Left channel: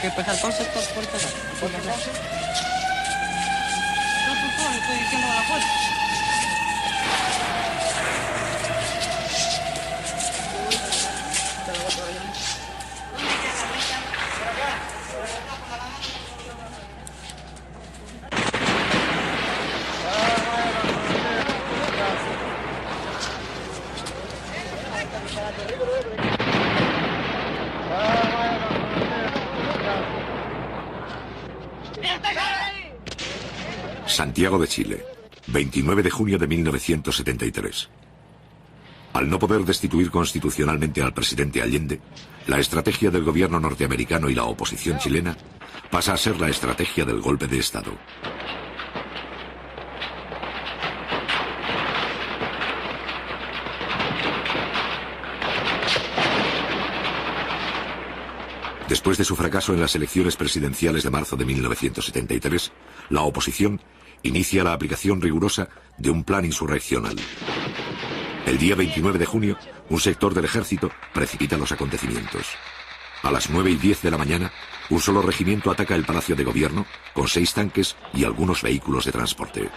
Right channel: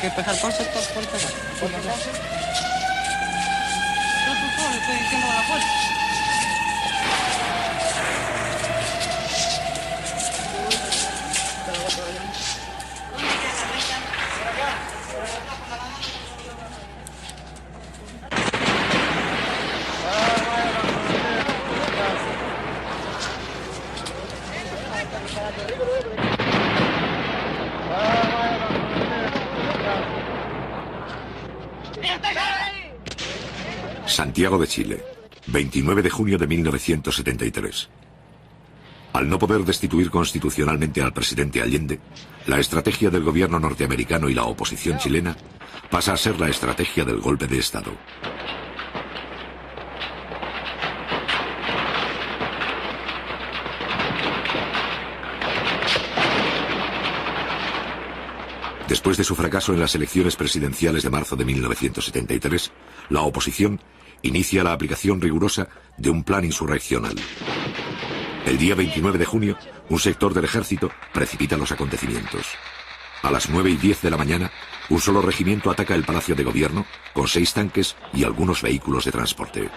Que pues entonces, yo solo estoy diciendo la fuerza. Santiago de Chile, 29 de junio de 1973. Al no poder destituir constitucionalmente al presidente Allende, la estrategia del gobierno norteamericano y la oposición chilena pasa a ser la estrategia del golpe de Estado. Después de su fracaso en las elecciones presidenciales de marzo de 1973, la oposición inicia la aplicación rigurosa de un plan insurreccional. El día 29 de junio, un sector del ejército precipita los acontecimientos. A las 9:10 de la mañana, un solo regimiento ataca el Palacio de Gobierno con 6 tanques y algunos vehículos de transporte.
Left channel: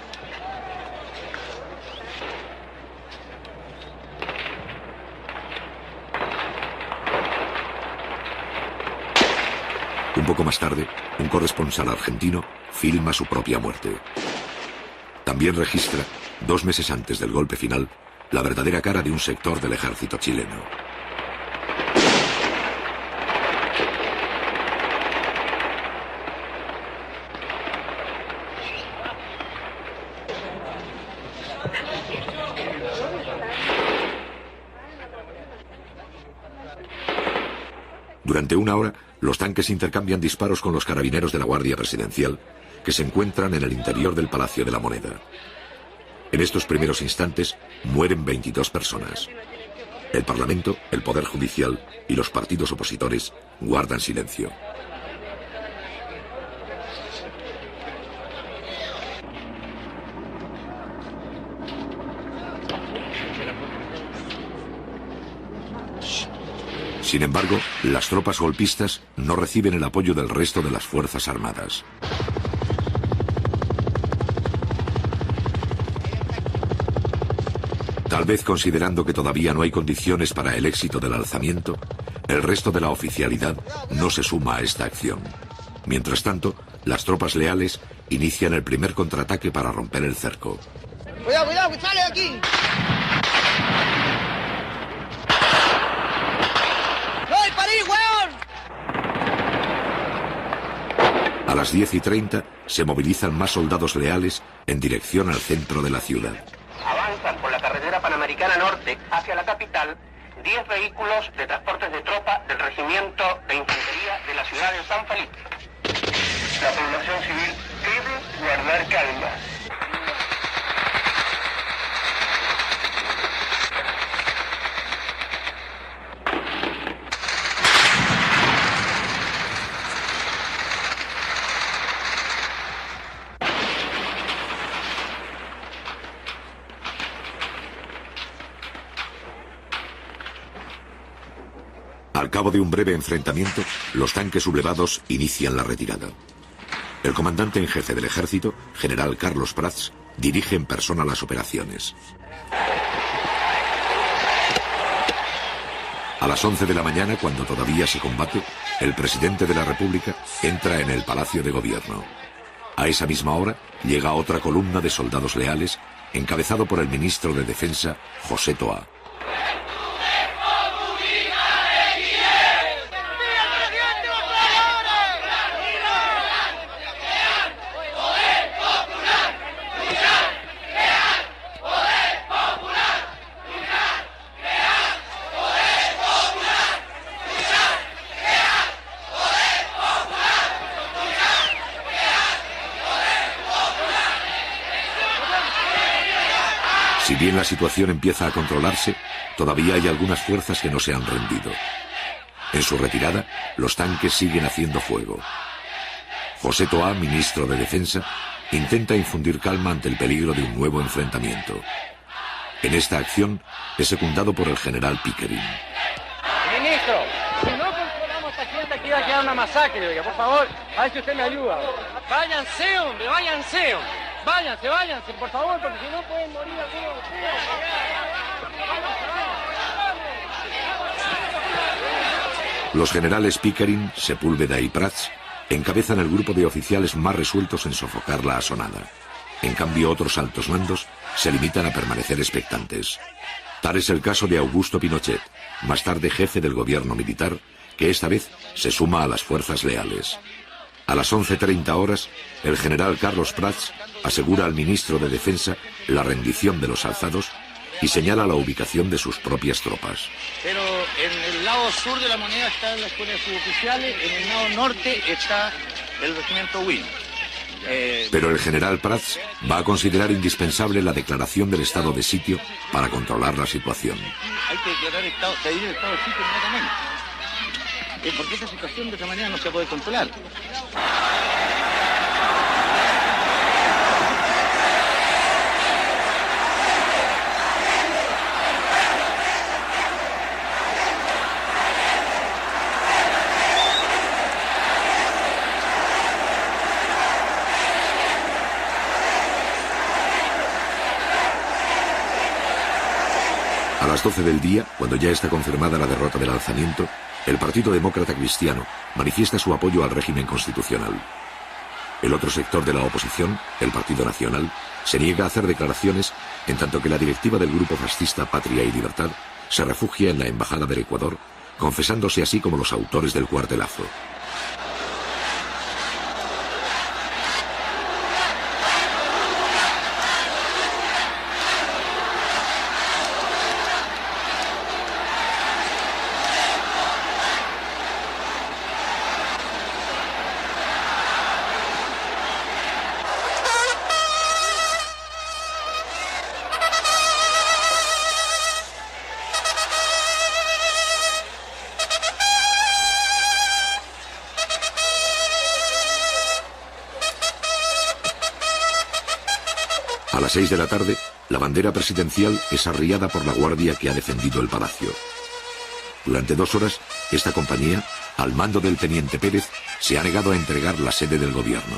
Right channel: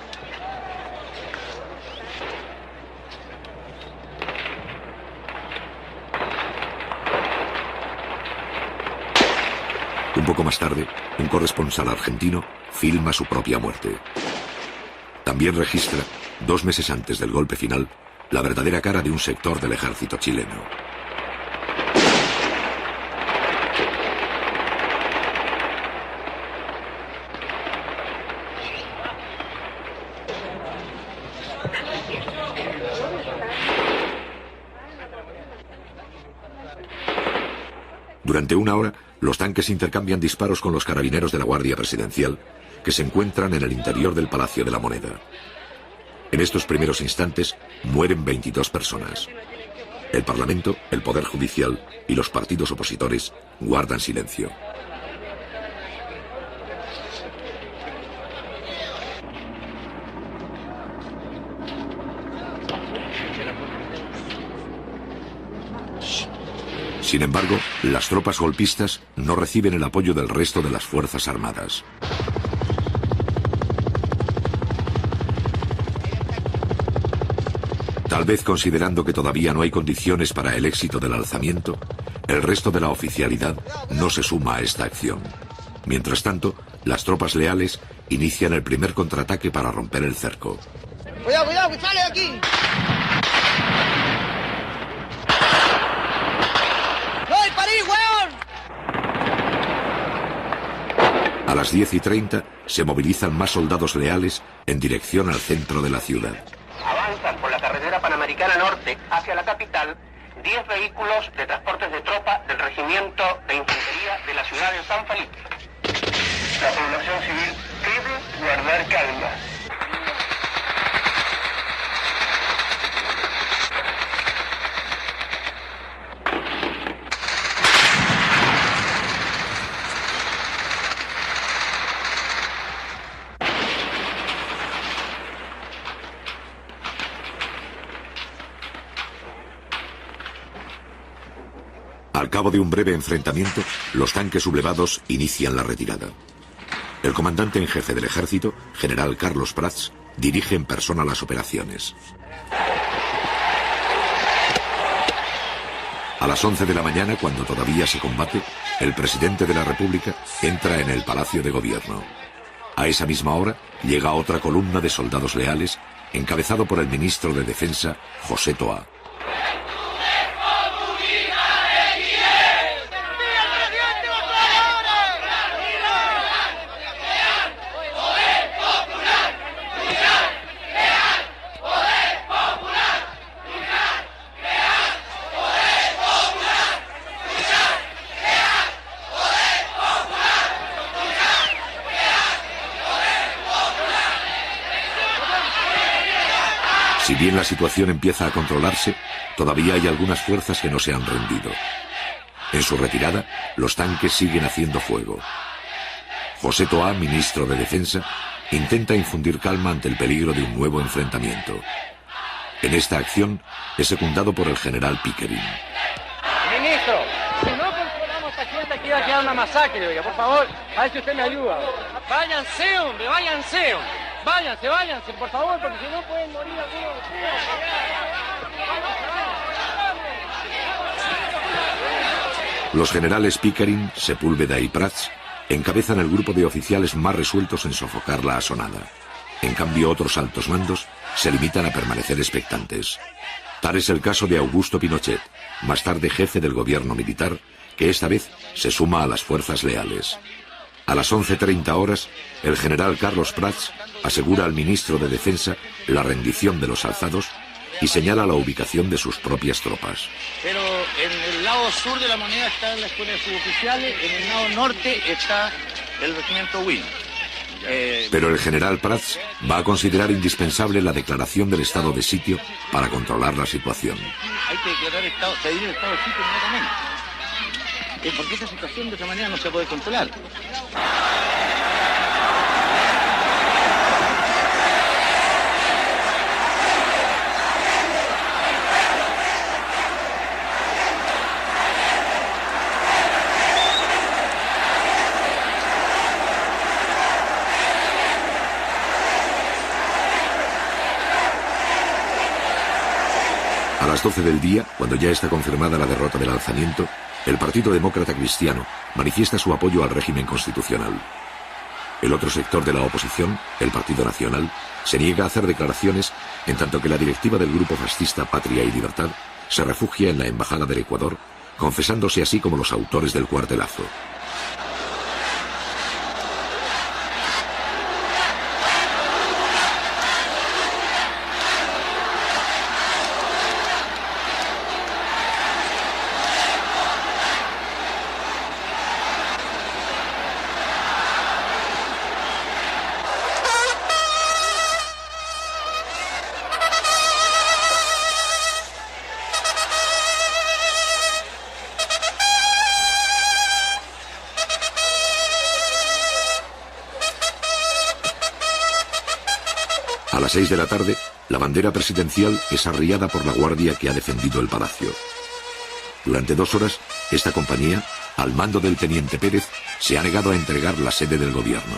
Un poco más tarde, un corresponsal argentino filma su propia muerte. También registra, 2 meses antes del golpe final, la verdadera cara de un sector del ejército chileno. Durante una hora, los tanques intercambian disparos con los carabineros de la Guardia Presidencial, que se encuentran en el interior del Palacio de la Moneda. En estos primeros instantes mueren 22 personas. El Parlamento, el Poder Judicial y los partidos opositores guardan silencio. Sin embargo, las tropas golpistas no reciben el apoyo del resto de las Fuerzas Armadas. Tal vez considerando que todavía no hay condiciones para el éxito del alzamiento, el resto de la oficialidad no se suma a esta acción. Mientras tanto, las tropas leales inician el primer contraataque para romper el cerco. ¡Cuidado, cuidado, que sale aquí! A las 10:30 se movilizan más soldados leales en dirección al centro de la ciudad. Avanzan por la carretera Panamericana Norte hacia la capital 10 vehículos de transportes de tropa del Regimiento de Infantería de la ciudad de San Felipe. La población civil debe guardar calma. Al cabo de un breve enfrentamiento, los tanques sublevados inician la retirada. El comandante en jefe del ejército, general Carlos Prats, dirige en persona las operaciones. A las 11 de la mañana, cuando todavía se combate, el presidente de la República entra en el Palacio de Gobierno. A esa misma hora, llega otra columna de soldados leales, encabezado por el ministro de Defensa, José Toá. Si bien la situación empieza a controlarse, todavía hay algunas fuerzas que no se han rendido. En su retirada, los tanques siguen haciendo fuego. José Toá, ministro de Defensa, intenta infundir calma ante el peligro de un nuevo enfrentamiento. En esta acción es secundado por el general Pickering. Ministro, si no controlamos esta sienta que iba a quedar una masacre, oiga, por favor, a ver si usted me ayuda. Váyanse, hombre, váyanse. Váyanse, por favor, porque si no pueden morir algunos. Los generales Pickering, Sepúlveda y Prats encabezan el grupo de oficiales más resueltos en sofocar la asonada. En cambio, otros altos mandos se limitan a permanecer expectantes. Tal es el caso de Augusto Pinochet, más tarde jefe del gobierno militar, que esta vez se suma a las fuerzas leales. A las 11:30 horas, el general Carlos Prats asegura al ministro de Defensa la rendición de los alzados y señala la ubicación de sus propias tropas. Pero en el lado sur de la moneda están las escuelas suboficiales, en el lado norte está el regimiento Will. Pero el general Prats va a considerar indispensable la declaración del estado de sitio para controlar la situación. Hay que declarar estado de sitio inmediatamente. Porque esta situación de esta manera no se puede controlar. A las 12 del día, cuando ya está confirmada la derrota del alzamiento, el Partido Demócrata Cristiano manifiesta su apoyo al régimen constitucional. El otro sector de la oposición, el Partido Nacional, se niega a hacer declaraciones, en tanto que la directiva del grupo fascista Patria y Libertad se refugia en la Embajada del Ecuador, confesándose así como los autores del cuartelazo. A las 6 de la tarde, la bandera presidencial es arriada por la guardia que ha defendido el palacio. Durante 2 horas, esta compañía, al mando del teniente Pérez, se ha negado a entregar la sede del gobierno.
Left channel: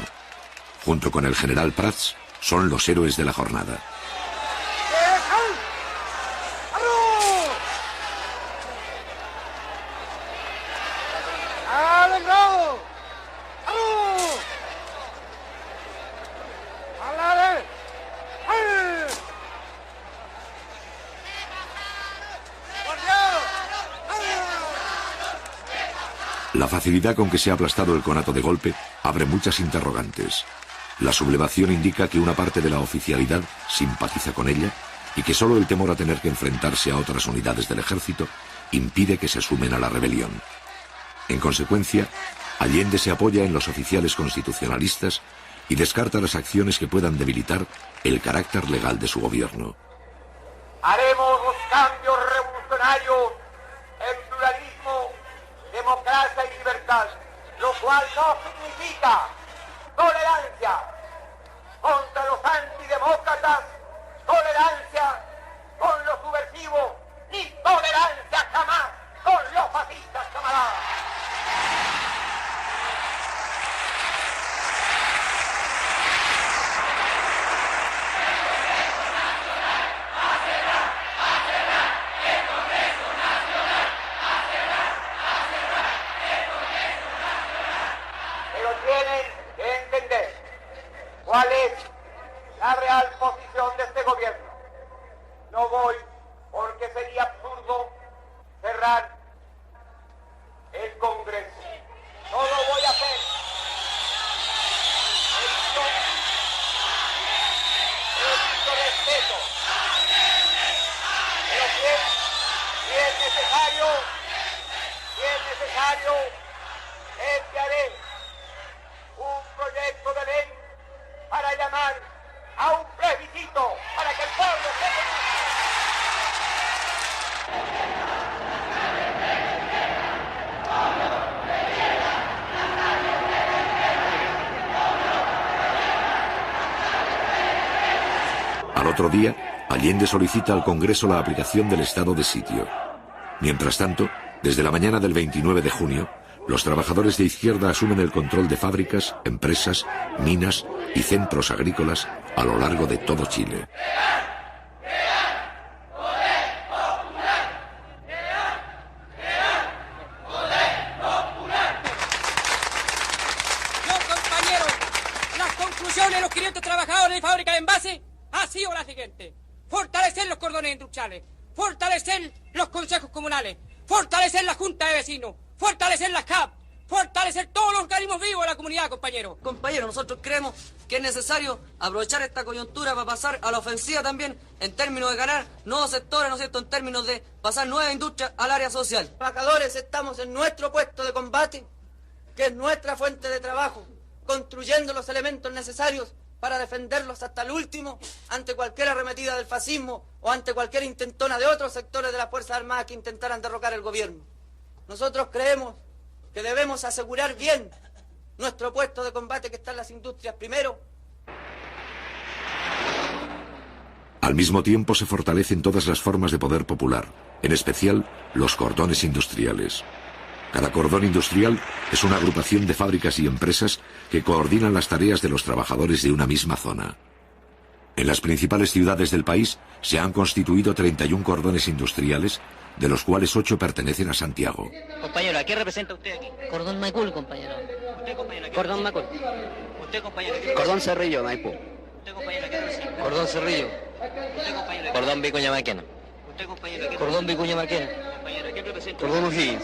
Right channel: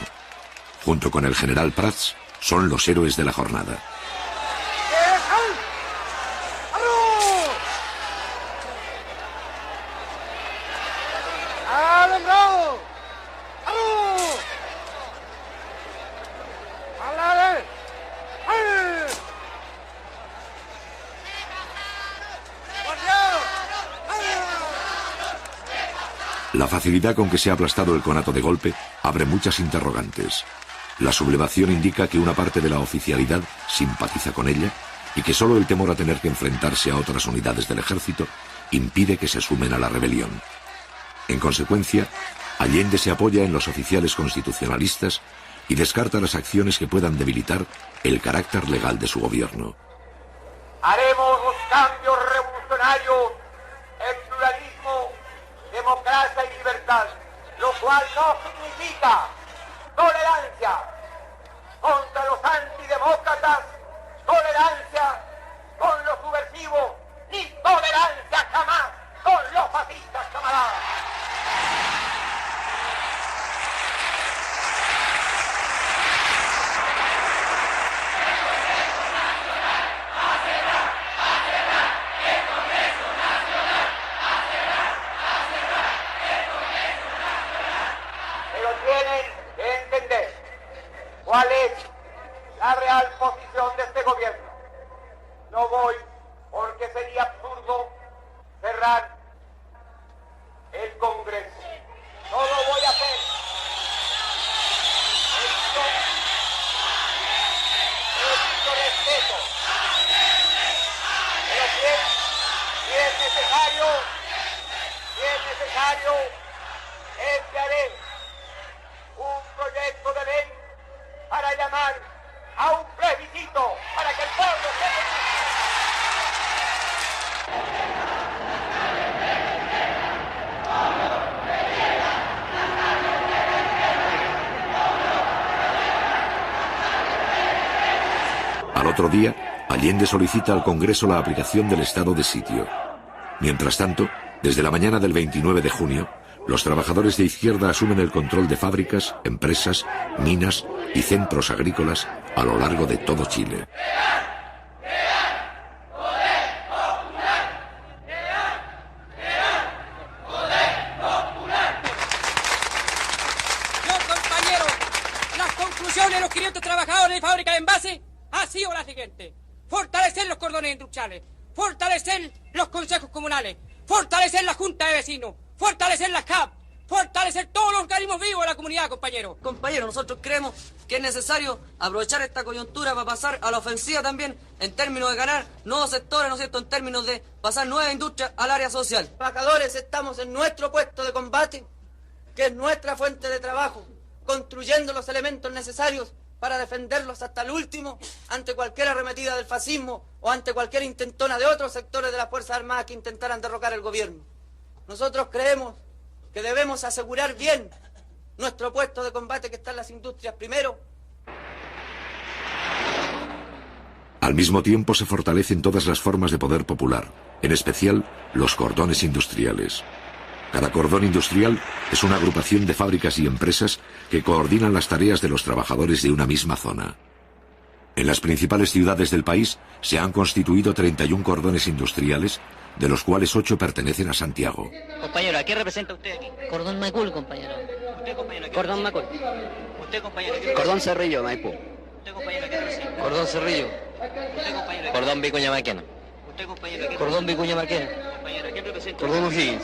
Junto con el general Prats, son los héroes de la jornada. La facilidad con que se ha aplastado el conato de golpe abre muchas interrogantes. La sublevación indica que una parte de la oficialidad simpatiza con ella y que solo el temor a tener que enfrentarse a otras unidades del ejército impide que se sumen a la rebelión. En consecuencia, Allende se apoya en los oficiales constitucionalistas y descarta las acciones que puedan debilitar el carácter legal de su gobierno. Haremos los cambios revolucionarios en pluralismo, democracia y libertad, lo cual no significa tolerancia contra los antidemócratas, tolerancia con los subversivos y tolerancia jamás con los fascistas, camaradas. ¿Cuál es la real posición de este gobierno? No voy porque sería absurdo cerrar el Congreso. No lo voy a hacer. Esto respeto. Pero si es necesario, enviaré un proyecto de ley para llamar a un plebiscito para que el pueblo se Al otro día, Allende solicita al Congreso la aplicación del estado de sitio. Mientras tanto, desde la mañana del 29 de junio, los trabajadores de izquierda asumen el control de fábricas, empresas, minas y centros agrícolas a lo largo de todo Chile. Compañeros, las conclusiones de los 500 trabajadores de fábrica de envase ha sido la siguiente: fortalecer los cordones industriales, fortalecer los consejos comunales, fortalecer la junta de vecinos, fortalecer las CAP, fortalecer todos los organismos vivos de la comunidad, compañeros. Compañeros, nosotros creemos que es necesario aprovechar esta coyuntura para pasar a la ofensiva también en términos de ganar nuevos sectores, ¿no es cierto?, en términos de pasar nuevas industrias al área social. Los trabajadores estamos en nuestro puesto de combate, que es nuestra fuente de trabajo, construyendo los elementos necesarios para defenderlos hasta el último ante cualquier arremetida del fascismo o ante cualquier intentona de otros sectores de las Fuerzas Armadas que intentaran derrocar el gobierno. Nosotros creemos que debemos asegurar bien nuestro puesto de combate, que está en las industrias primero. Al mismo tiempo se fortalecen todas las formas de poder popular, en especial los cordones industriales. Cada cordón industrial es una agrupación de fábricas y empresas que coordinan las tareas de los trabajadores de una misma zona. En las principales ciudades del país se han constituido 31 cordones industriales, de los cuales 8 pertenecen a Santiago. Compañero, ¿a qué representa usted aquí? Cordón Macul, compañero. ¿Usted, compañero, qué Cordón Macul. ¿Usted, compañero, qué Cordón Cerrillo, Maipú. ¿Usted, compañero, qué representa? Cordón Cerrillo. ¿Usted, compañero, qué Cordón Vicuña Maquena. ¿Usted, compañero, qué Cordón Vicuña Maquena. compañero, qué representa? Cordón O'Higgins.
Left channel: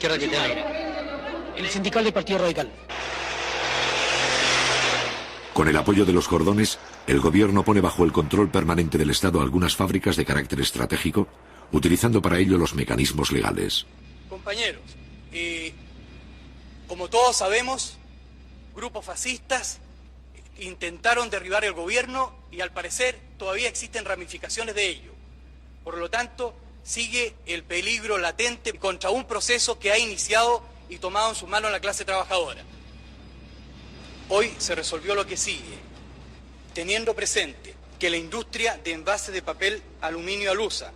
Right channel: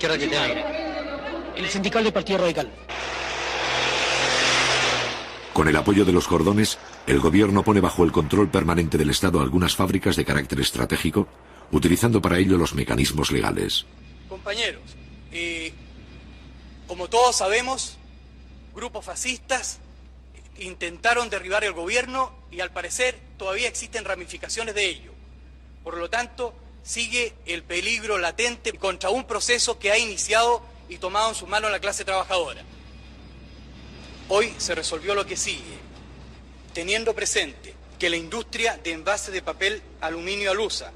¿Qué representa? El sindical del Partido Radical. Con el apoyo de los cordones, el gobierno pone bajo el control permanente del Estado algunas fábricas de carácter estratégico, utilizando para ello los mecanismos legales. Compañeros, como todos sabemos, grupos fascistas intentaron derribar el gobierno y al parecer todavía existen ramificaciones de ello. Por lo tanto, sigue el peligro latente contra un proceso que ha iniciado y tomado en sus manos la clase trabajadora. Hoy se resolvió lo que sigue, teniendo presente que la industria de envases de papel aluminio Alusa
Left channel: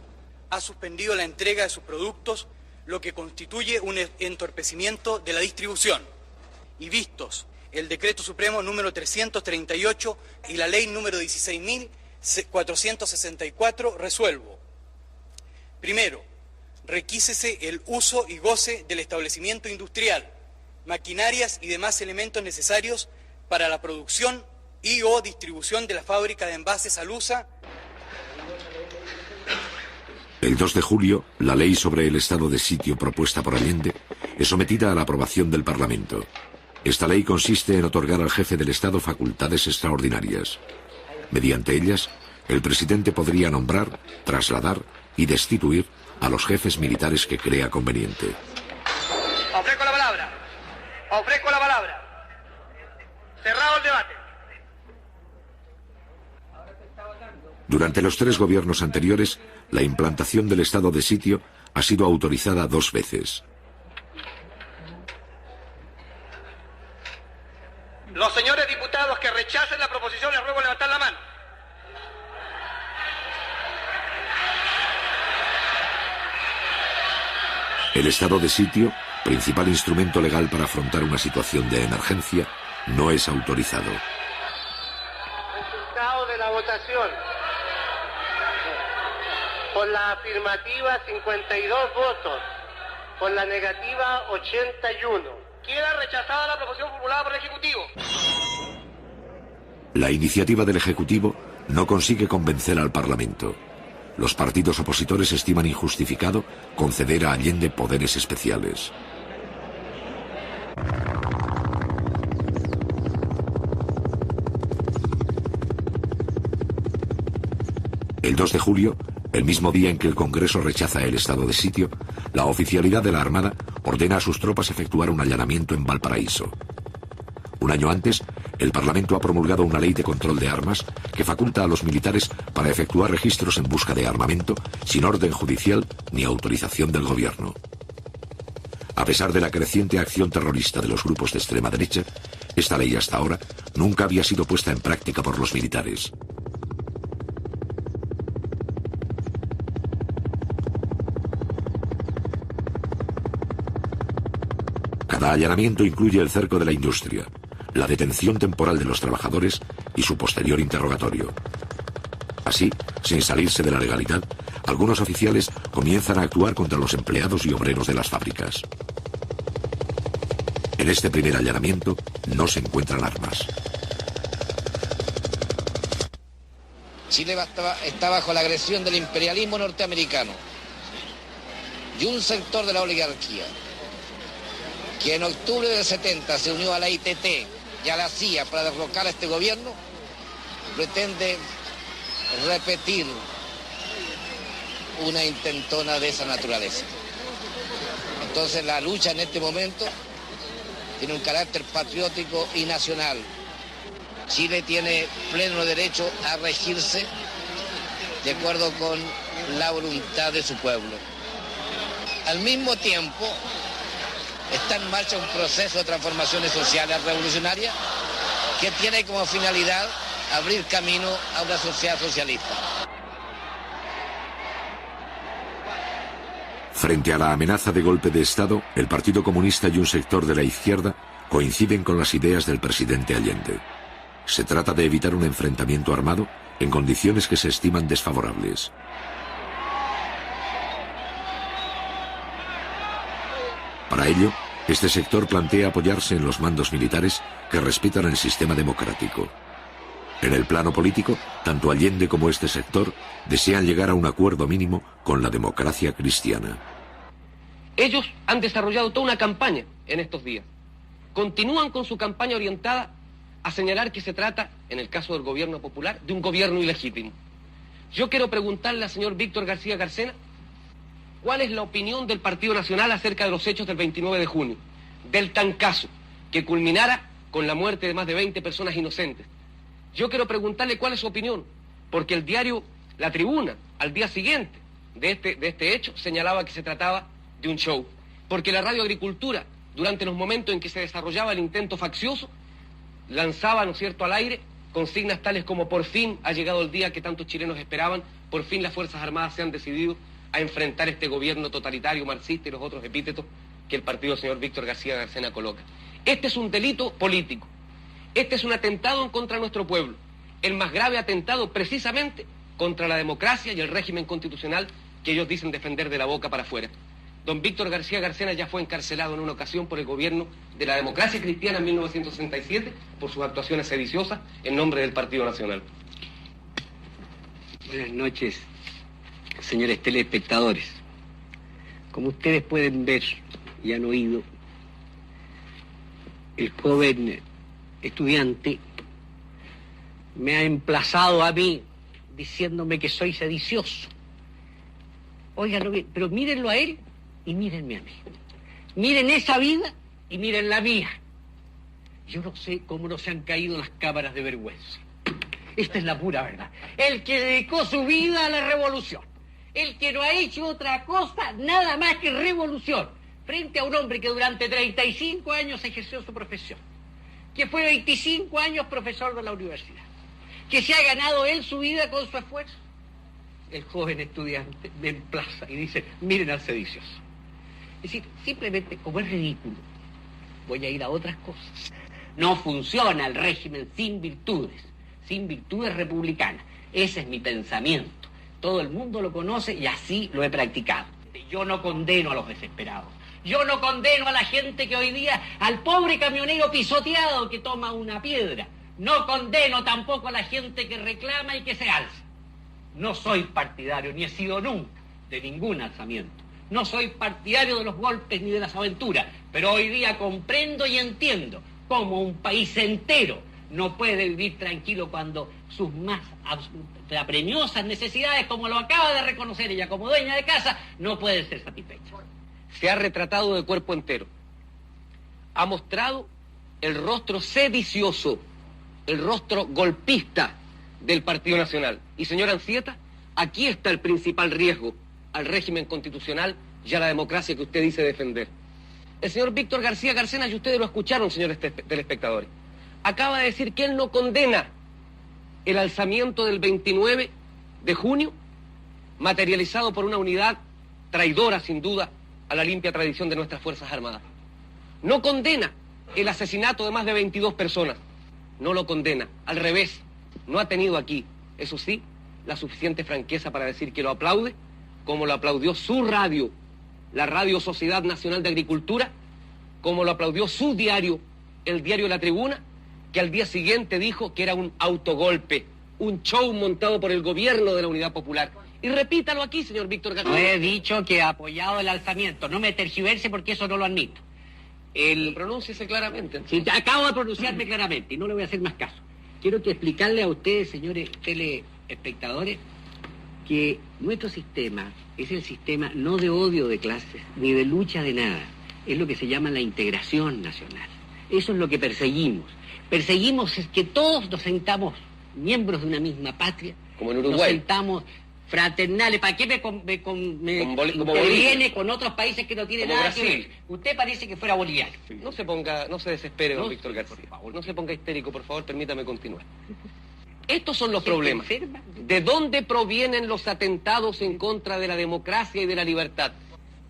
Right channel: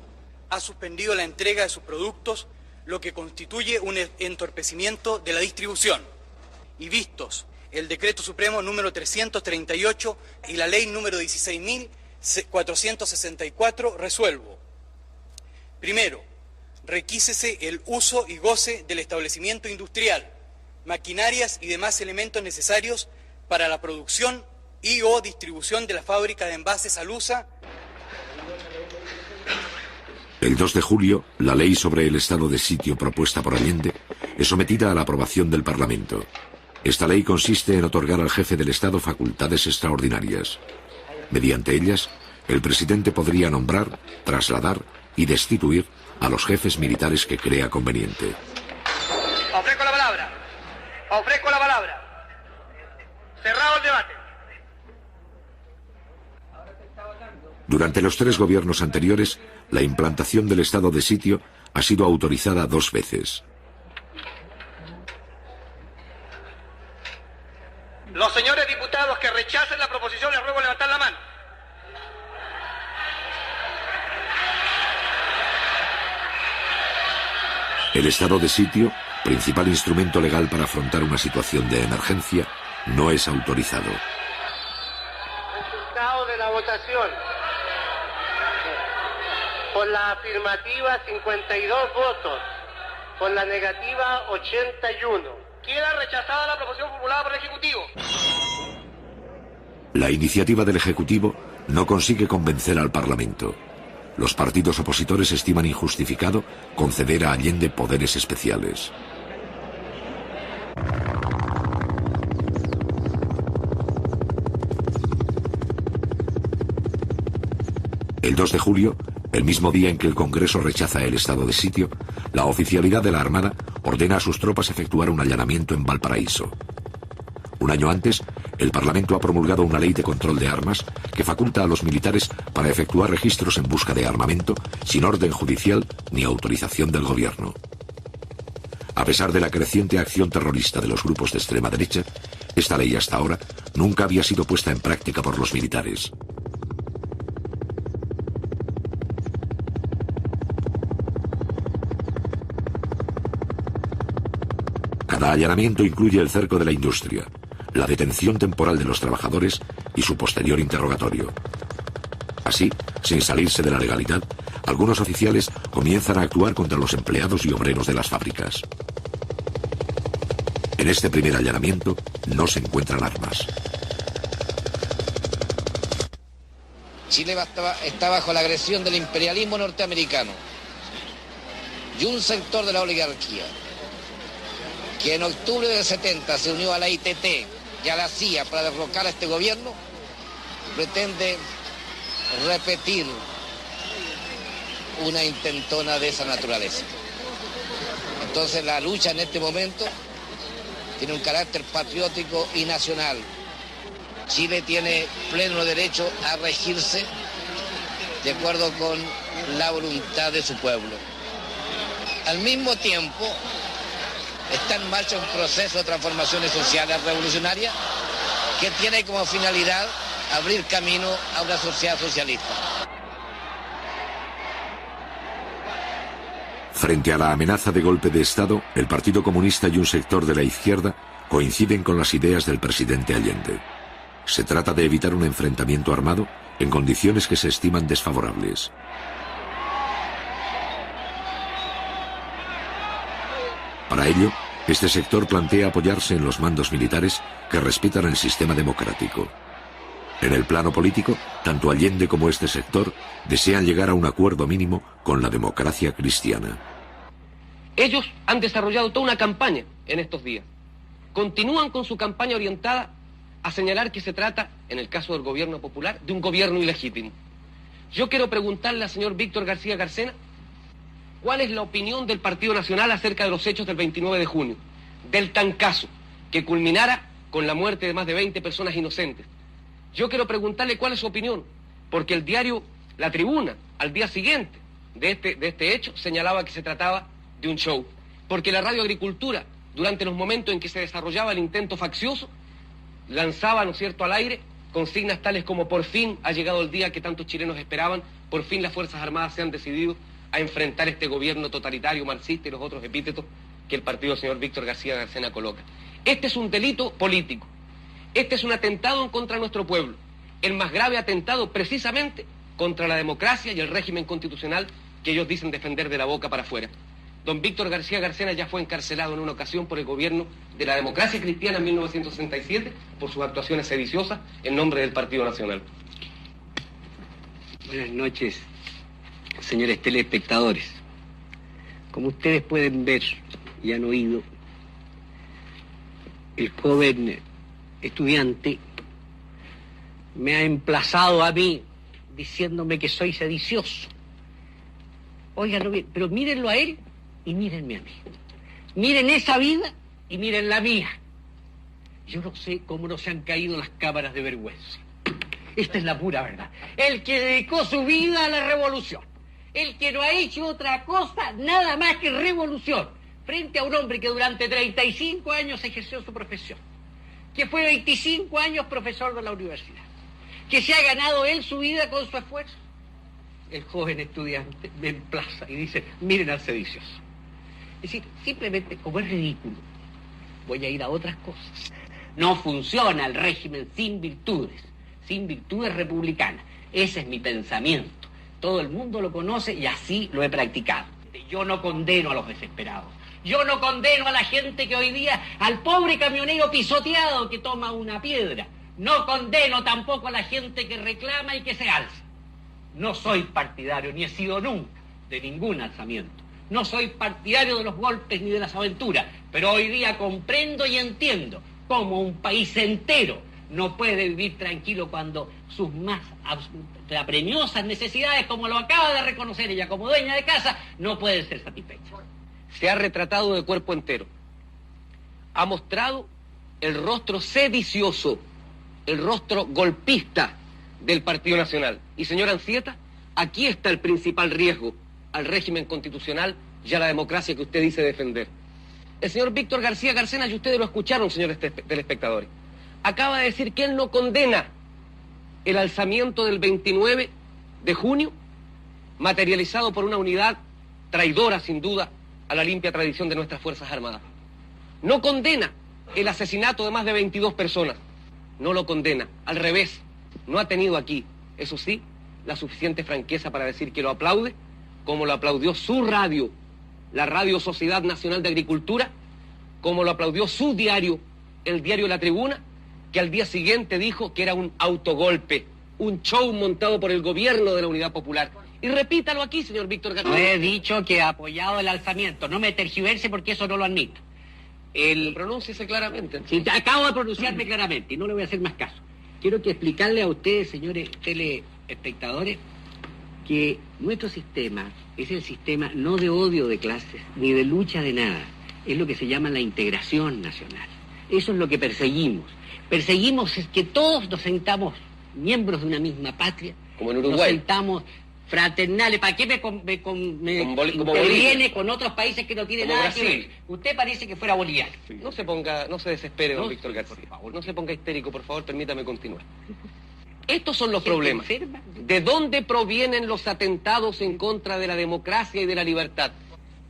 ha suspendido la entrega de sus productos, lo que constituye un entorpecimiento de la distribución. Y vistos el Decreto Supremo número 338 y la Ley número 16.464, resuelvo. Primero, requísese el uso y goce del establecimiento industrial, maquinarias y demás elementos necesarios para la producción y o distribución de la fábrica de envases Alusa. El 2 de julio, la ley sobre el estado de sitio propuesta por Allende es sometida a la aprobación del Parlamento. Esta ley consiste en otorgar al jefe del Estado facultades extraordinarias. Mediante ellas, el presidente podría nombrar, trasladar y destituir a los jefes militares que crea conveniente. Ofrezco la palabra. Ofrezco la palabra. Cerrado el debate. Durante los 3 gobiernos anteriores, la implantación del estado de sitio ha sido autorizada 2 veces. Los señores diputados que rechacen la proposición les ruego levantar la mano. El estado de sitio, principal instrumento legal para afrontar una situación de emergencia, no es autorizado. Resultado de la votación. Por la afirmativa 52 votos, por la negativa 81. Queda rechazada la proposición formulada por el Ejecutivo. La iniciativa del Ejecutivo no consigue convencer al Parlamento. Los partidos opositores estiman injustificado conceder a Allende poderes especiales. El 2 de julio, el mismo día en que el Congreso rechaza el estado de sitio, la oficialidad de la Armada ordena a sus tropas efectuar un allanamiento en Valparaíso. Un año antes, el Parlamento ha promulgado una ley de control de armas que faculta a los militares para efectuar registros en busca de armamento sin orden judicial ni autorización del gobierno. A pesar de la creciente acción terrorista de los grupos de extrema derecha, esta ley hasta ahora nunca había sido puesta en práctica por los militares. allanamiento incluye el cerco de la industria, la detención temporal de los trabajadores y su posterior interrogatorio. Así, sin salirse de la legalidad, algunos oficiales comienzan a actuar contra los empleados y obreros de las fábricas. En este primer allanamiento no se encuentran armas. Chile está bajo la agresión del imperialismo norteamericano y un sector de la oligarquía que en octubre del 70 se unió a la ITT y a la CIA para derrocar a este gobierno, pretende repetir una intentona de esa naturaleza. Entonces la lucha en este momento tiene un carácter patriótico y nacional. Chile tiene pleno derecho a regirse de acuerdo con la voluntad de su pueblo. Al mismo tiempo, está en marcha un proceso de transformaciones sociales revolucionarias que tiene como finalidad abrir camino a una sociedad socialista. Frente a la amenaza de golpe de Estado, el Partido Comunista y un sector de la izquierda coinciden con las ideas del presidente Allende. Se trata de evitar un enfrentamiento armado en condiciones que se estiman desfavorables. Para ello, este sector plantea apoyarse en los mandos militares que respetan el sistema democrático. En el plano político, tanto Allende como este sector desean llegar a un acuerdo mínimo con la democracia cristiana. Ellos han desarrollado toda una campaña en estos días. Continúan con su campaña orientada a señalar que se trata, en el caso del gobierno popular, de un gobierno ilegítimo. Yo quiero preguntarle al señor Víctor García Carcena cuál es la opinión del Partido Nacional acerca de los hechos del 29 de junio, del tancazo que culminara con la muerte de más de 20 personas inocentes. Yo quiero preguntarle cuál es su opinión, porque el diario La Tribuna, al día siguiente de este hecho, señalaba que se trataba de un show, porque la Radio Agricultura, durante los momentos en que se desarrollaba el intento faccioso, lanzaba, ¿no es cierto?, al aire consignas tales como: por fin ha llegado el día que tantos chilenos esperaban, por fin las Fuerzas Armadas se han decidido a enfrentar este gobierno totalitario, marxista y los otros epítetos que el partido del señor Víctor García Carcena coloca. Este es un delito político. Este es un atentado en contra de nuestro pueblo, el más grave atentado precisamente contra la democracia y el régimen constitucional que ellos dicen defender de la boca para afuera. Don Víctor García Carcena ya fue encarcelado en una ocasión por el gobierno de la democracia cristiana en 1967 por sus actuaciones sediciosas en nombre del Partido Nacional. Buenas noches, señores telespectadores. Como ustedes pueden ver y han oído, el joven estudiante me ha emplazado a mí diciéndome que soy sedicioso. Óiganlo bien, pero mírenlo a él y mírenme a mí. Miren esa vida y miren la mía. Yo no sé cómo no se han caído las cámaras de vergüenza. Esta es la pura verdad. El que dedicó su vida a la revolución, el que no ha hecho otra cosa, nada más que revolución, frente a un hombre que durante 35 años ejerció su profesión, que fue 25 años profesor de la universidad, que se ha ganado él su vida con su esfuerzo. El joven estudiante me emplaza y dice: miren al sedicioso. Es decir, simplemente, como es ridículo, voy a ir a otras cosas. No funciona el régimen sin virtudes republicanas. Ese es mi pensamiento. Todo el mundo lo conoce y así lo he practicado. Yo no condeno a los desesperados. Yo no condeno a la gente que hoy día, al pobre camionero pisoteado que toma una piedra. No condeno tampoco a la gente que reclama y que se alza. No soy partidario, ni he sido nunca, de ningún alzamiento. No soy partidario de los golpes ni de las aventuras, pero hoy día comprendo y entiendo cómo un país entero no puede vivir tranquilo cuando sus más apremiosas necesidades, como lo acaba de reconocer ella como dueña de casa, no pueden ser satisfechas. Se ha retratado de cuerpo entero. Ha mostrado el rostro sedicioso, el rostro golpista del Partido Nacional. Y señor Anzieta, aquí está el principal riesgo al régimen constitucional y a la democracia que usted dice defender. El señor Víctor García Carcena, y ustedes lo escucharon, señores telespectadores, acaba de decir que él no condena el alzamiento del 29 de junio, materializado por una unidad traidora, sin duda, a la limpia tradición de nuestras Fuerzas Armadas. no condena el asesinato de más de 22 personas. No lo condena, al revés. No ha tenido aquí, eso sí, la suficiente franqueza para decir que lo aplaude, como lo aplaudió su radio, la Radio Sociedad Nacional de Agricultura, como lo aplaudió su diario, el diario La Tribuna, que al día siguiente dijo que era un autogolpe, un show montado por el gobierno de la Unidad Popular. Y repítalo aquí, señor Víctor García. No he dicho que ha apoyado el alzamiento, no me tergiverse porque eso no lo admito. Pronúnciese claramente. Sí, acabo de pronunciarme claramente y no le voy a hacer más caso. Quiero que explicarle a ustedes, señores telespectadores, que nuestro sistema es el sistema no de odio de clases, ni de lucha de nada. Es lo que se llama la integración nacional. Eso es lo que perseguimos. Perseguimos es que todos nos sentamos miembros de una misma patria. Como en Uruguay. Nos sentamos fraternales. ¿Para qué me viene con otros países que no tienen como nada Brasil. que ver? Usted parece que fuera boliviano. No se desespere, don Víctor García. Por favor, no se ponga histérico, por favor, permítame continuar. Estos son los problemas. ¿De dónde provienen los atentados en contra de la democracia y de la libertad?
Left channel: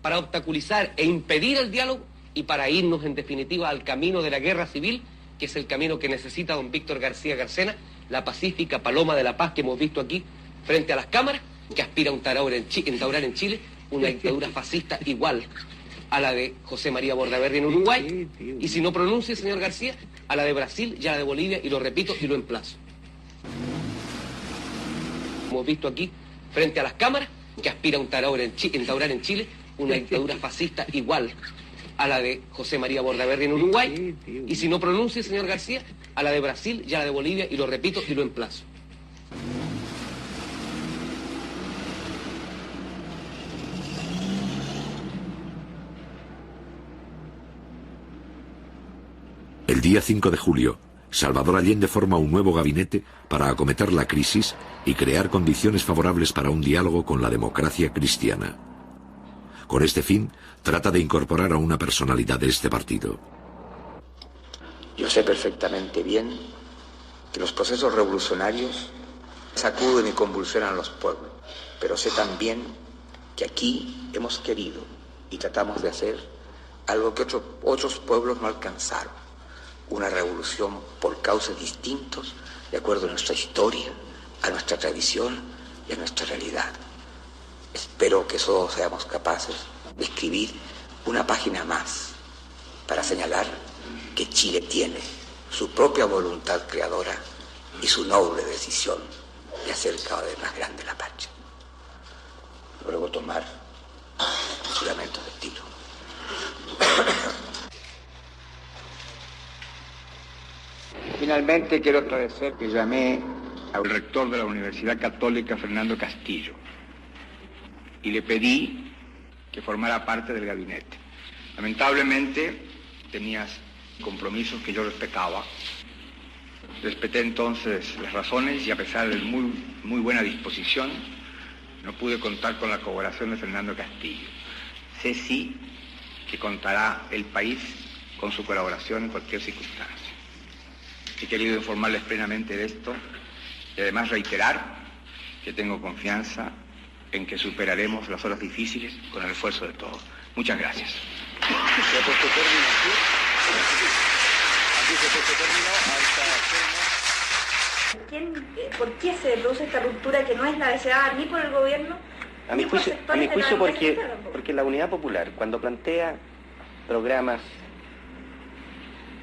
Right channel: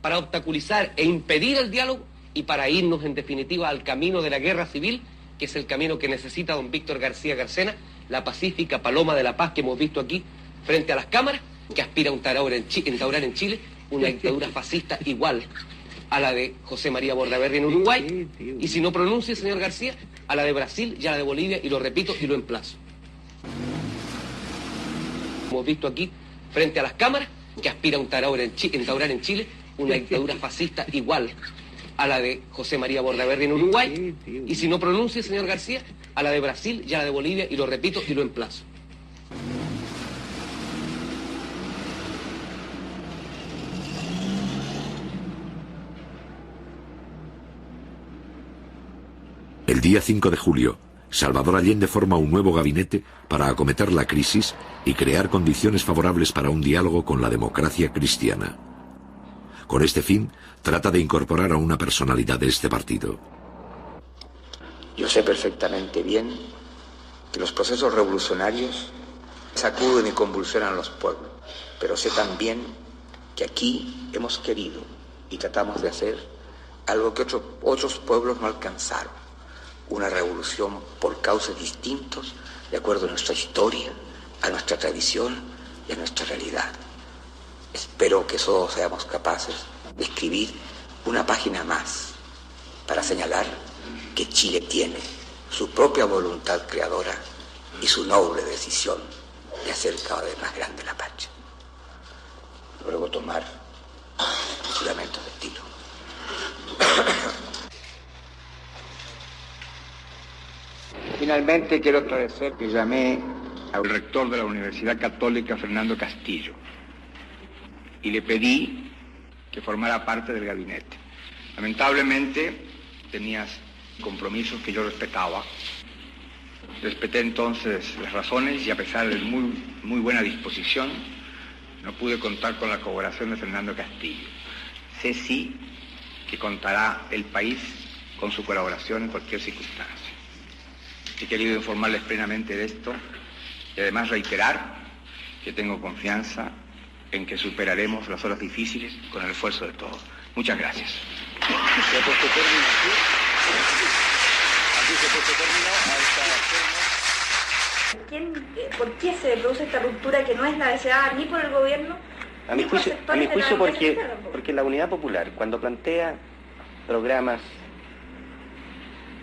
Para obstaculizar e impedir el diálogo y para irnos, en definitiva, al camino de la guerra civil, que es el camino que necesita don Víctor García Garcena, la pacífica paloma de la paz que hemos visto aquí frente a las cámaras, que aspira a instaurar en Chile una dictadura fascista igual a la de José María Bordaberry en Uruguay, y si no pronuncia, señor García, a la de Brasil y a la de Bolivia, y lo repito y lo emplazo. Hemos visto aquí, frente a las cámaras, que aspira a instaurar en Chile una dictadura fascista igual a la de José María Bordaberry en Uruguay, y si no pronuncia, señor García, a la de Brasil y a la de Bolivia, y lo repito y lo emplazo. El día 5 de julio, Salvador Allende forma un nuevo gabinete para acometer la crisis y crear condiciones favorables para un diálogo con la democracia cristiana. Con este fin, trata de incorporar a una personalidad de este partido. Yo sé perfectamente bien que los procesos revolucionarios sacuden y convulsionan a los pueblos, pero sé también que aquí hemos querido y tratamos de hacer algo que otros pueblos no alcanzaron. Una revolución por causas distintos, de acuerdo a nuestra historia, a nuestra tradición y a nuestra realidad. Espero que todos seamos capaces de escribir una página más para señalar que Chile tiene su propia voluntad creadora y su noble decisión de hacer cada vez más grande la patria. Luego tomar el juramento del tiro. Finalmente quiero agradecer que llamé al rector de la Universidad Católica, Fernando Castillo, y le pedí que formara parte del gabinete. Lamentablemente tenías compromisos que yo respetaba. Respeté entonces las razones y a pesar de muy buena disposición, no pude contar con la colaboración de Fernando Castillo. Sé sí que contará el país con su colaboración en cualquier circunstancia. He querido informarles plenamente de esto y además reiterar que tengo confianza en que superaremos las horas difíciles con el esfuerzo de todos. Muchas gracias. ¿Por qué se produce esta ruptura que no es la deseada ni por el gobierno? A mi juicio porque la Unidad Popular, cuando plantea programas,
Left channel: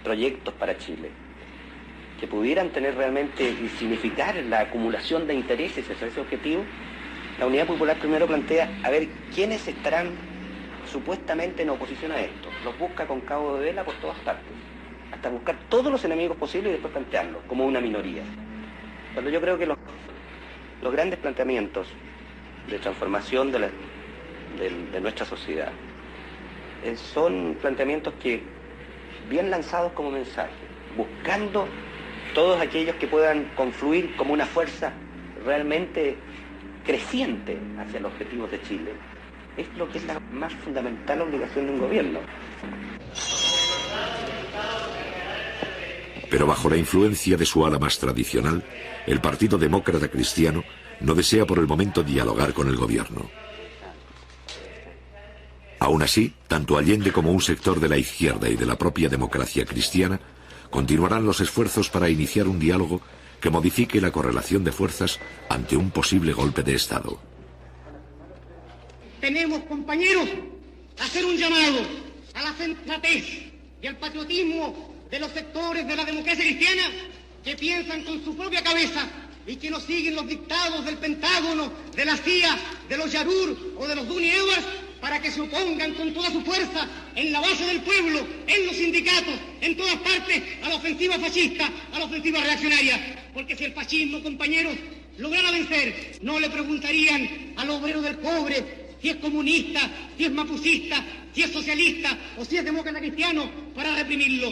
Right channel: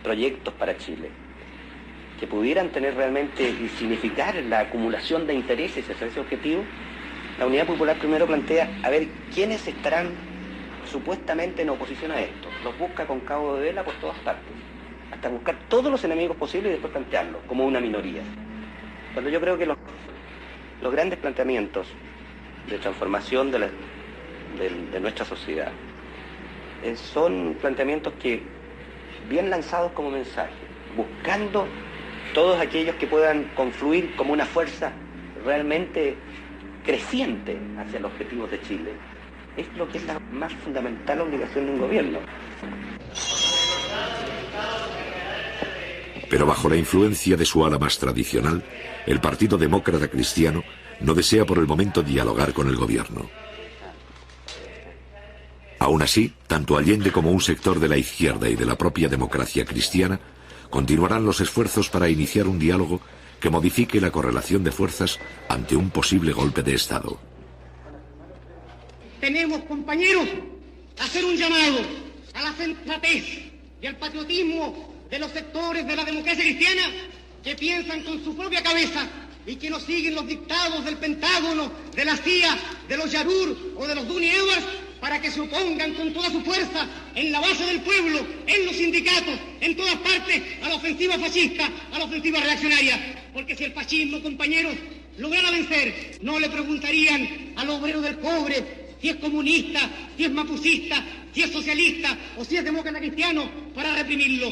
proyectos para Chile, que pudieran tener realmente y significar la acumulación de intereses hacia ese objetivo, la Unidad Popular primero plantea a ver quiénes estarán supuestamente en oposición a esto. Los busca con cabo de vela por todas partes, hasta buscar todos los enemigos posibles y después plantearlos como una minoría. Cuando yo creo que los grandes planteamientos de transformación de nuestra sociedad son planteamientos que, bien lanzados como mensaje, buscando todos aquellos que puedan confluir como una fuerza realmente creciente hacia los objetivos de Chile, es lo que es la más fundamental obligación de un gobierno. Pero bajo la influencia de su ala más tradicional, el Partido Demócrata Cristiano no desea por el momento dialogar con el gobierno. Aún Aún así, tanto Allende como un sector de la izquierda y de la propia democracia cristiana continuarán los esfuerzos para iniciar un diálogo que modifique la correlación de fuerzas ante un posible golpe de Estado. Tenemos, compañeros, hacer un llamado a la sensatez y al patriotismo de los sectores de la democracia cristiana que piensan con su propia cabeza y que no siguen los dictados del Pentágono, de la CIA, de los Yarur o de los Duni Awas, para que se opongan con toda su fuerza en la base del pueblo, en los sindicatos, en todas partes, a la ofensiva fascista, a la ofensiva reaccionaria. Porque si el fascismo, compañeros, lograra vencer, no le preguntarían al obrero del pobre si es comunista, si es mapucista, si es socialista o si es demócrata cristiano para reprimirlo.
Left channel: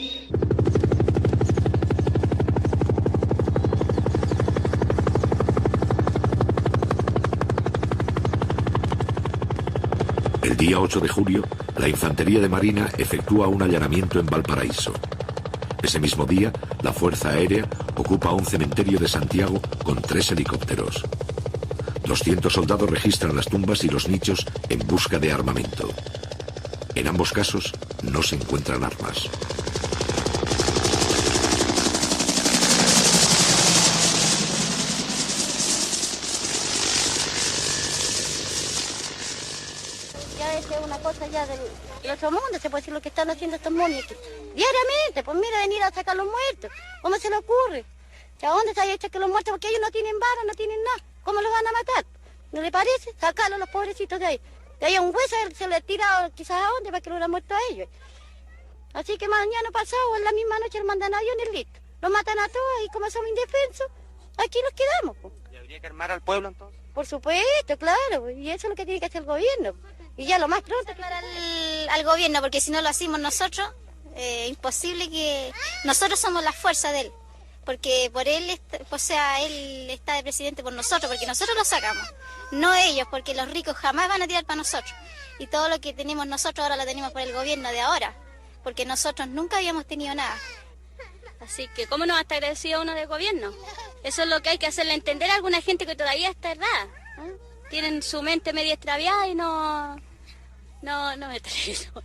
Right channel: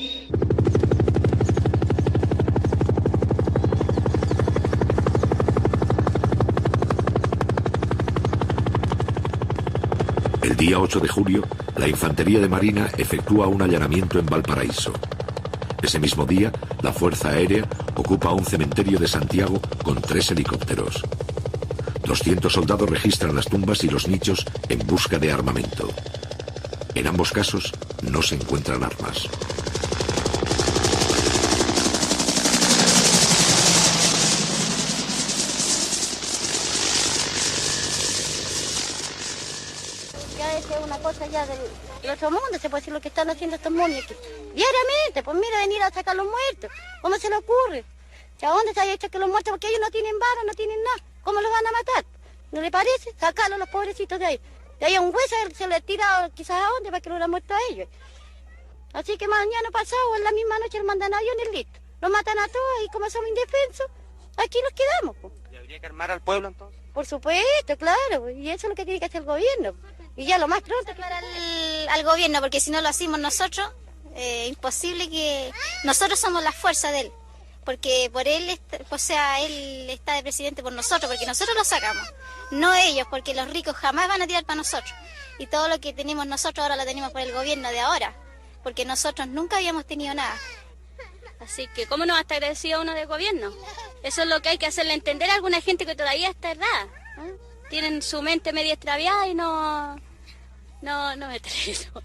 El día 8 de julio, la Infantería de Marina efectúa un allanamiento en Valparaíso. Ese mismo día, la Fuerza Aérea ocupa un cementerio de Santiago con 3 helicópteros. 200 soldados registran las tumbas y los nichos en busca de armamento. En ambos casos, no se encuentran armas. Ya es una cosa ya del otro mundo, se puede decir lo que están haciendo estos monitos. Diariamente, pues mira, venir a sacar los muertos. ¿Cómo se le ocurre? ¿A dónde se ha hecho que los muertos? Porque ellos no tienen balas, no tienen nada. ¿Cómo los van a matar? ¿No le parece? Sacarlos los pobrecitos de ahí. De ahí un hueso se le tira quizás a dónde para que lo hubieran muerto a ellos. Así que mañana pasado, en la misma noche, los mandan a aviones listos. Los matan a todos y como son indefensos, aquí nos quedamos. Pues. ¿Y habría que armar al pueblo entonces? Por supuesto, claro. Y eso es lo que tiene que hacer el gobierno. Y ya lo más pronto al gobierno, porque si no lo hacemos nosotros, imposible que... Nosotros somos la fuerza de él, porque por él, o sea, él está de presidente por nosotros, porque nosotros lo sacamos, no ellos, porque los ricos jamás van a tirar para nosotros. Y todo lo que tenemos nosotros ahora lo tenemos por el gobierno de ahora, porque nosotros nunca habíamos tenido nada. Así que, ¿cómo no va a estar agradecido uno del gobierno? Eso es lo que hay que hacerle entender a alguna gente que todavía está errada. Tienen su mente media extraviada y no me atrevo.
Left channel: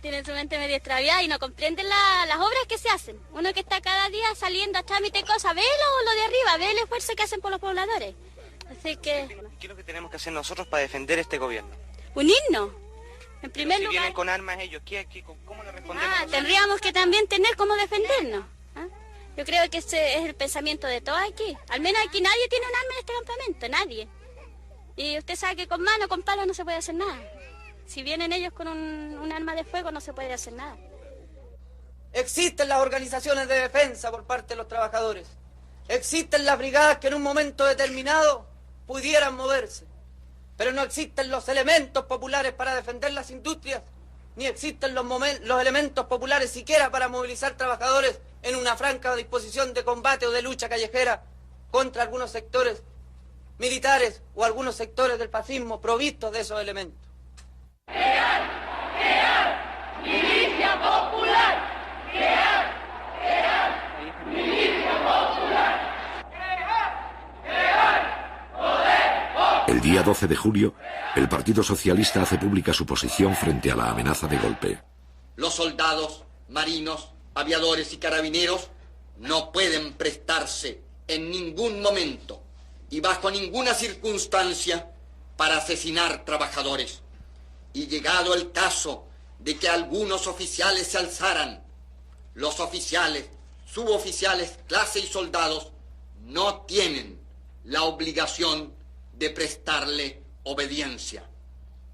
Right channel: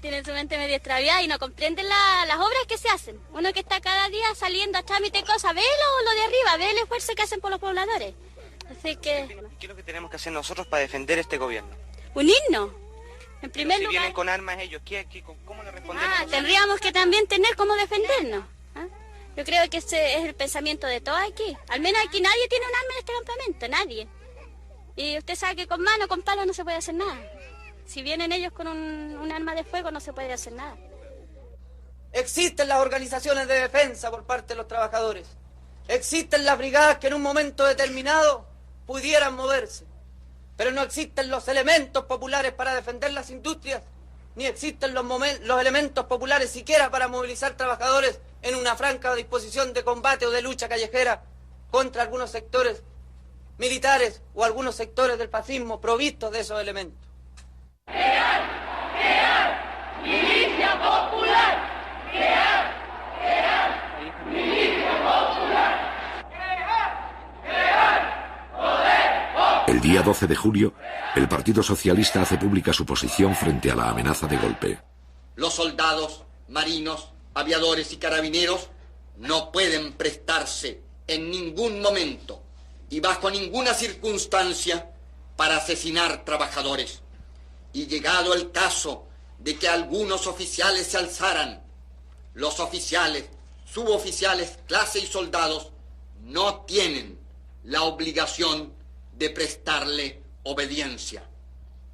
Tienen su mente media extraviada y no comprenden las obras que se hacen. Uno que está cada día saliendo a trámite cosas, ve lo de arriba, ve el esfuerzo que hacen por los pobladores. Así que... ¿Qué es lo que tenemos que hacer nosotros para defender este gobierno? Unirnos. En primer lugar... Si vienen con armas ellos, ¿cómo le respondemos? Tendríamos que también tener cómo defendernos. Yo creo que ese es el pensamiento de todos aquí. Al menos aquí nadie tiene un arma en este campamento, nadie. Y usted sabe que con mano, con palo no se puede hacer nada. Si vienen ellos con un arma de fuego no se puede hacer nada. Existen las organizaciones de defensa por parte de los trabajadores. Existen las brigadas que en un momento determinado pudieran moverse. Pero no existen los elementos populares para defender las industrias, ni existen los elementos populares siquiera para movilizar trabajadores en una franca disposición de combate o de lucha callejera contra algunos sectores militares o algunos sectores del fascismo provistos de esos elementos. ¡Milicia popular! ¡Milicia popular! El día 12 de julio, el Partido Socialista hace pública su posición frente a la amenaza de golpe. Los soldados, marinos, aviadores y carabineros no pueden prestarse en ningún momento y bajo ninguna circunstancia para asesinar trabajadores. Y llegado el caso de que algunos oficiales se alzaran, los oficiales, suboficiales, clase y soldados no tienen la obligación de prestarle obediencia.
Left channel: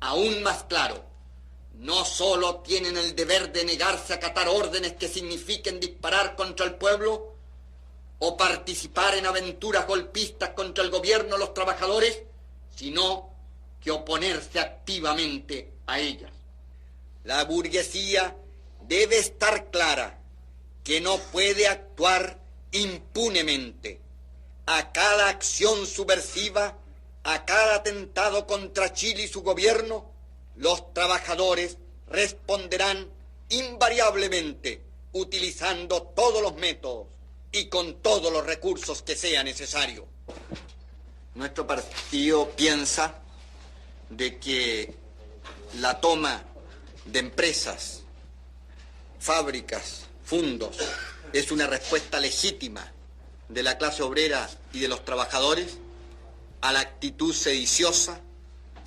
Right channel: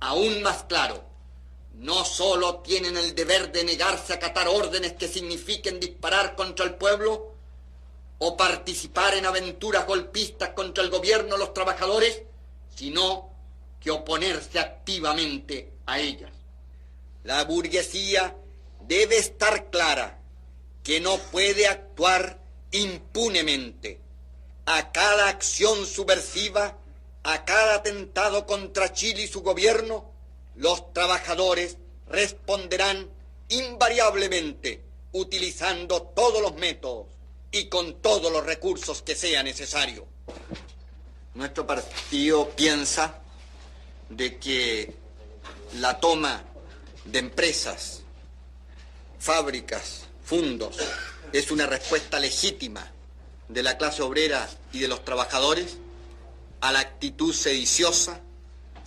Aún más claro, no solo tienen el deber de negarse a acatar órdenes que signifiquen disparar contra el pueblo o participar en aventuras golpistas contra el gobierno o los trabajadores, sino que oponerse activamente a ellas. La burguesía debe estar clara que no puede actuar impunemente. A cada acción subversiva, a cada atentado contra Chile y su gobierno, los trabajadores responderán invariablemente utilizando todos los métodos y con todos los recursos que sea necesario. Nuestro partido piensa de que la toma de empresas, fábricas, fundos, es una respuesta legítima de la clase obrera y de los trabajadores a la actitud sediciosa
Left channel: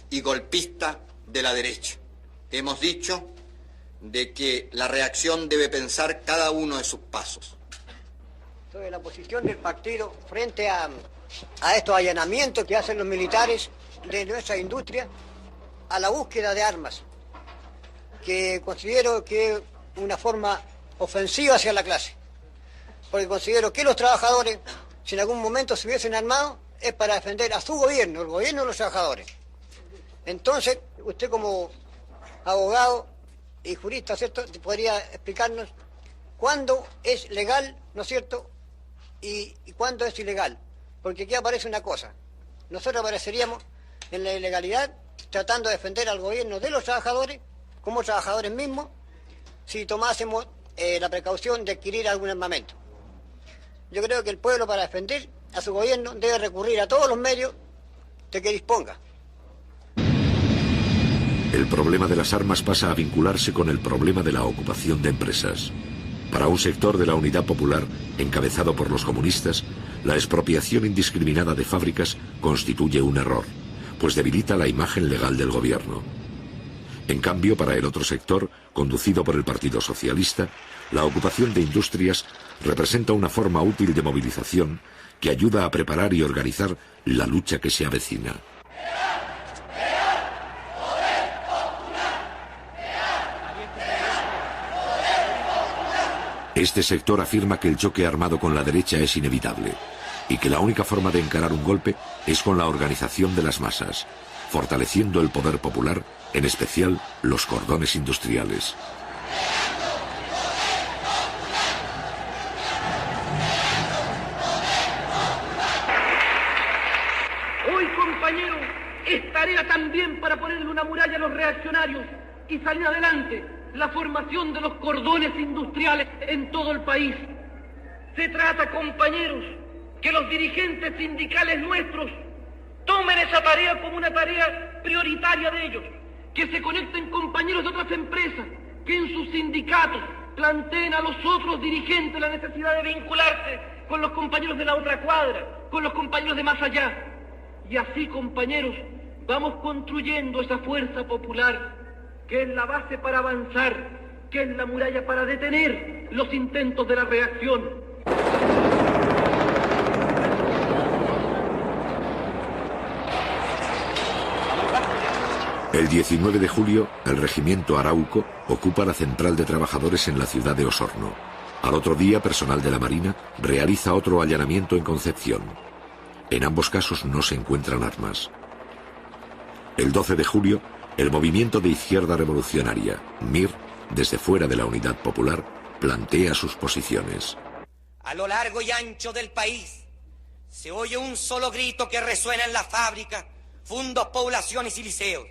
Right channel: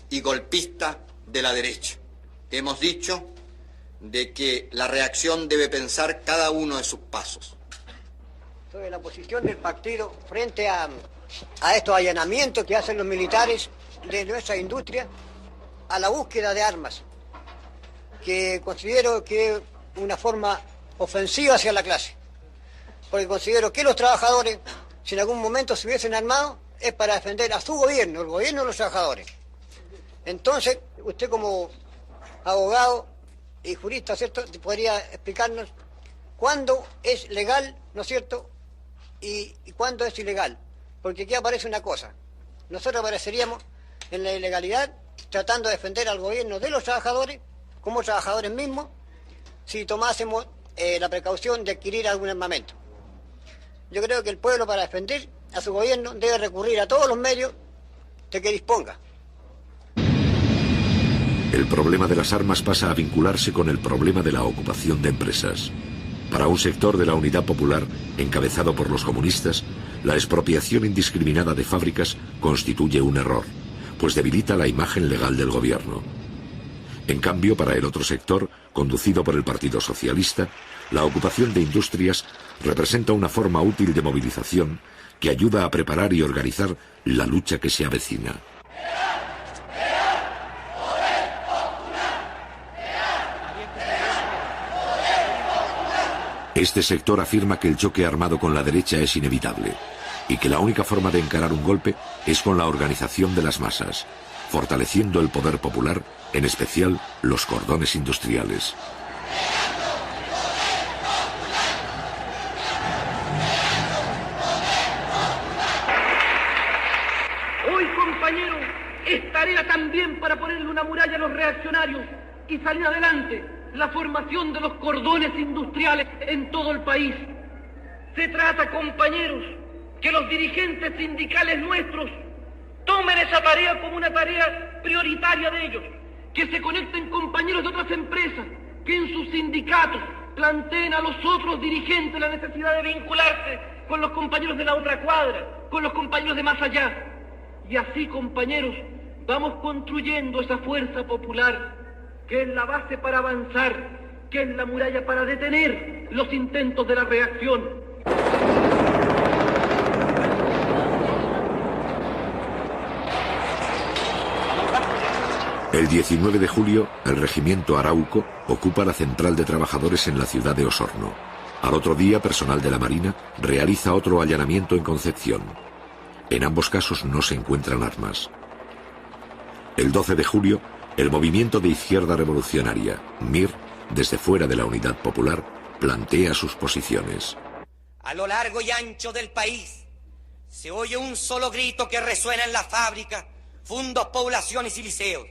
y golpista de la derecha. Hemos dicho de que la reacción debe pensar cada uno de sus pasos. Sobre la posición del partido frente a estos allanamientos que hacen los militares de nuestra industria a la búsqueda de armas, que considero que es una forma ofensiva hacia la clase, porque considero que los trabajadores, si en algún momento se hubiesen armado, es para defender a su gobierno, el gobierno de los trabajadores. Entonces, usted como abogado y jurista, ¿cierto?, podría explicarnos cuándo es legal, ¿no es cierto?, y cuándo es ilegal. Porque aquí aparece una cosa. Nosotros apareceríamos en la ilegalidad tratando de defender al gobierno de los trabajadores, como trabajadores mismos, si tomásemos la precaución de adquirir algún armamento. Yo creo que el pueblo, para defender a su gobierno, debe recurrir a todos los medios de que disponga. El problema de las armas pasa a vincularse con el problema de la ocupación de empresas. Para un sector de la Unidad Popular, encabezado por los comunistas, la expropiación indiscriminada de fábricas constituye un error, pues debilita la imagen legal del gobierno. En cambio, para el otro sector, conducido por el Partido Socialista, la ocupación de industrias representa una forma útil de movilización que ayuda a preparar y organizar la lucha que se avecina. Este sector afirma que el choque armado con la derecha es inevitable y que la única forma de encarar un golpe es con la organización de las masas, fortaleciendo el poder popular, en especial los cordones industriales. Hoy, compañeros, es tarea también para ponerle una muralla a los reaccionarios y salir adelante. La formación de los cordones industriales en todo el país. Se trata, compañeros, que los dirigentes sindicales nuestros tomen esa tarea como una tarea prioritaria de ellos, que se conecten compañeros de otras empresas, que en sus sindicatos planteen a los otros dirigentes la necesidad de vincularse con los compañeros de la otra cuadra, con los compañeros de más allá. Y así, compañeros, vamos construyendo esa fuerza popular que es la base para avanzar, que es la muralla para detener los intentos de la reacción. El 19 de julio, el regimiento Arauco ocupa la central de trabajadores en la ciudad de Osorno. Al otro día, personal de la Marina realiza otro allanamiento en Concepción. En ambos casos no se encuentran armas. El 12 de julio, el movimiento de izquierda revolucionaria, MIR, desde fuera de la Unidad Popular, plantea sus posiciones. A lo largo y ancho del país se oye un solo grito que resuena en las fábricas, fundos, poblaciones y liceos,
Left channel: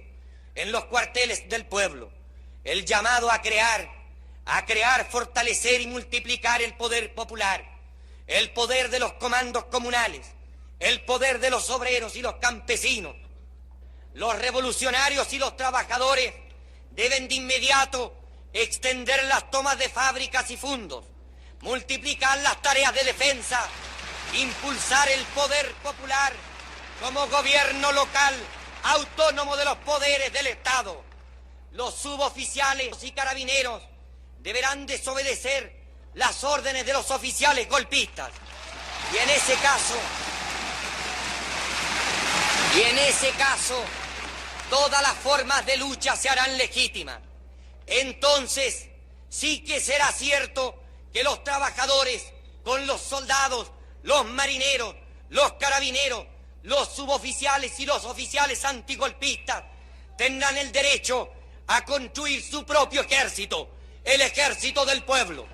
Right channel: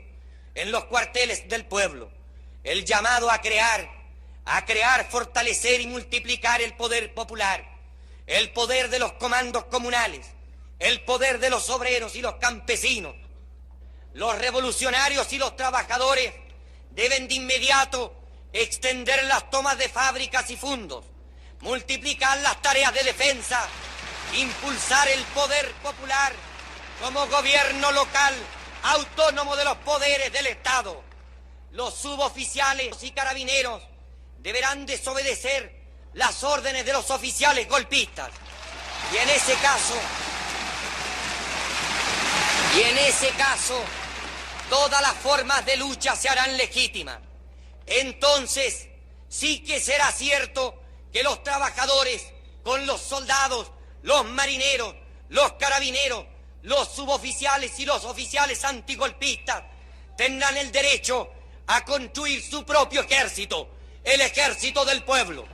en los cuarteles del pueblo. El llamado a crear, fortalecer y multiplicar el poder popular, el poder de los comandos comunales, el poder de los obreros y los campesinos. Los revolucionarios y los trabajadores deben de inmediato extender las tomas de fábricas y fundos, multiplicar las tareas de defensa, impulsar el poder popular como gobierno local autónomo de los poderes del Estado. Los suboficiales y carabineros deberán desobedecer las órdenes de los oficiales golpistas. Y en ese caso, todas las formas de lucha se harán legítimas. Entonces, sí que será cierto que los trabajadores, con los soldados, los marineros, los carabineros, los suboficiales y los oficiales antigolpistas, tendrán el derecho a construir su propio ejército, el ejército del pueblo.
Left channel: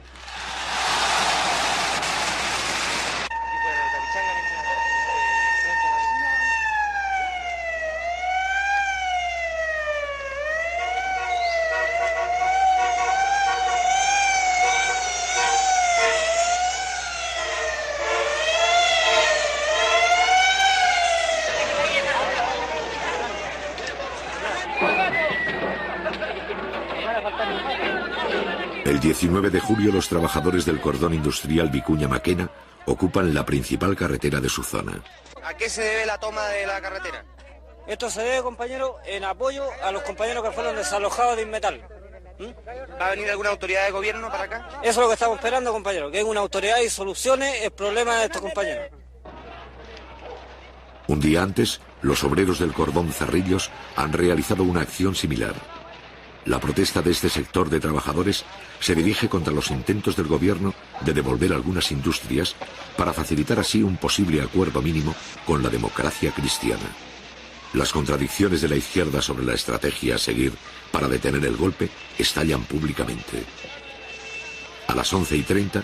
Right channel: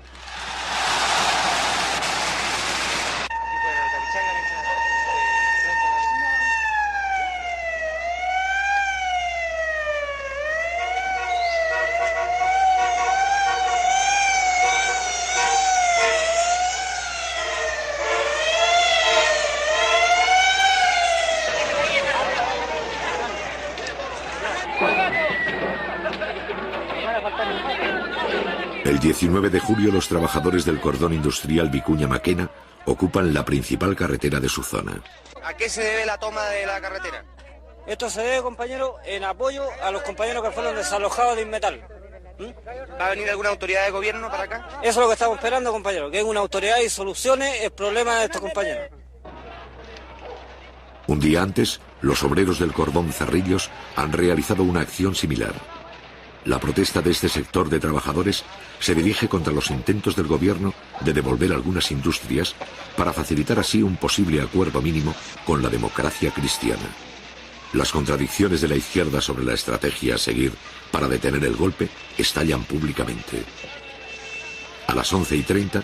El 19 de julio los trabajadores del cordón industrial Vicuña-Maquena ocupan la principal carretera de su zona. ¿A qué se debe la toma de la carretera? Esto se debe, compañero, en apoyo a los compañeros que fueron desalojados de Inmetal. ¿Va a venir alguna autoridad de gobierno para acá? Eso es lo que estamos esperando, compañero, que venga una autoridad y solucione el problema de estos compañeros. Un día antes, los obreros del cordón Cerrillos han realizado una acción similar. La protesta de este sector de trabajadores se dirige contra los intentos del gobierno de devolver algunas industrias para facilitar así un posible acuerdo mínimo con la democracia cristiana. Las contradicciones de la izquierda sobre la estrategia a seguir para detener el golpe estallan públicamente. A las 11:30,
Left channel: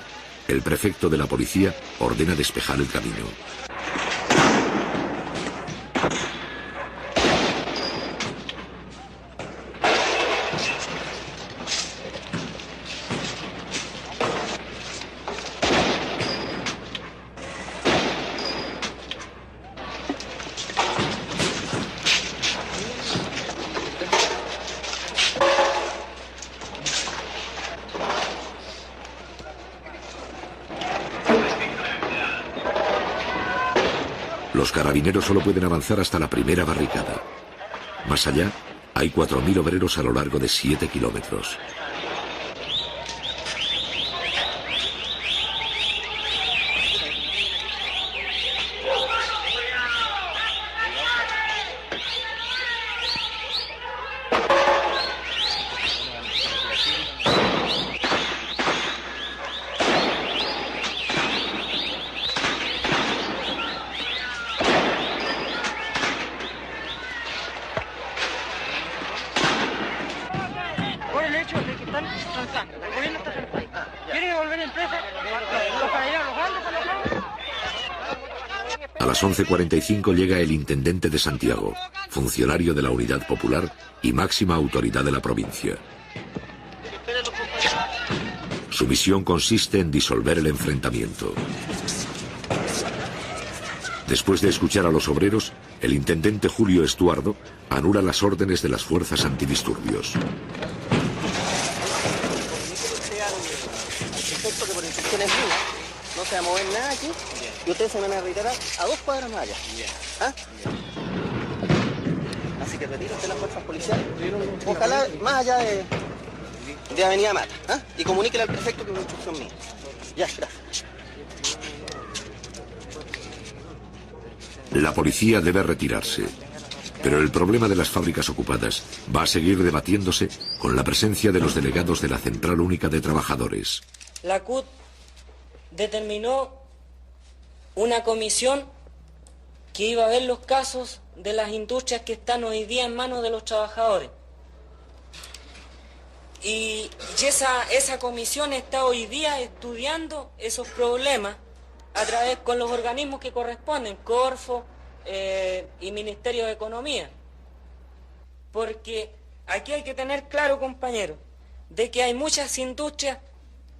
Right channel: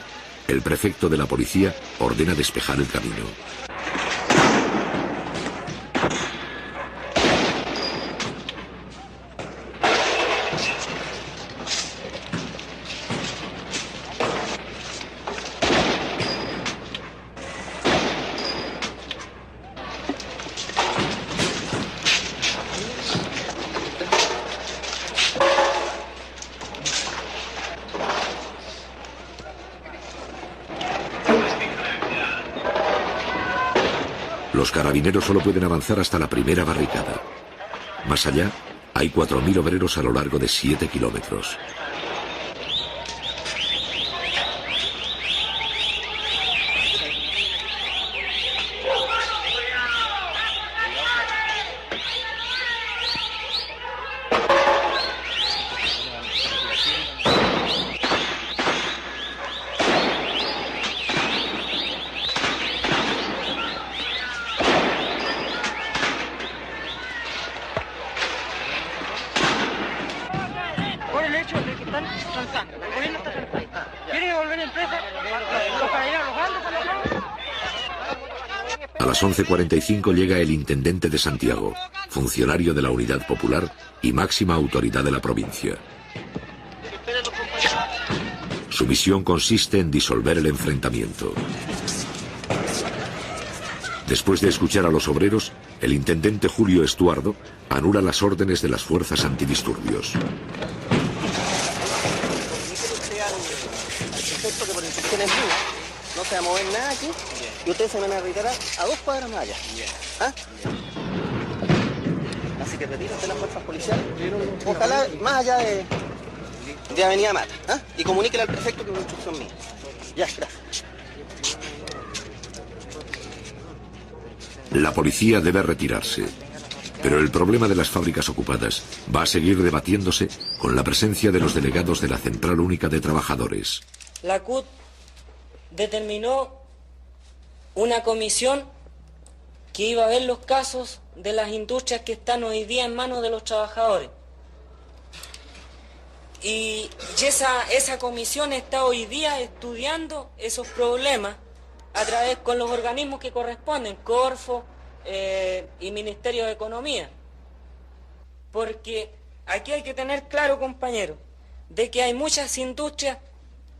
el prefecto de la policía ordena despejar el camino. Los carabineros solo pueden avanzar hasta la primera barricada. Más allá, hay 4.000 obreros a lo largo de 7 kilómetros. Por el hecho de que están transando. El gobierno está transando. ¿Quieren devolver el preso? ¿Los carabineros los van a A las 11:45 llega el intendente de Santiago, funcionario de la Unidad Popular y máxima autoridad de la provincia. Su misión consiste en disolver el enfrentamiento. Después de escuchar a los obreros, el intendente Julio Estuardo anula las órdenes de las fuerzas antidisturbios. No se va a mover nada aquí y ustedes se van a retirar a 2 cuadras más allá. ¿Ah? Así que retírense las fuerzas policiales. Ojalá más allá de Avenida Mata. ¿Ah? Y comuníquenle al prefecto que es una instrucción mía. Ya, gracias. La policía debe retirarse, pero el problema de las fábricas ocupadas va a seguir debatiéndose con la presencia de los delegados de la Central Única de Trabajadores. La CUT determinó una comisión que iba a ver los casos de las industrias que están hoy día en manos de los trabajadores. Y esa comisión está hoy día estudiando esos problemas a través con los organismos que corresponden, Corfo y Ministerio de Economía. Porque aquí hay que tener claro, compañeros, de que hay muchas industrias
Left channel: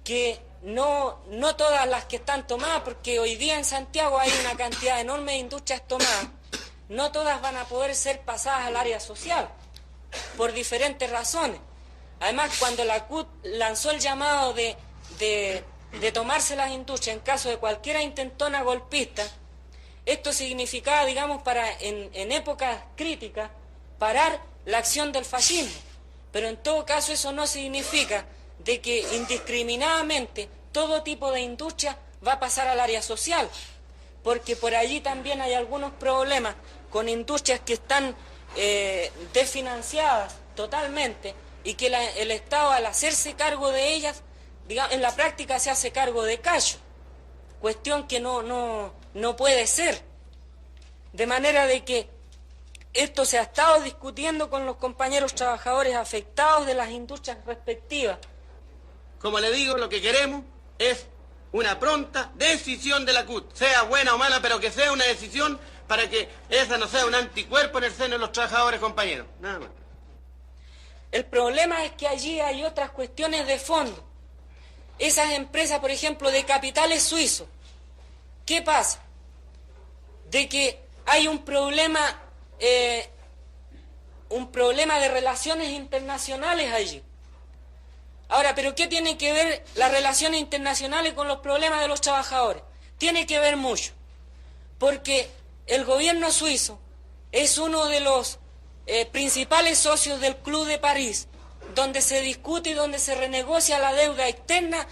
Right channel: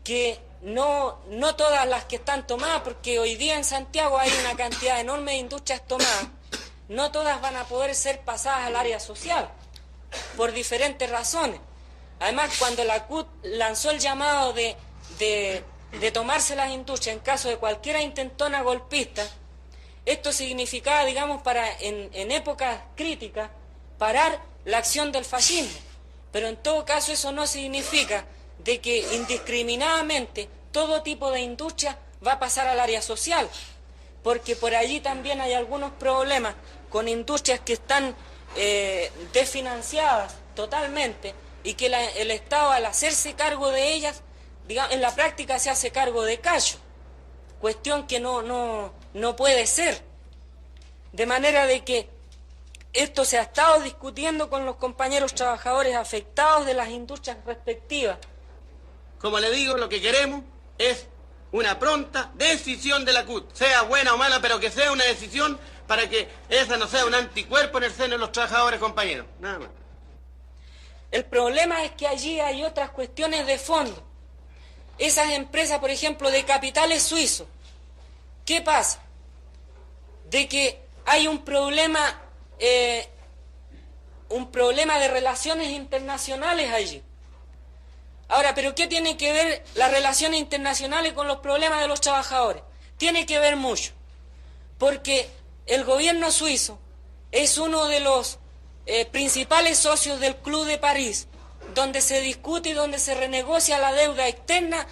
que no todas las que están tomadas, porque hoy día en Santiago hay una cantidad enorme de industrias tomadas, no todas van a poder ser pasadas al área social, por diferentes razones. Además, cuando la CUT lanzó el llamado de tomarse las industrias en caso de cualquier intentona golpista, esto significaba, digamos, en épocas críticas, parar la acción del fascismo. Pero en todo caso eso no significa de que indiscriminadamente todo tipo de industria va a pasar al área social, porque por allí también hay algunos problemas con industrias que están desfinanciadas totalmente y que el Estado, al hacerse cargo de ellas, en la práctica se hace cargo de callo, cuestión que no puede ser. De manera de que esto se ha estado discutiendo con los compañeros trabajadores afectados de las industrias respectivas. Como le digo, lo que queremos es una pronta decisión de la CUT, sea buena o mala, pero que sea una decisión para que esa no sea un anticuerpo en el seno de los trabajadores, compañeros. Nada más. El problema es que allí hay otras cuestiones de fondo. Esas empresas, por ejemplo, de capitales suizos, ¿qué pasa? De que hay un problema de relaciones internacionales allí. Ahora, ¿pero qué tiene que ver las relaciones internacionales con los problemas de los trabajadores? Tiene que ver mucho, porque el gobierno suizo es uno de los principales socios del Club de París, donde se discute y donde se renegocia la deuda externa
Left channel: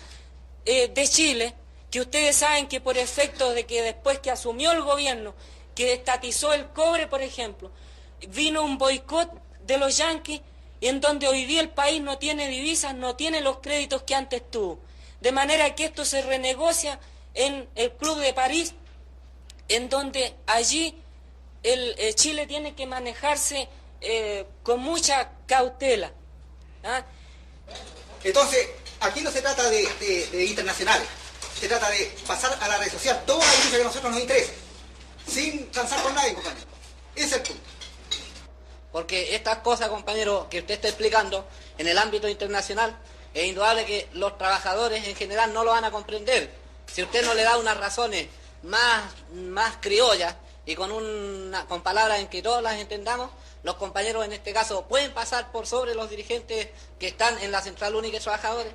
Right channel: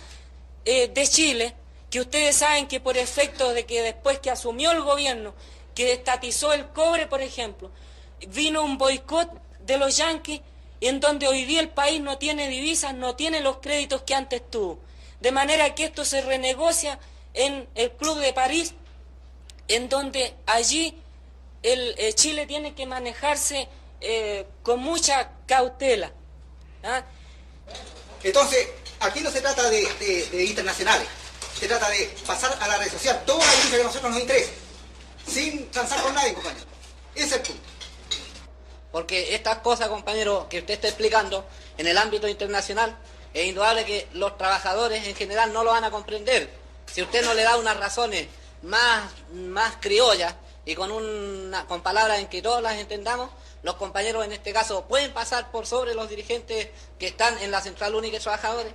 de Chile, que ustedes saben que por efecto de que después que asumió el gobierno, que estatizó el cobre, por ejemplo, vino un boicot de los yanquis, en donde hoy día el país no tiene divisas, no tiene los créditos que antes tuvo. De manera que esto se renegocia en el Club de París, en donde allí Chile tiene que manejarse con mucha cautela. ¿Ah? Entonces, aquí no se trata de internacionales, se trata de pasar a la red social toda la lucha que a nosotros nos interesa, sin transar con nadie, compañero. Ese es el punto. Porque estas cosas, compañero, que usted está explicando en el ámbito internacional, es indudable que los trabajadores en general no lo van a comprender. Si usted no le da unas razones más criollas y con palabras en que todos las entendamos, los compañeros en este caso pueden pasar por sobre los dirigentes que están en la Central Única de Trabajadores.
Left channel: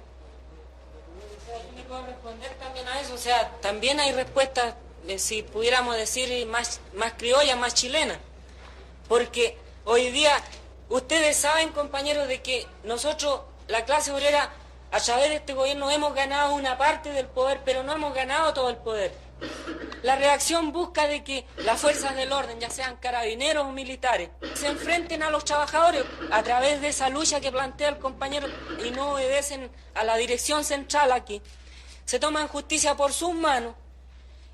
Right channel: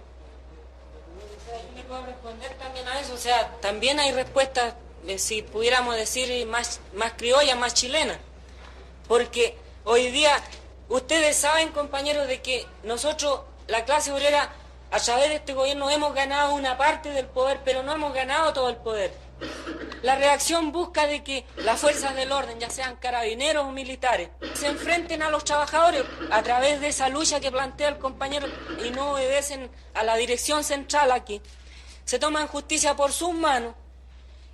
¿Me puedo responder también a eso? O sea, también hay respuestas, si pudiéramos decir, más criollas, más chilenas. Porque hoy día, ustedes saben, compañeros, de que nosotros, la clase obrera, a través de este gobierno hemos ganado una parte del poder, pero no hemos ganado todo el poder. La reacción busca de que las fuerzas del orden, ya sean carabineros o militares, se enfrenten a los trabajadores a través de esa lucha que plantea el compañero y no obedecen a la dirección central aquí. Se toman justicia por sus manos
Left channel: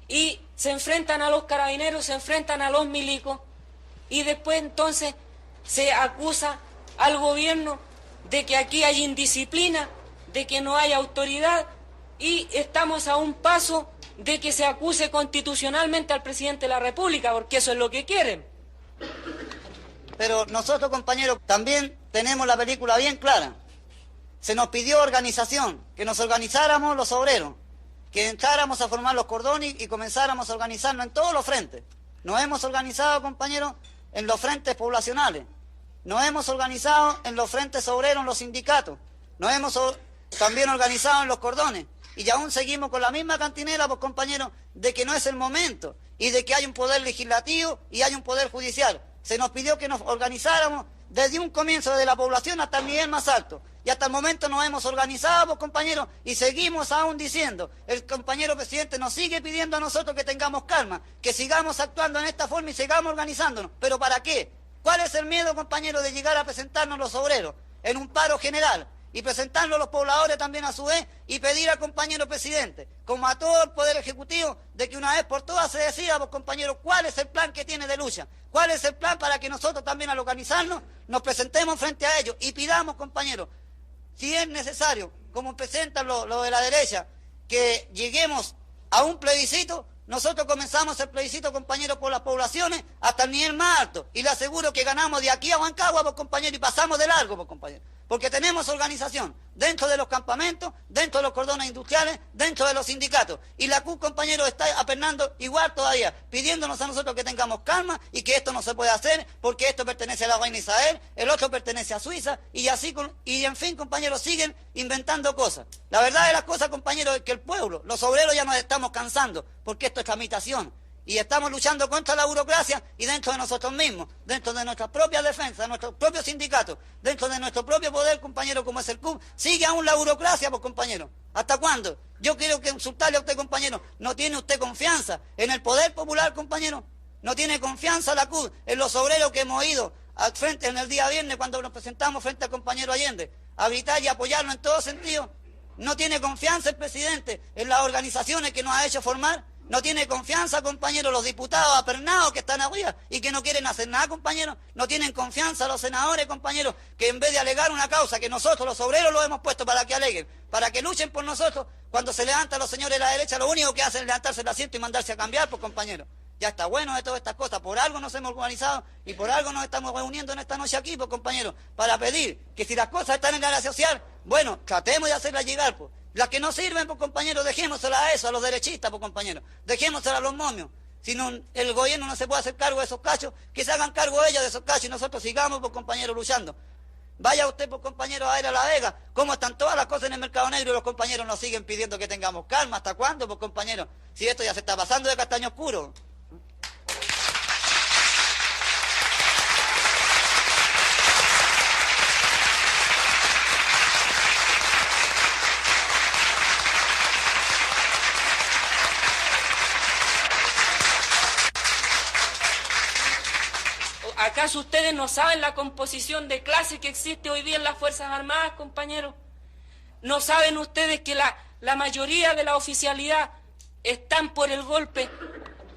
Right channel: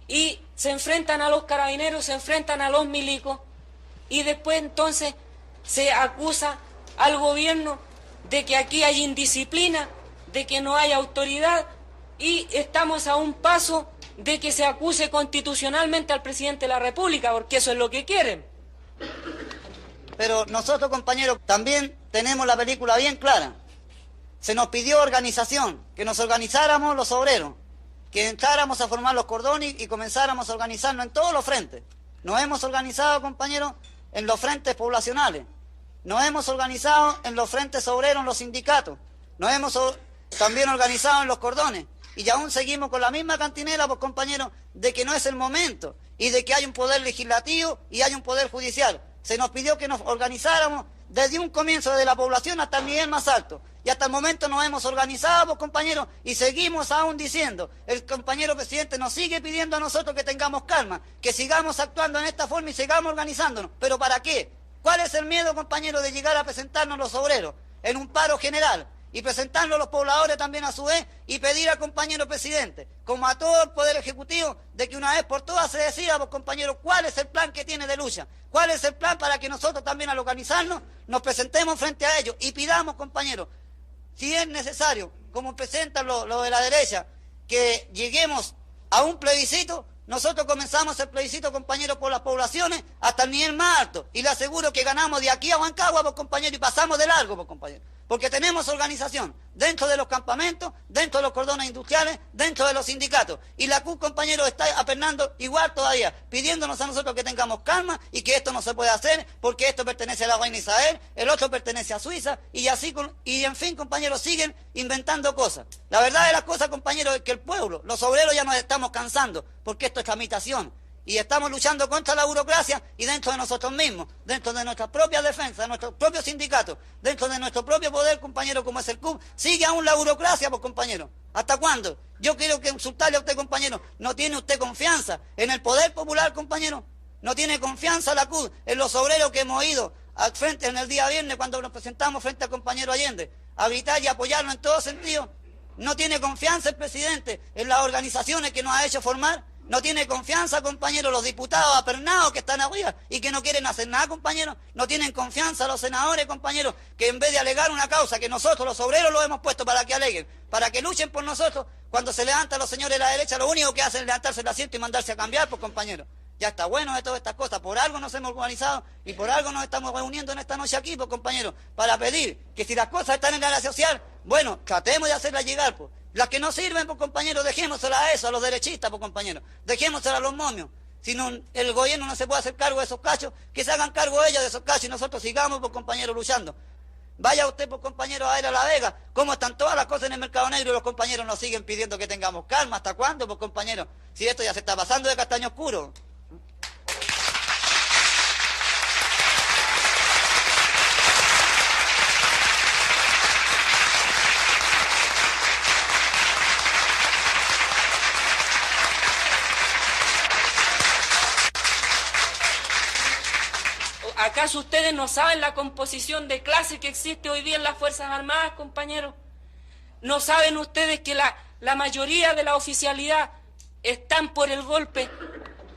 y se enfrentan a los carabineros, se enfrentan a los milicos y después entonces se acusa al gobierno de que aquí hay indisciplina, de que no hay autoridad y estamos a un paso de que se acuse constitucionalmente al presidente de la República, porque eso es lo que quieren. Pero nosotros, compañeros, también tenemos la película bien clara. Se nos pidió organización, que nos organizáramos los obreros, que entráramos a formar los cordones y comenzáramos a organizarnos en todos los frentes. Nos hemos organizado, compañeros, en los frentes poblacionales. Nos hemos organizado en los frentes obreros, en los sindicatos. Nos hemos también organizado en los cordones. Y aún seguimos con la misma cantinela, pues, compañeros, de que no es el momento y de que hay un poder legislativo y hay un poder judicial. Se nos pidió que nos organizáramos desde un comienzo, desde la población hasta el nivel más alto. Y hasta el momento nos hemos organizado, pues, compañeros, y seguimos aún diciendo, el compañero presidente nos sigue pidiendo a nosotros que tengamos calma, que sigamos actuando en esta forma y sigamos organizándonos. ¿Pero para qué? ¿Cuál es el miedo, compañeros, de llegar a presentarnos los obreros en un paro general? Y presentarlo a los pobladores también a su vez y pedir al compañero presidente, como a todo el Poder Ejecutivo, de que una vez por todas se decida, pues, compañeros, cuál es el plan que tiene de lucha, cuál es el plan para que nosotros también al organizarnos nos presentemos frente a ellos y pidamos, compañeros, si es necesario, como presentan los de la derecha, que lleguemos a un plebiscito. Nosotros comenzamos el plebiscito, compañeros, por las poblaciones hasta el nivel más alto. Y le aseguro que ganamos de aquí a Huancagua, pues, compañeros, y pasamos de largo, pues, compañeros. Porque tenemos organización dentro de los campamentos, dentro de los cordones industriales, dentro de los sindicatos. Y la CUT, compañeros, está apernando igual todavía, pidiéndonos a nosotros que tengamos calma y que esto no se puede hacer porque esto pertenece a la reina Isabel, el otro pertenece a Suiza, y así, y en fin, compañeros, siguen inventando cosas. La verdad de las cosas, compañeros, es que el pueblo, los obreros ya nos estamos cansando, porque esto es tramitación. Y estamos luchando contra la burocracia y dentro de nosotros mismos, dentro de nuestras propias defensas, de nuestros propios sindicatos, dentro de nuestro propio poder, compañero, como es el CUB, sigue aún la burocracia, pues, compañero. ¿Hasta cuándo? Yo quiero que insultarle a usted, compañero. ¿No tiene usted confianza en el poder popular, compañero? ¿No tiene confianza la CUB en los obreros que hemos ido al frente en el día viernes cuando nos presentamos frente al compañero Allende a gritar y apoyarnos en todo sentido? ¿No tiene confianza el presidente en las organizaciones que nos ha hecho formar? ¿No tiene confianza, compañeros, los diputados apernados que están arriba y que no quieren hacer nada, compañeros? ¿No tienen confianza los senadores, compañeros, que en vez de alegar una causa que nosotros, los obreros, los hemos puesto para que aleguen, para que luchen por nosotros, cuando se levantan los señores de la derecha, lo único que hacen es levantarse el asiento y mandarse a cambiar, pues, compañeros? Ya está bueno de todas estas cosas. Por algo nos hemos organizado y por algo nos estamos reuniendo en esta noche aquí, pues, compañeros, para pedir que si las cosas están en la área social, bueno, tratemos de hacerlas llegar, pues. Las que no sirven, pues, compañeros, dejémoselas a eso, a los derechistas, pues, compañeros. Dejémoselas a los momios. Si no, el gobierno no se puede hacer cargo de esos cachos, que se hagan cargo ellos de esos cachos y nosotros sigamos, pues, compañeros, luchando. Vaya usted, pues, compañero, a ir a La Vega, cómo están todas las cosas en el mercado negro y los compañeros nos siguen pidiendo que tengamos calma. ¿Hasta cuándo, pues, compañero? Si esto ya se está pasando de castaño oscuro. ¿Acaso ustedes no saben la composición de clase que existe hoy día en las Fuerzas Armadas, compañeros? ¿No saben ustedes que la mayoría de la oficialidad están por el golpe?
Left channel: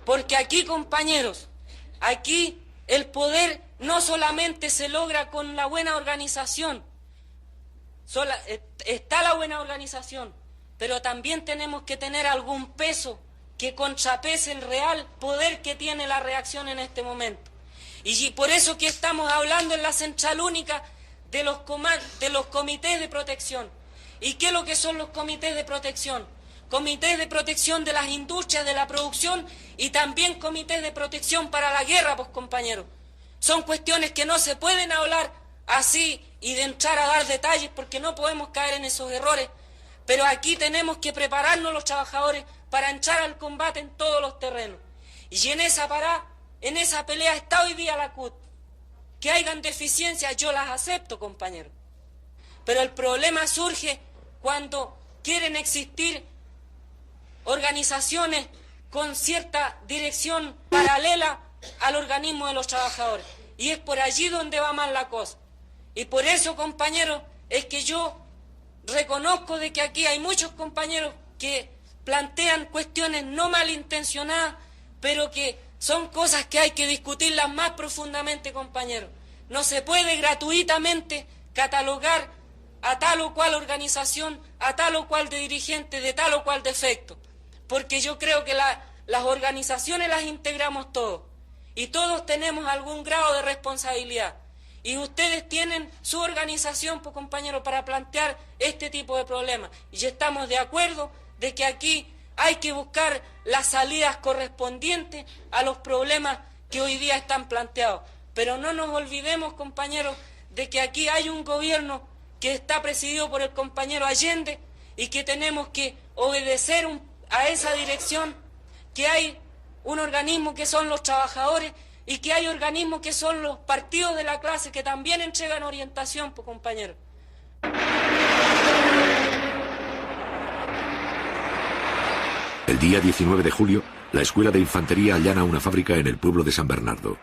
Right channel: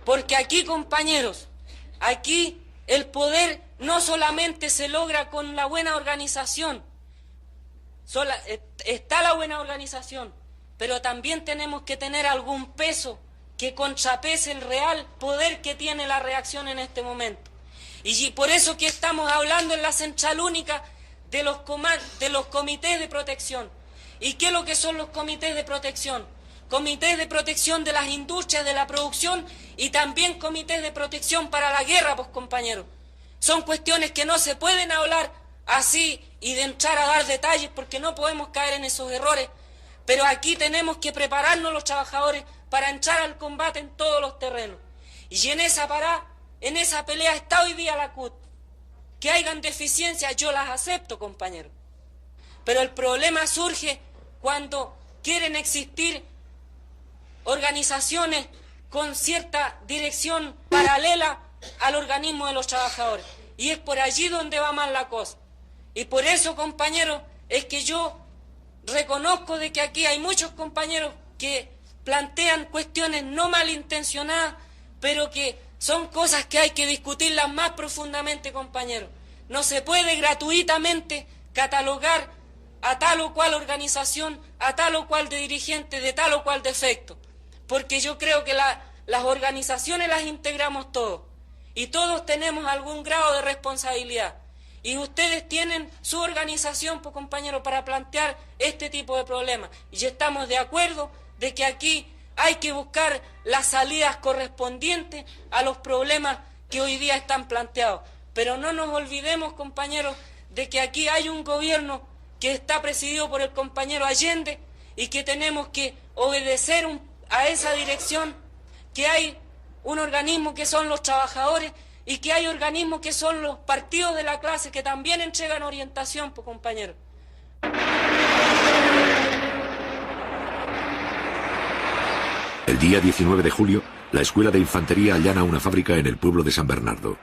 Porque aquí, compañeros, aquí el poder no solamente se logra con la buena organización, está la buena organización, pero también tenemos que tener algún peso que contrapese el real poder que tiene la reacción en este momento. Y por eso que estamos hablando en la Central Única de los comités de protección. ¿Y qué es lo que son los comités de protección? Comités de protección de las industrias, de la producción, y también comités de protección para la guerra, pues, compañeros. Son cuestiones que no se pueden hablar así y de entrar a dar detalles porque no podemos caer en esos errores. Pero aquí tenemos que prepararnos los trabajadores para entrar al combate en todos los terrenos. Y en esa pelea está hoy día la CUT. Que hayan deficiencias, yo las acepto, compañeros. Pero el problema surge cuando quieren existir organizaciones con cierta dirección paralela al organismo de los trabajadores. Y es por allí donde va mal la cosa. Y por eso, compañeros, es que yo reconozco de que aquí hay muchos compañeros que plantean cuestiones no malintencionadas, pero que son cosas que hay que discutirlas más profundamente, compañeros. No se puede gratuitamente catalogar a tal o cual organización, a tal o cual dirigente, de tal o cual defecto. Porque yo creo que las organizaciones las integramos todos. Y todos tenemos algún grado de responsabilidad. Y ustedes tienen su organización, pues, compañeros, para plantear este tipo de problemas. Y estamos de acuerdo de que aquí hay que buscar las salidas correspondientes a los problemas que hoy día están planteados. Pero no nos olvidemos, compañeros, de que aquí hay un gobierno que está presidido por el compañero Allende y que tenemos que obedecer a esa dirección, que hay un organismo que son los trabajadores y que hay organismos que son los partidos de la clase que también entregan orientación, pues, compañeros. El día 19 de julio, la Escuela de Infantería allana una fábrica en el pueblo de San Bernardo.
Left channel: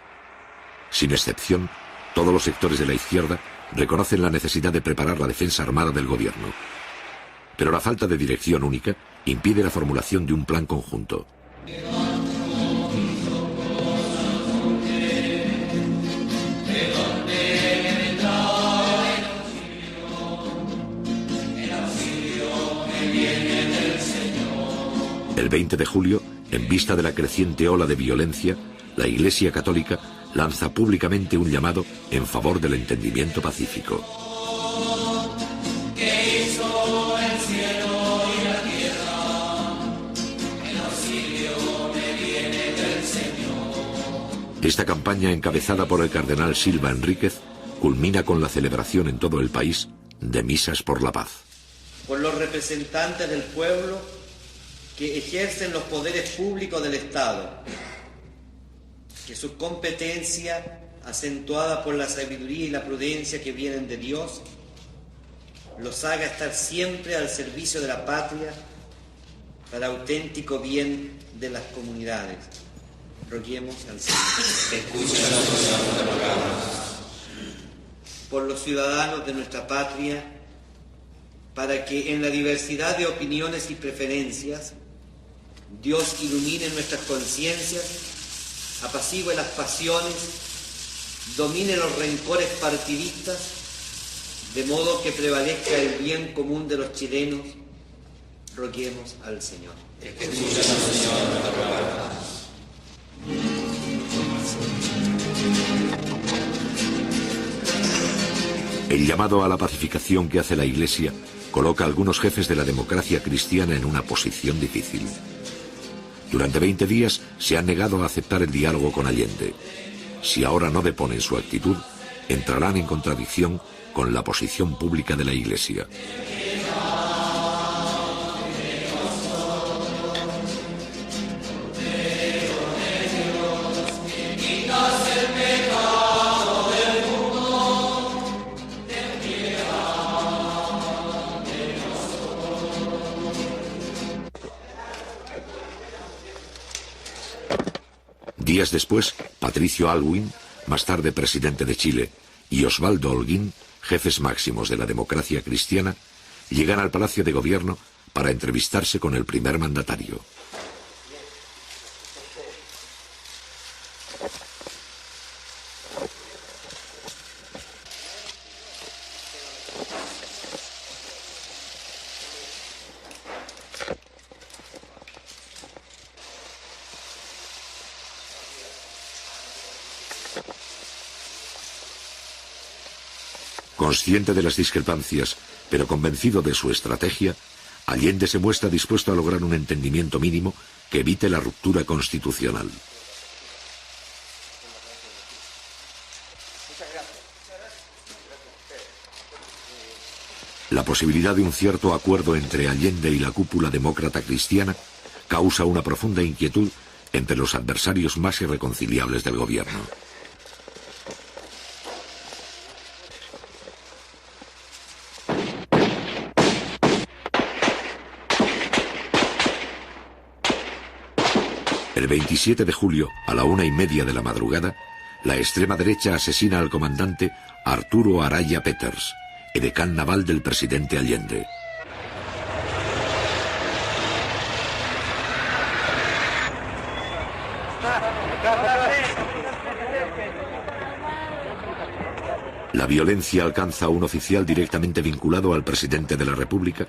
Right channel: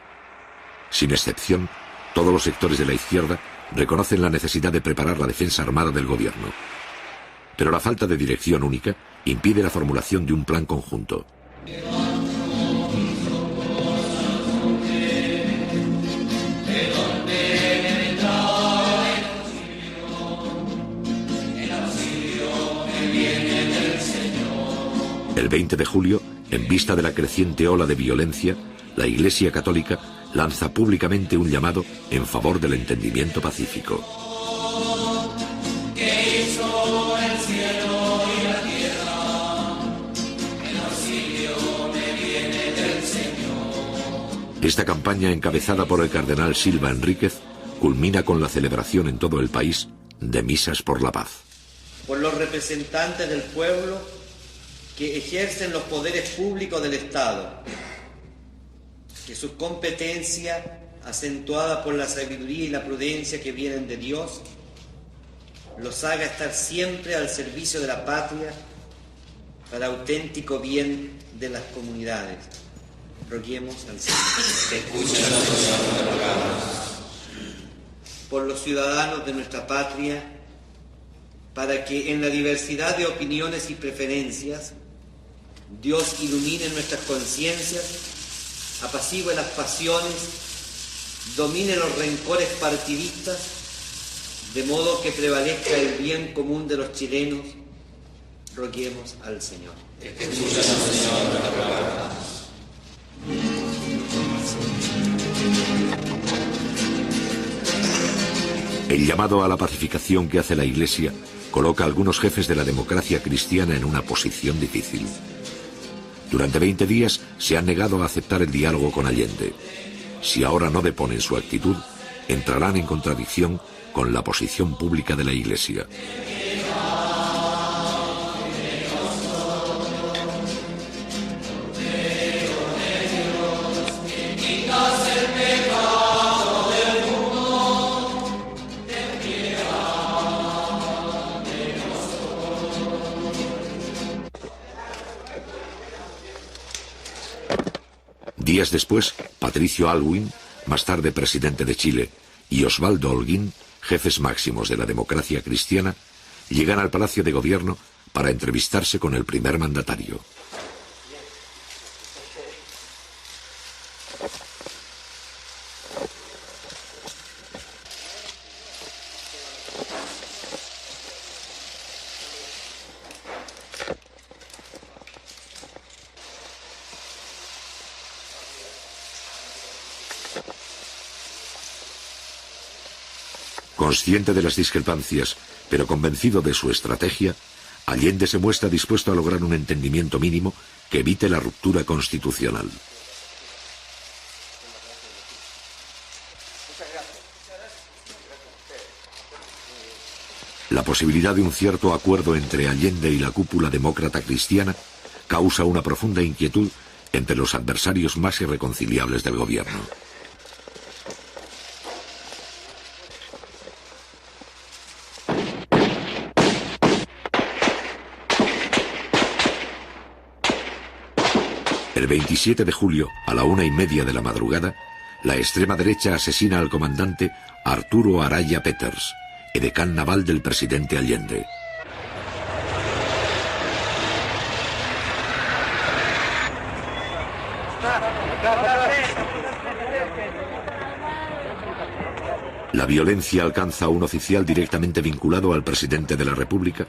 Sin excepción, todos los sectores de la izquierda reconocen la necesidad de preparar la defensa armada del gobierno. Pero la falta de dirección única impide la formulación de un plan conjunto. El 20 de julio, en vista de la creciente ola de violencia, la Iglesia Católica lanza públicamente un llamado en favor del entendimiento pacífico. Esta campaña, encabezada por el cardenal Silva Enríquez, culmina con la celebración en todo el país de misas por la paz. Por los representantes del pueblo que ejercen los poderes públicos del Estado, que su competencia, acentuada por la sabiduría y la prudencia que vienen de Dios, los haga estar siempre al servicio de la patria para auténtico bien de las comunidades. Roguemos al Señor. Por los ciudadanos de nuestra patria, para que en la diversidad de opiniones y preferencias, Dios ilumine nuestras conciencias, apacigüe las pasiones, domine los rencores partidistas, de modo que prevalezca el bien común de los chilenos. Roguemos al Señor. El llamado a la pacificación que hace la Iglesia coloca a algunos jefes de la democracia cristiana en una posición difícil. Durante 20 días se han negado a aceptar el diálogo con Allende. Si ahora no deponen su actitud, entrarán en contradicción con la posición pública de la Iglesia. Días después, Patricio Aylwin, más tarde presidente de Chile, y Osvaldo Holguín, jefes máximos de la democracia cristiana, llegan al Palacio de Gobierno para entrevistarse con el primer mandatario. Consciente de las discrepancias, pero convencido de su estrategia, Allende se muestra dispuesto a lograr un entendimiento mínimo que evite la ruptura constitucional. La posibilidad de un cierto acuerdo entre Allende y la cúpula demócrata cristiana causa una profunda inquietud entre los adversarios más irreconciliables del gobierno. El 27 de julio, a la 1:30 de la madrugada, la extrema derecha asesina al comandante Arturo Araya Peters, edecán naval del presidente Allende. La violencia alcanza a un oficial directamente vinculado al presidente de la República,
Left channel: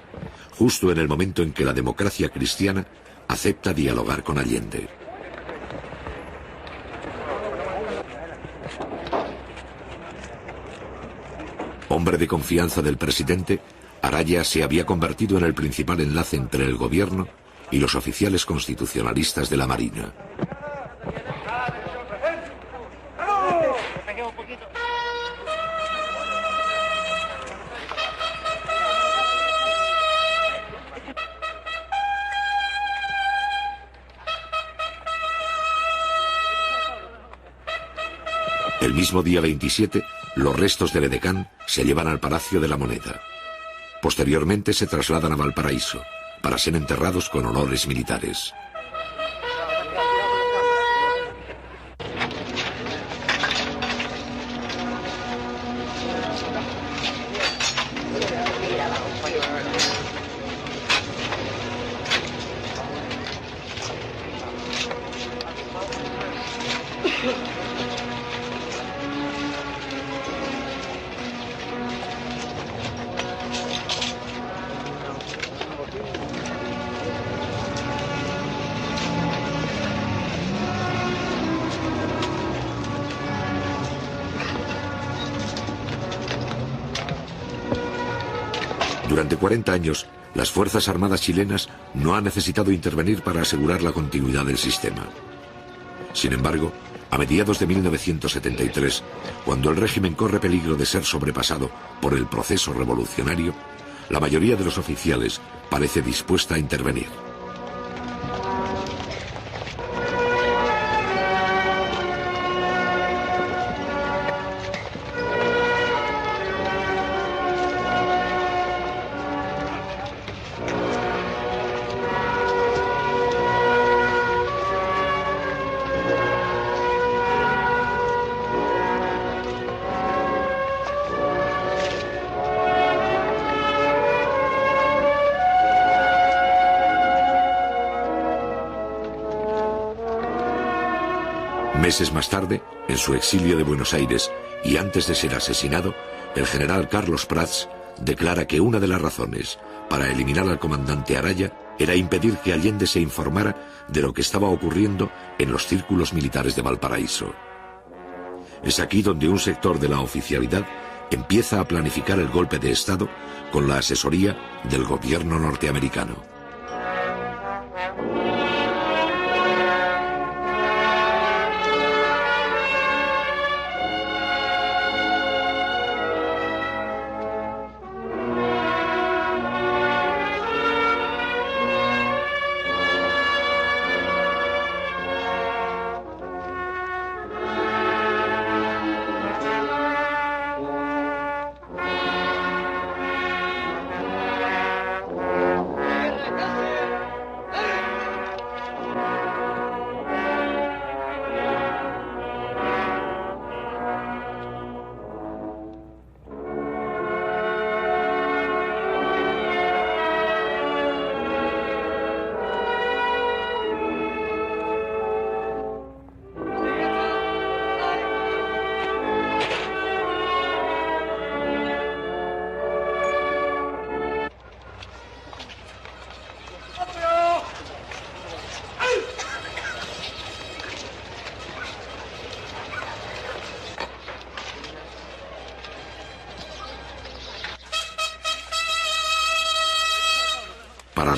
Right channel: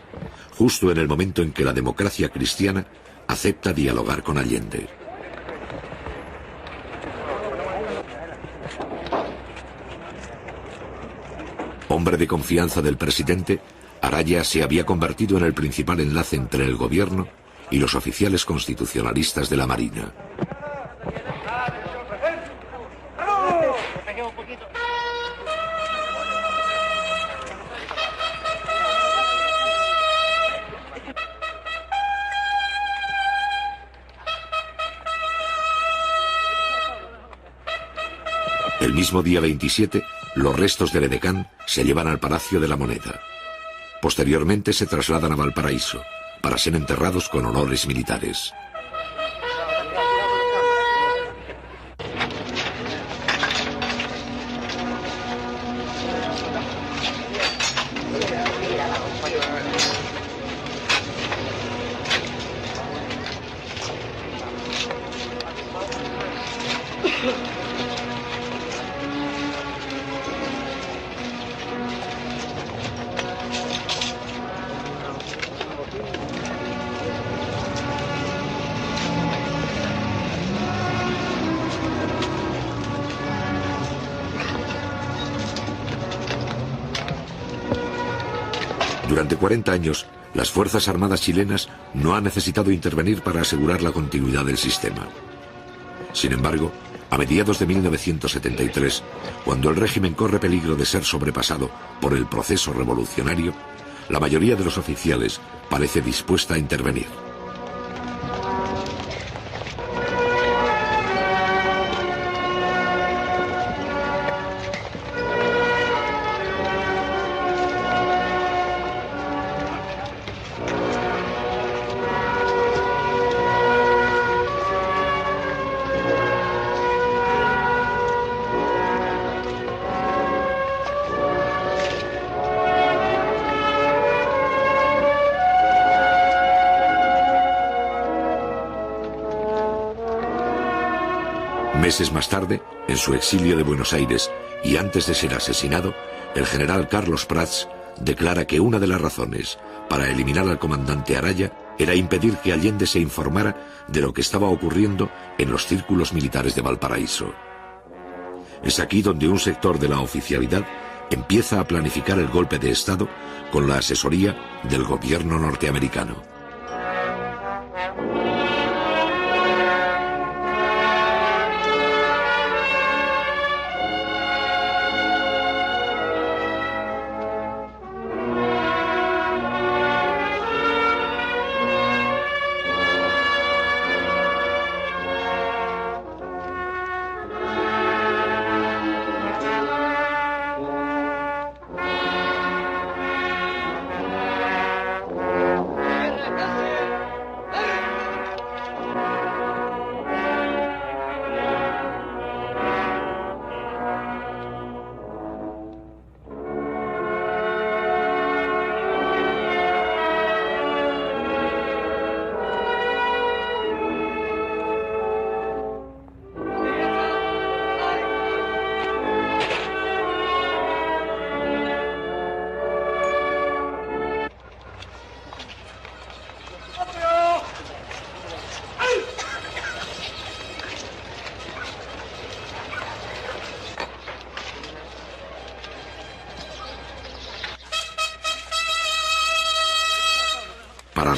justo en el momento en que la democracia cristiana acepta dialogar con Allende. Hombre de confianza del presidente, Araya se había convertido en el principal enlace entre el gobierno y los oficiales constitucionalistas de la Marina. El mismo día 27, los restos del edecán se llevan al Palacio de la Moneda. Posteriormente se trasladan a Valparaíso, para ser enterrados con honores militares. Durante 40 años, las Fuerzas Armadas chilenas no han necesitado intervenir para asegurar la continuidad del sistema. Sin embargo, a mediados de 1973, cuando el régimen corre peligro de ser sobrepasado por el proceso revolucionario, la mayoría de los oficiales parece dispuesta a intervenir. Meses más tarde, en su exilio de Buenos Aires y antes de ser asesinado, el general Carlos Prats declara que una de las razones para eliminar al comandante Araya era impedir que Allende se informara de lo que estaba ocurriendo en los círculos militares de Valparaíso. Es aquí donde un sector de la oficialidad empieza a planificar el golpe de Estado con la asesoría del gobierno norteamericano.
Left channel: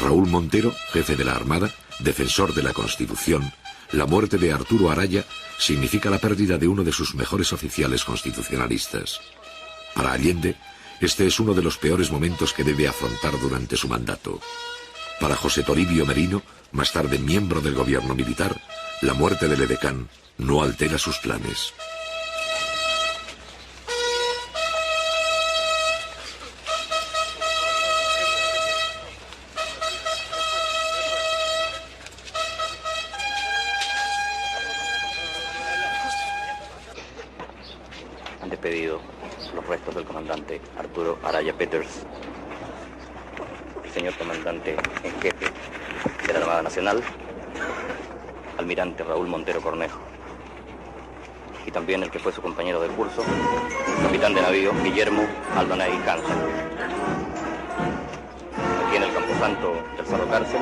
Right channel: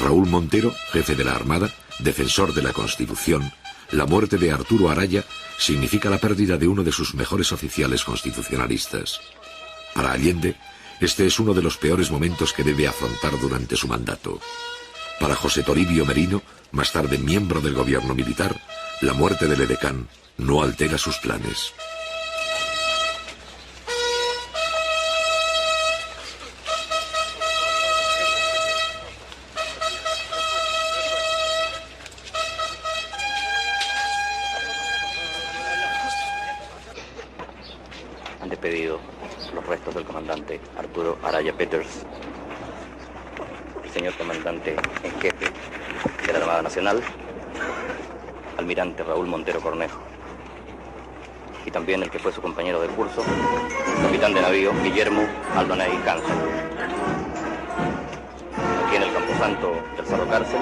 Raúl Montero, jefe de la Armada, defensor de la Constitución, la muerte de Arturo Araya significa la pérdida de uno de sus mejores oficiales constitucionalistas. Para Allende, este es uno de los peores momentos que debe afrontar durante su mandato. Para José Toribio Merino, más tarde miembro del gobierno militar, la muerte del edecán no altera sus planes. Han despedido los restos del comandante Arturo Araya Peters, el señor comandante en jefe de la Armada Nacional, almirante Raúl Montero Cornejo, y también el que fue su compañero de curso, capitán de navío Guillermo Aldonay Canza. Aquí en el Camposanto del Cerro Cárcel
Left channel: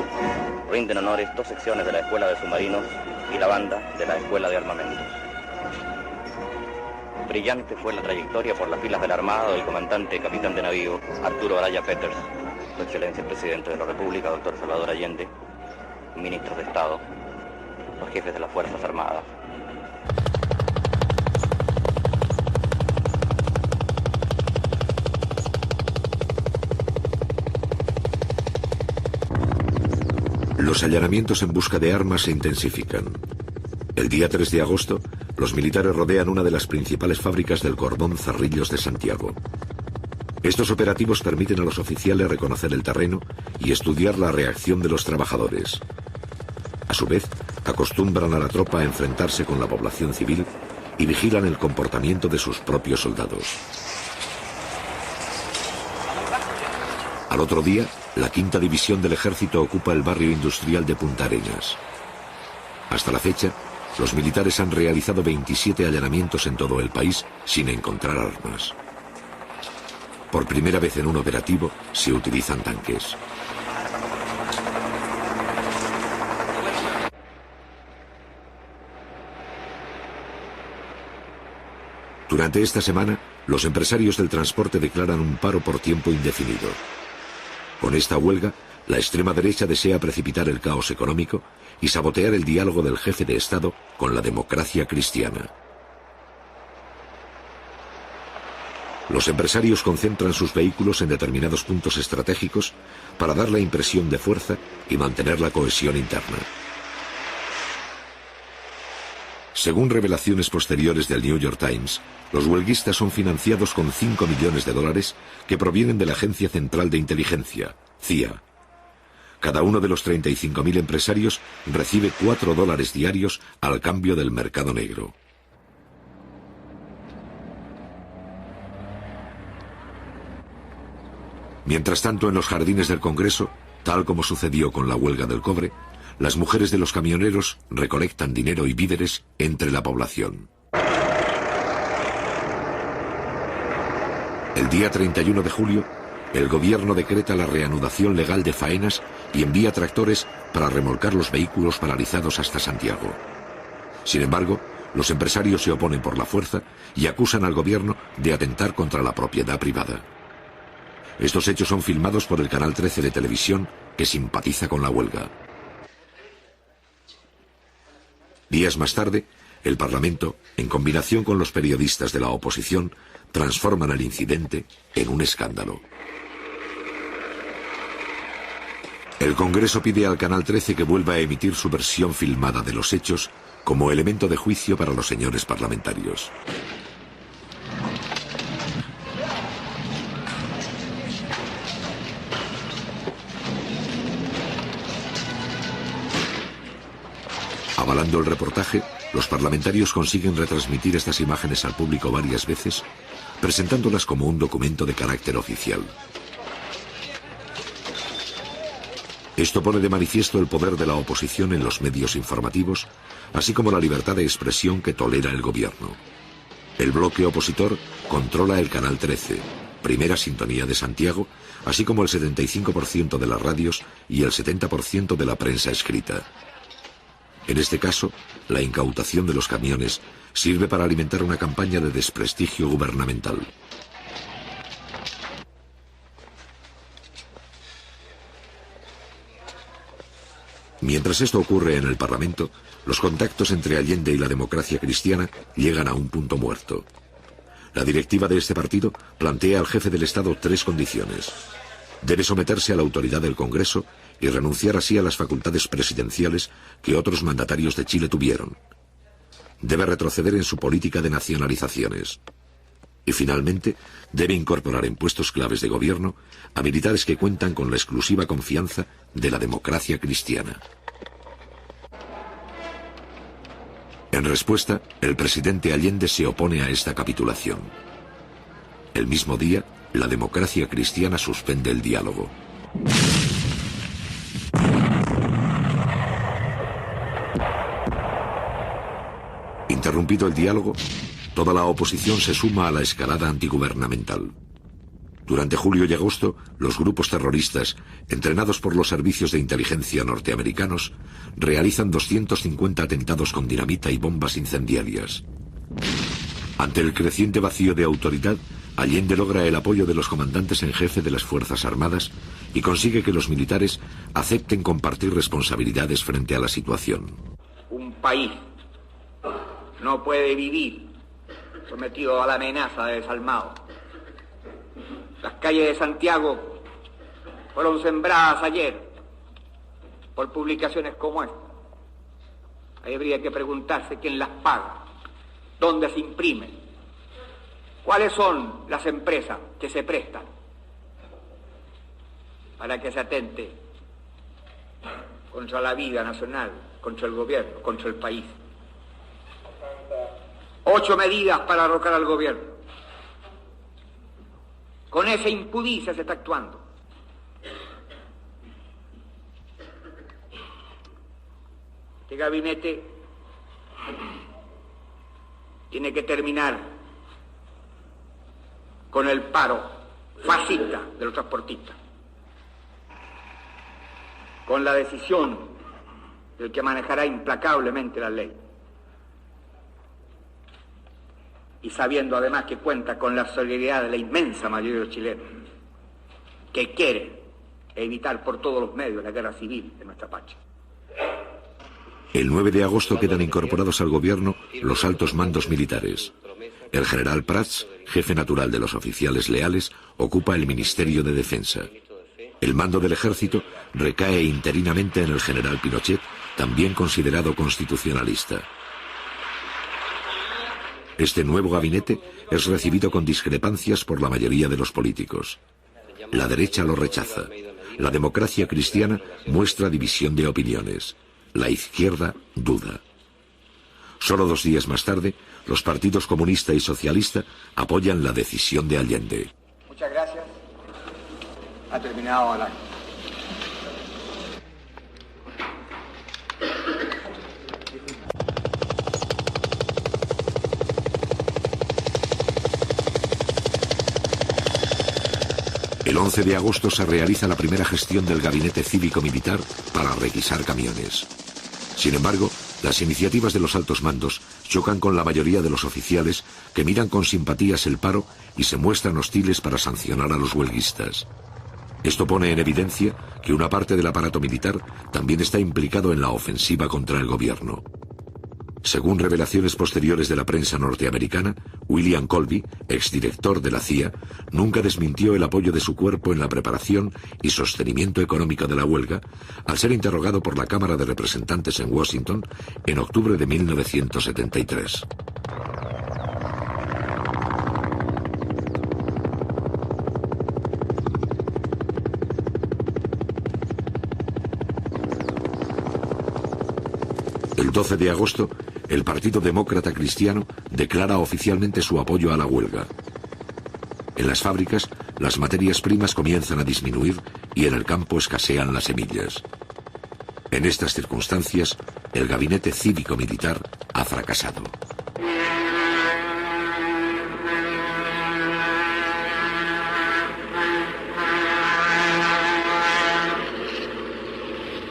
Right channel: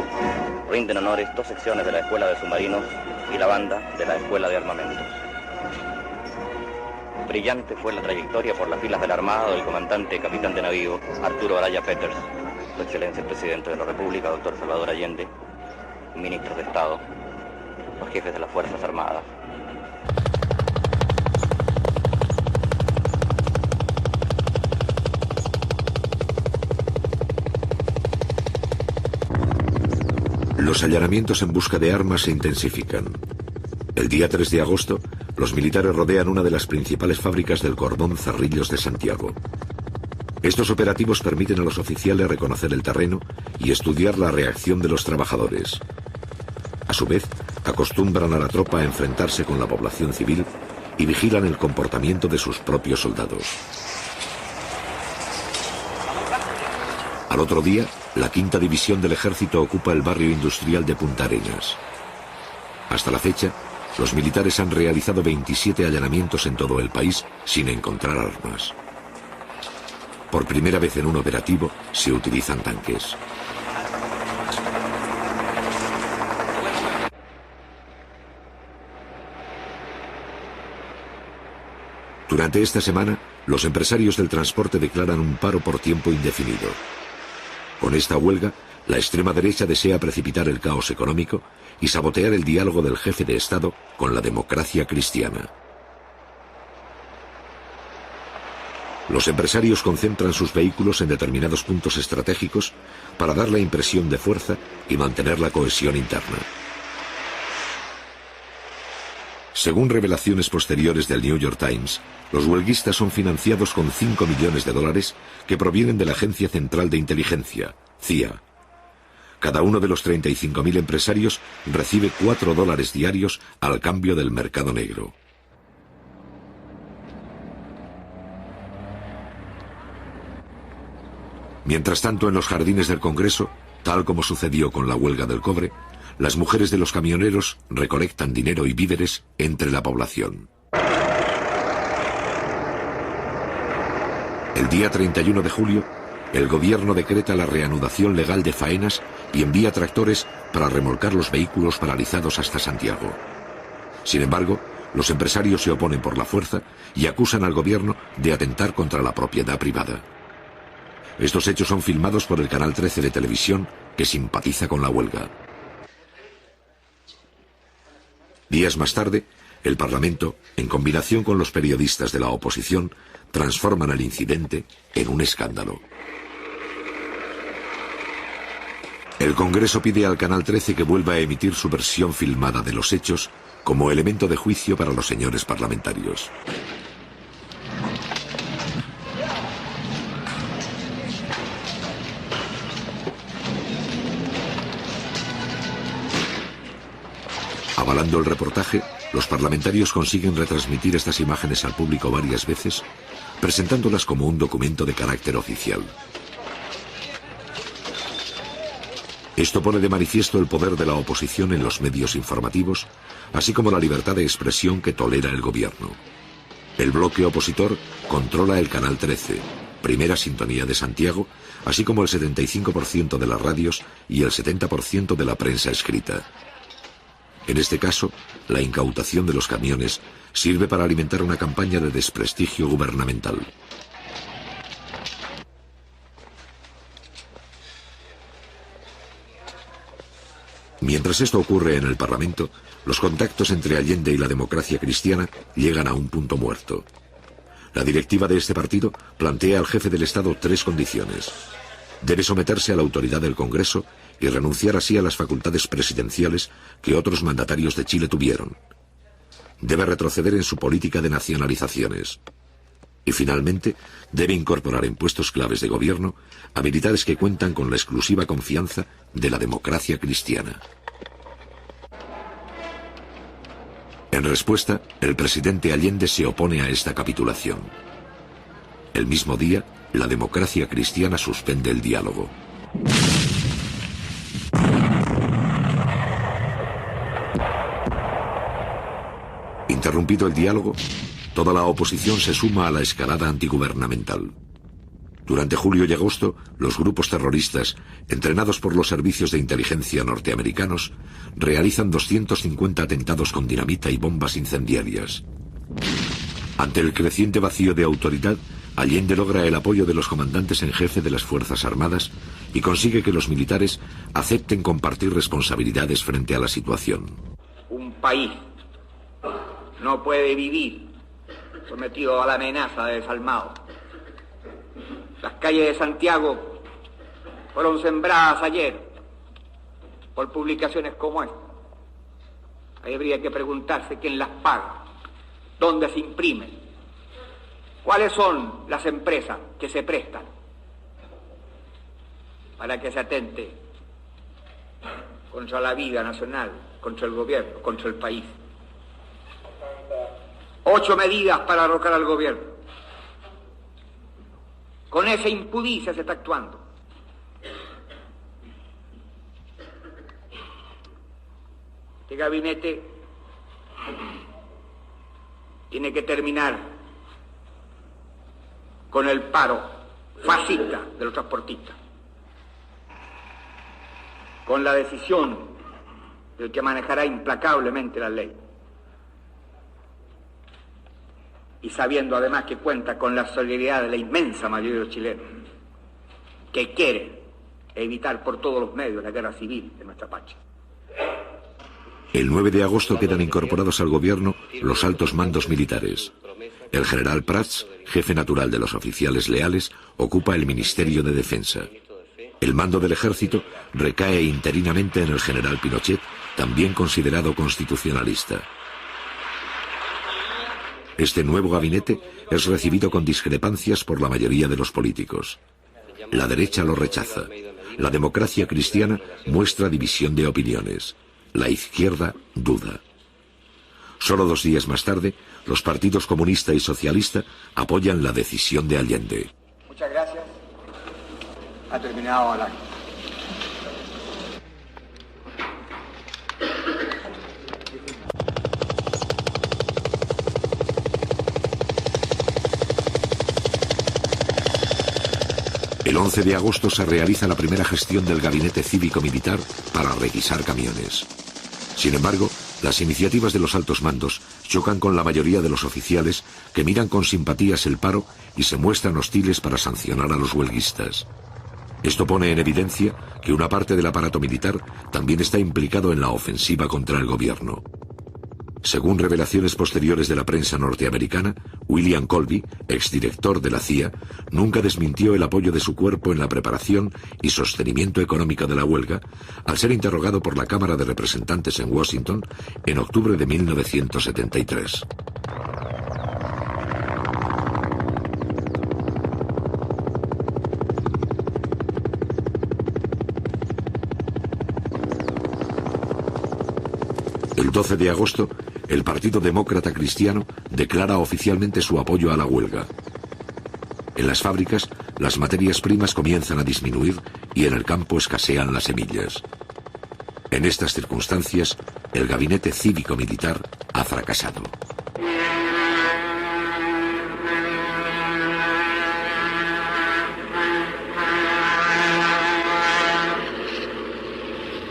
rinden honores 2 secciones de la Escuela de Submarinos y la banda de la Escuela de Armamentos. Brillante fue la trayectoria por las filas de la Armada del comandante y capitán de navío Arturo Araya Peters, Su Excelencia el Presidente de la República, doctor Salvador Allende, ministros de Estado, los jefes de las Fuerzas Armadas. Los allanamientos en busca de armas se intensifican. El día 3 de agosto, los militares rodean una de las principales fábricas del cordón Cerrillos de Santiago. Estos operativos permiten a los oficiales reconocer el terreno y estudiar la reacción de los trabajadores. A su vez, acostumbran a la tropa a enfrentarse con la población civil y vigilan el comportamiento de sus propios soldados. Al otro día, la 5ª División del Ejército ocupa el barrio industrial de Punta Arenas. Hasta la fecha, los militares han realizado 27 allanamientos en todo el país sin encontrar armas. Por primera vez en un operativo se utilizan tanques. Durante esta semana, los empresarios del transporte declaran un paro por tiempo indefinido. Con esta huelga, la extrema derecha desea precipitar el caos económico y sabotear el diálogo del jefe de Estado con la democracia cristiana. Los empresarios concentran sus vehículos en determinados puntos estratégicos para dar la impresión de fuerza y mantener la cohesión interna. Según revelaciones posteriores del New York Times, los huelguistas son financiados con $5 millones que provienen de la Agencia Central de Inteligencia, CIA. Cada uno de los 35.000 empresarios recibe $4 diarios al cambio del mercado negro. Mientras tanto, en los jardines del Congreso, tal como sucedió con la huelga del cobre, las mujeres de los camioneros recolectan dinero y víveres entre la población. El día 31 de julio, el gobierno decreta la reanudación legal de faenas y envía tractores para remolcar los vehículos paralizados hasta Santiago. Sin embargo, los empresarios se oponen por la fuerza y acusan al gobierno de atentar contra la propiedad privada. Estos hechos son filmados por el Canal 13 de televisión, que simpatiza con la huelga. Días más tarde, el Parlamento, en combinación con los periodistas de la oposición, transforman el incidente en un escándalo. El Congreso pide al Canal 13 que vuelva a emitir su versión filmada de los hechos como elemento de juicio para los señores parlamentarios. Avalando el reportaje, los parlamentarios consiguen retransmitir estas imágenes al público varias veces, presentándolas como un documento de carácter oficial. Esto pone de manifiesto el poder de la oposición en los medios informativos, así como la libertad de expresión que tolera el gobierno. El bloque opositor controla el Canal 13, primera sintonía de Santiago, así como el 75% de las radios y el 70% de la prensa escrita. En este caso, la incautación de los camiones sirve para alimentar una campaña de desprestigio gubernamental. Mientras esto ocurre en el Parlamento, los contactos entre Allende y la democracia cristiana llegan a un punto muerto. La directiva de este partido plantea al jefe del Estado 3 condiciones. Debe someterse a la autoridad del Congreso y renunciar así a las facultades presidenciales que otros mandatarios de Chile tuvieron. Debe retroceder en su política de nacionalizaciones. Y finalmente, debe incorporar en puestos claves de gobierno a militares que cuentan con la exclusiva confianza de la democracia cristiana. En respuesta, el presidente Allende se opone a esta capitulación. El mismo día, la democracia cristiana suspende el diálogo. Interrumpido el diálogo, toda la oposición se suma a la escalada antigubernamental. Durante julio y agosto, los grupos terroristas, entrenados por los servicios de inteligencia norteamericanos, realizan 250 atentados con dinamita y bombas incendiarias. Ante el creciente vacío de autoridad, Allende logra el apoyo de los comandantes en jefe de las Fuerzas Armadas y consigue que los militares acepten compartir responsabilidades frente a la situación. Un país no puede vivir sometido a la amenaza de desalmado. Las calles de Santiago fueron sembradas ayer por publicaciones como esta. Ahí habría que preguntarse quién las paga, dónde se imprimen, cuáles son las empresas que se prestan para que se atente contra la vida nacional, contra el gobierno, contra el país. 8 medidas para derrocar al gobierno. Con esa impudicia se está actuando. Este gabinete tiene que terminar con el paro fascista de los transportistas, con la decisión del que manejará implacablemente la ley, y sabiendo además que cuenta con la solidaridad de la inmensa mayoría de los chilenos, que quieren evitar por todos los medios la guerra civil de nuestra patria. El 9 de agosto quedan incorporados al gobierno los altos mandos militares. El general Prats, jefe natural de los oficiales leales, ocupa el Ministerio de Defensa. El mando del ejército recae interinamente en el general Pinochet, también considerado constitucionalista. Este nuevo gabinete es recibido con discrepancias por la mayoría de los políticos. La derecha lo rechaza. La democracia cristiana muestra división de opiniones. La izquierda duda. Solo 2 días más tarde, los partidos comunista y socialista apoyan la decisión de Allende. Muchas gracias. Ha terminado el acto. El 11 de agosto se realiza la primera gestión del gabinete cívico-militar para requisar camiones. Sin embargo, las iniciativas de los altos mandos chocan con la mayoría de los oficiales que miran con simpatías el paro y se muestran hostiles para sancionar a los huelguistas. Esto pone en evidencia que una parte del aparato militar también está implicado en la ofensiva contra el gobierno. Según revelaciones posteriores de la prensa norteamericana, William Colby, exdirector de la CIA, nunca desmintió el apoyo de su cuerpo en la preparación y sostenimiento económico de la huelga, al ser interrogado por la Cámara de Representantes en Washington en octubre de 1973. El 12 de agosto, el Partido Demócrata Cristiano declara oficialmente su apoyo a la huelga. En las fábricas, las materias primas comienzan a disminuir y en el campo escasean las semillas. En estas circunstancias, el gabinete cívico-militar ha fracasado.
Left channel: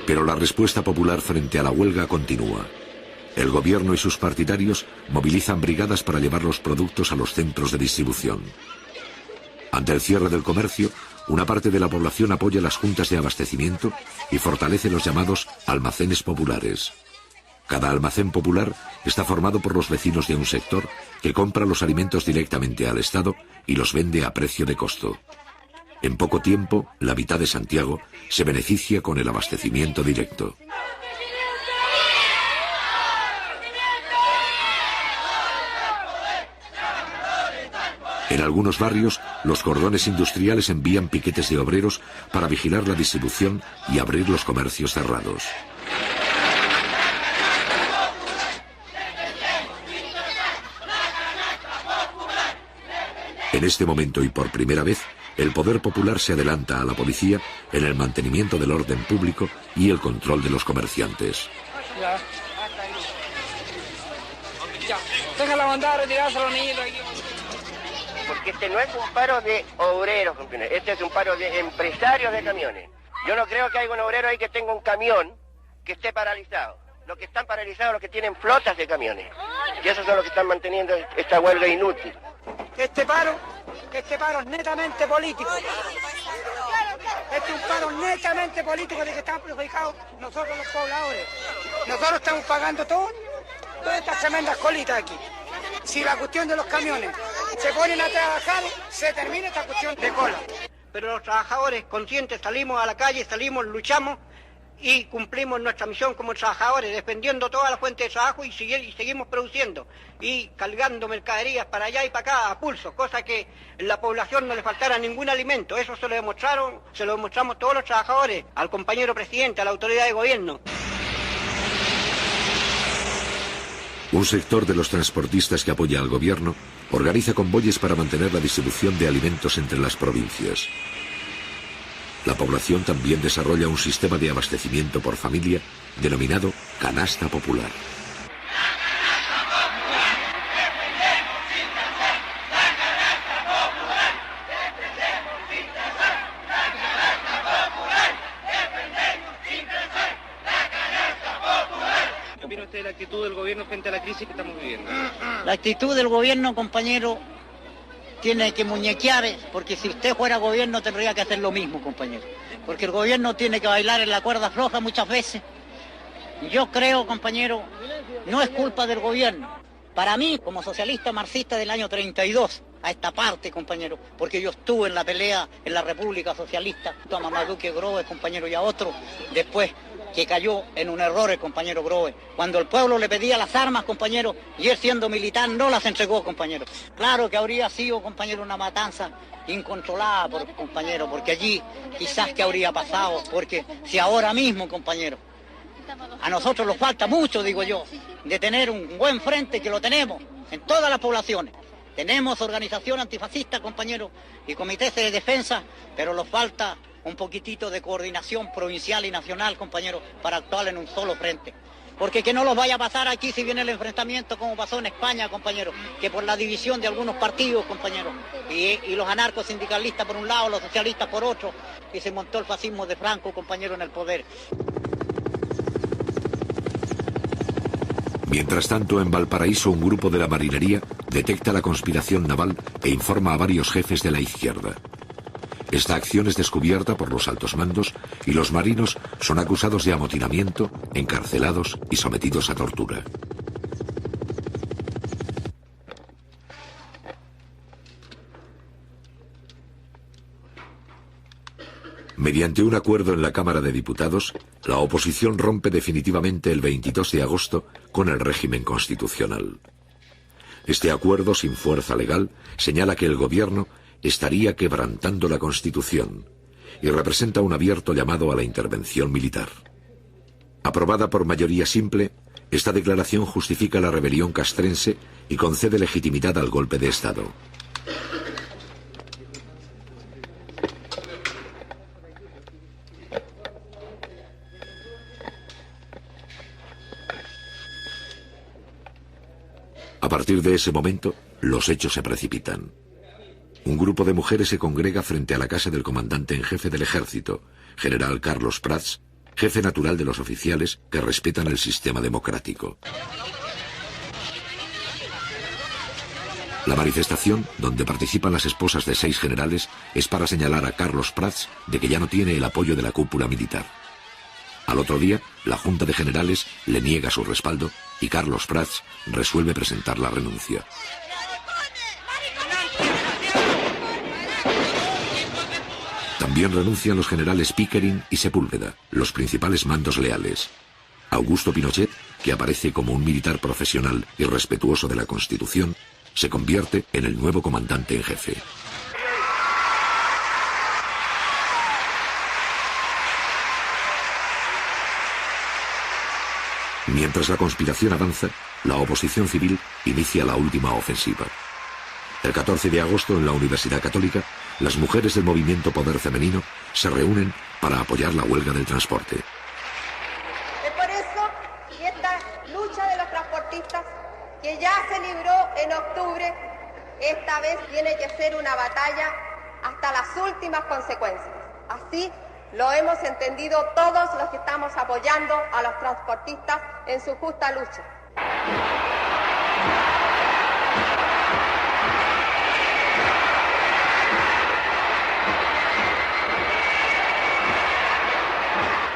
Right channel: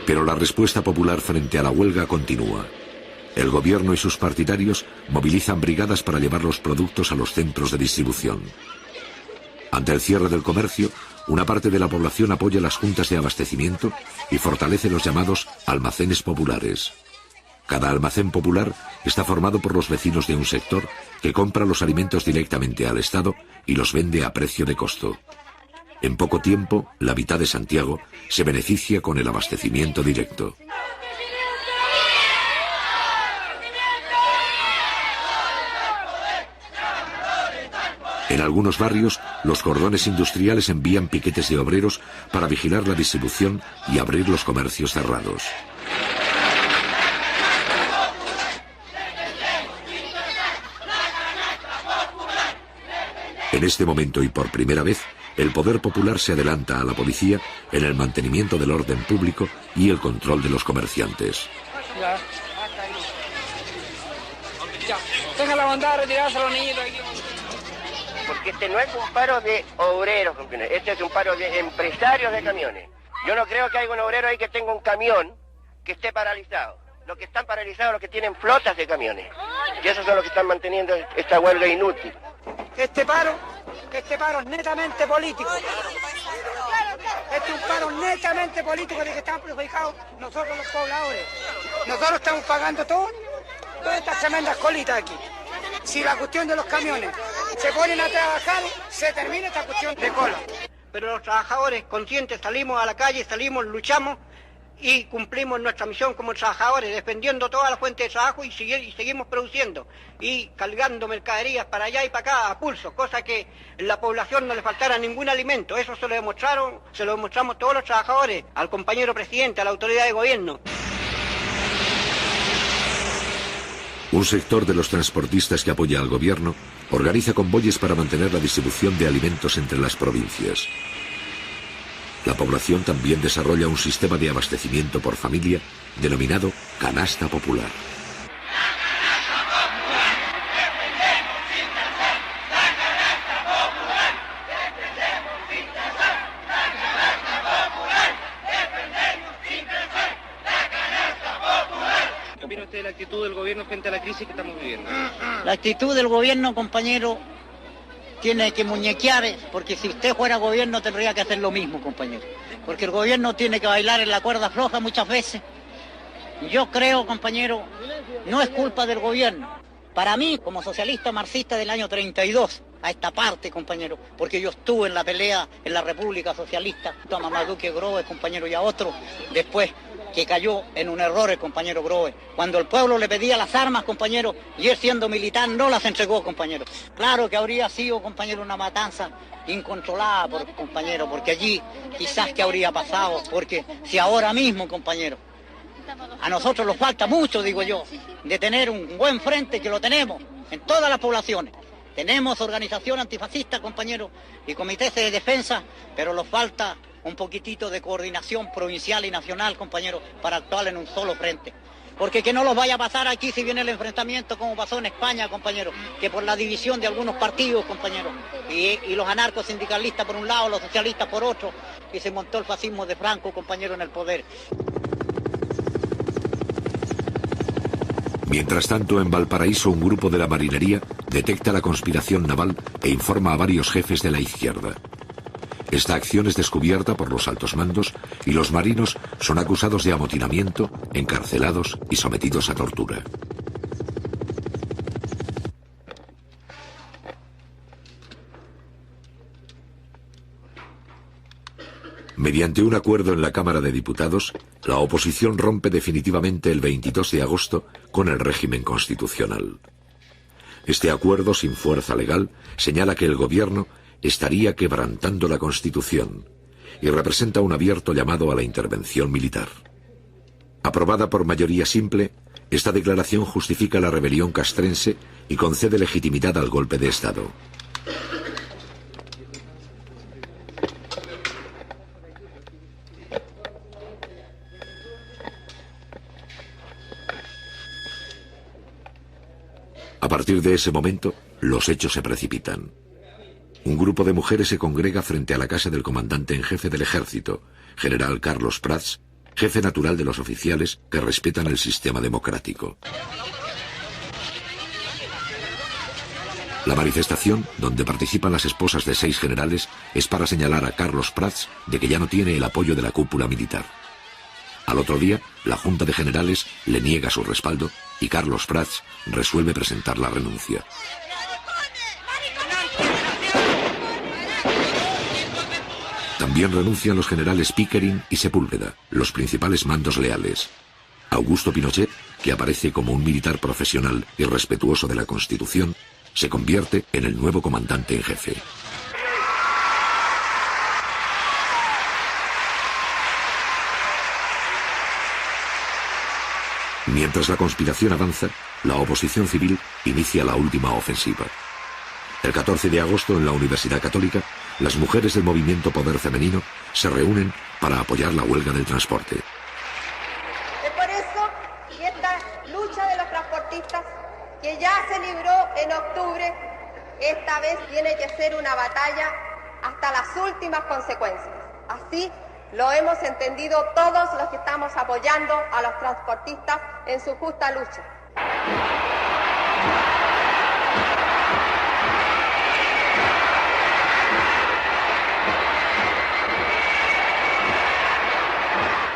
Pero la respuesta popular frente a la huelga continúa. El gobierno y sus partidarios movilizan brigadas para llevar los productos a los centros de distribución. Ante el cierre del comercio, una parte de la población apoya las juntas de abastecimiento y fortalece los llamados almacenes populares. Cada almacén popular está formado por los vecinos de un sector que compra los alimentos directamente al Estado y los vende a precio de costo. En poco tiempo, la mitad de Santiago se beneficia con el abastecimiento directo. En algunos barrios, los cordones industriales envían piquetes de obreros para vigilar la distribución y abrir los comercios cerrados. En este momento y por primera vez, el poder popular se adelanta a la policía en el mantenimiento del orden público y el control de los comerciantes. Tenga la bondad de retirarse los niños. Porque este no es un paro de obreros, este es un paro de empresarios de camiones. Yo no creo que haya un obrero ahí que tenga un camión que esté paralizado. Los que están paralizados, los que tienen flotas de camiones. Y esos son los que están manteniendo esta huelga inútil. Este paro es netamente político. Este es un paro netamente político de que están perjudicados nosotros los pobladores. Nosotros estamos pagando todas estas tremendas colitas aquí. Si la cuestión de los camiones se ponen a trabajar, se termina esta cuestión de cola. Pero los trabajadores conscientes salimos a la calle, salimos, luchamos y cumplimos nuestra misión como trabajadores, defendiendo toda la fuente de trabajo y seguimos produciendo y cargando mercaderías para allá y para acá a pulso, cosa que en la población no le faltara ningún alimento. Eso se lo demostramos todos los trabajadores, al compañero presidente, a la autoridad de gobierno. Un sector de los transportistas que apoya al gobierno organiza convoyes para mantener la distribución de alimentos entre las provincias. La población también desarrolla un sistema de abastecimiento por familia denominado canasta popular. ¿Qué opina usted de la actitud del gobierno frente a la crisis que estamos viviendo? La actitud del gobierno, compañero, tiene que muñequear, porque si usted fuera gobierno tendría que hacer lo mismo, compañero. Porque el gobierno tiene que bailar en la cuerda floja muchas veces. Yo creo, compañero, no es culpa del gobierno. Para mí, como socialista marxista del año 32, a esta parte, compañero, porque yo estuve en la pelea en la República Socialista, a Mamaduque Groves, compañero, y a otro, después que cayó en un error el compañero Groves. Cuando el pueblo le pedía las armas, compañero, y él siendo militar no las entregó, compañero. Claro que habría sido, compañero, una matanza incontrolada, compañero, porque allí quizás que habría pasado, porque si ahora mismo, compañero, a nosotros nos falta mucho, digo yo, de tener un buen frente, que lo tenemos en todas las poblaciones. Tenemos organización antifascista, compañero, y comités de defensa, pero nos falta un poquitito de coordinación provincial y nacional, compañero, para actuar en un solo frente. Porque que no los vaya a pasar aquí si viene el enfrentamiento como pasó en España, compañero, que por la división de algunos partidos, compañero, y los anarcos sindicalistas por un lado, los socialistas por otro, y se montó el fascismo de Franco, compañero, en el poder. Mientras tanto, en Valparaíso, un grupo de la marinería detecta la conspiración naval e informa a varios jefes de la izquierda. Esta acción es descubierta por los altos mandos y los marinos son acusados de amotinamiento, encarcelados y sometidos a tortura. Mediante un acuerdo en la Cámara de Diputados, la oposición rompe definitivamente el 22 de agosto con el régimen constitucional. Este acuerdo, sin fuerza legal, señala que el gobierno estaría quebrantando la Constitución y representa un abierto llamado a la intervención militar. Aprobada por mayoría simple, esta declaración justifica la rebelión castrense y concede legitimidad al golpe de Estado. A partir de ese momento, los hechos se precipitan. Un grupo de mujeres se congrega frente a la casa del comandante en jefe del ejército, general Carlos Prats, jefe natural de los oficiales que respetan el sistema democrático. La manifestación, donde participan las esposas de 6 generales, es para señalar a Carlos Prats de que ya no tiene el apoyo de la cúpula militar. Al otro día, la Junta de Generales le niega su respaldo y Carlos Prats resuelve presentar la renuncia. También renuncian los generales Pickering y Sepúlveda, los principales mandos leales. Augusto Pinochet, que aparece como un militar profesional y respetuoso de la Constitución, se convierte en el nuevo comandante en jefe. Mientras la conspiración avanza, la oposición civil inicia la última ofensiva. El 14 de agosto, en la Universidad Católica, las mujeres del movimiento Poder Femenino se reúnen para apoyar la huelga del transporte. Es por eso que esta lucha de los transportistas, que ya se libró en octubre, esta vez tiene que ser una batalla hasta las últimas consecuencias. Así lo hemos entendido todos los que estamos apoyando a los transportistas en su justa lucha.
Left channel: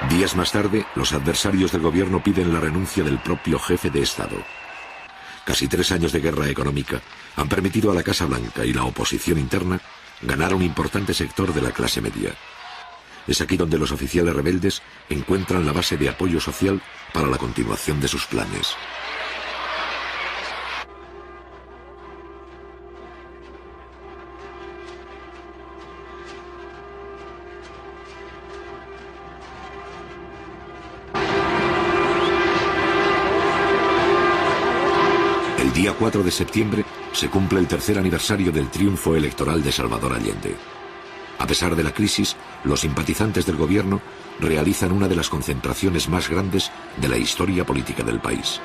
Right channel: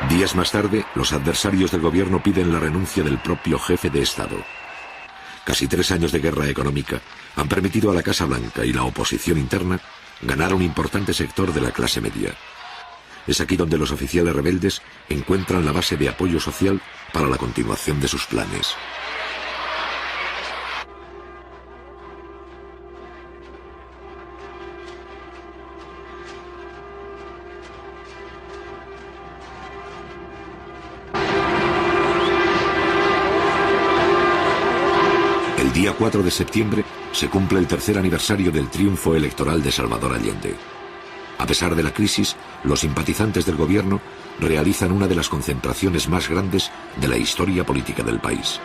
Días más tarde, los adversarios del gobierno piden la renuncia del propio jefe de Estado. Casi 3 años de guerra económica han permitido a la Casa Blanca y la oposición interna ganar un importante sector de la clase media. Es aquí donde los oficiales rebeldes encuentran la base de apoyo social para la continuación de sus planes. El día 4 de septiembre se cumple el 3er aniversario del triunfo electoral de Salvador Allende. A pesar de la crisis, los simpatizantes del gobierno realizan una de las concentraciones más grandes de la historia política del país.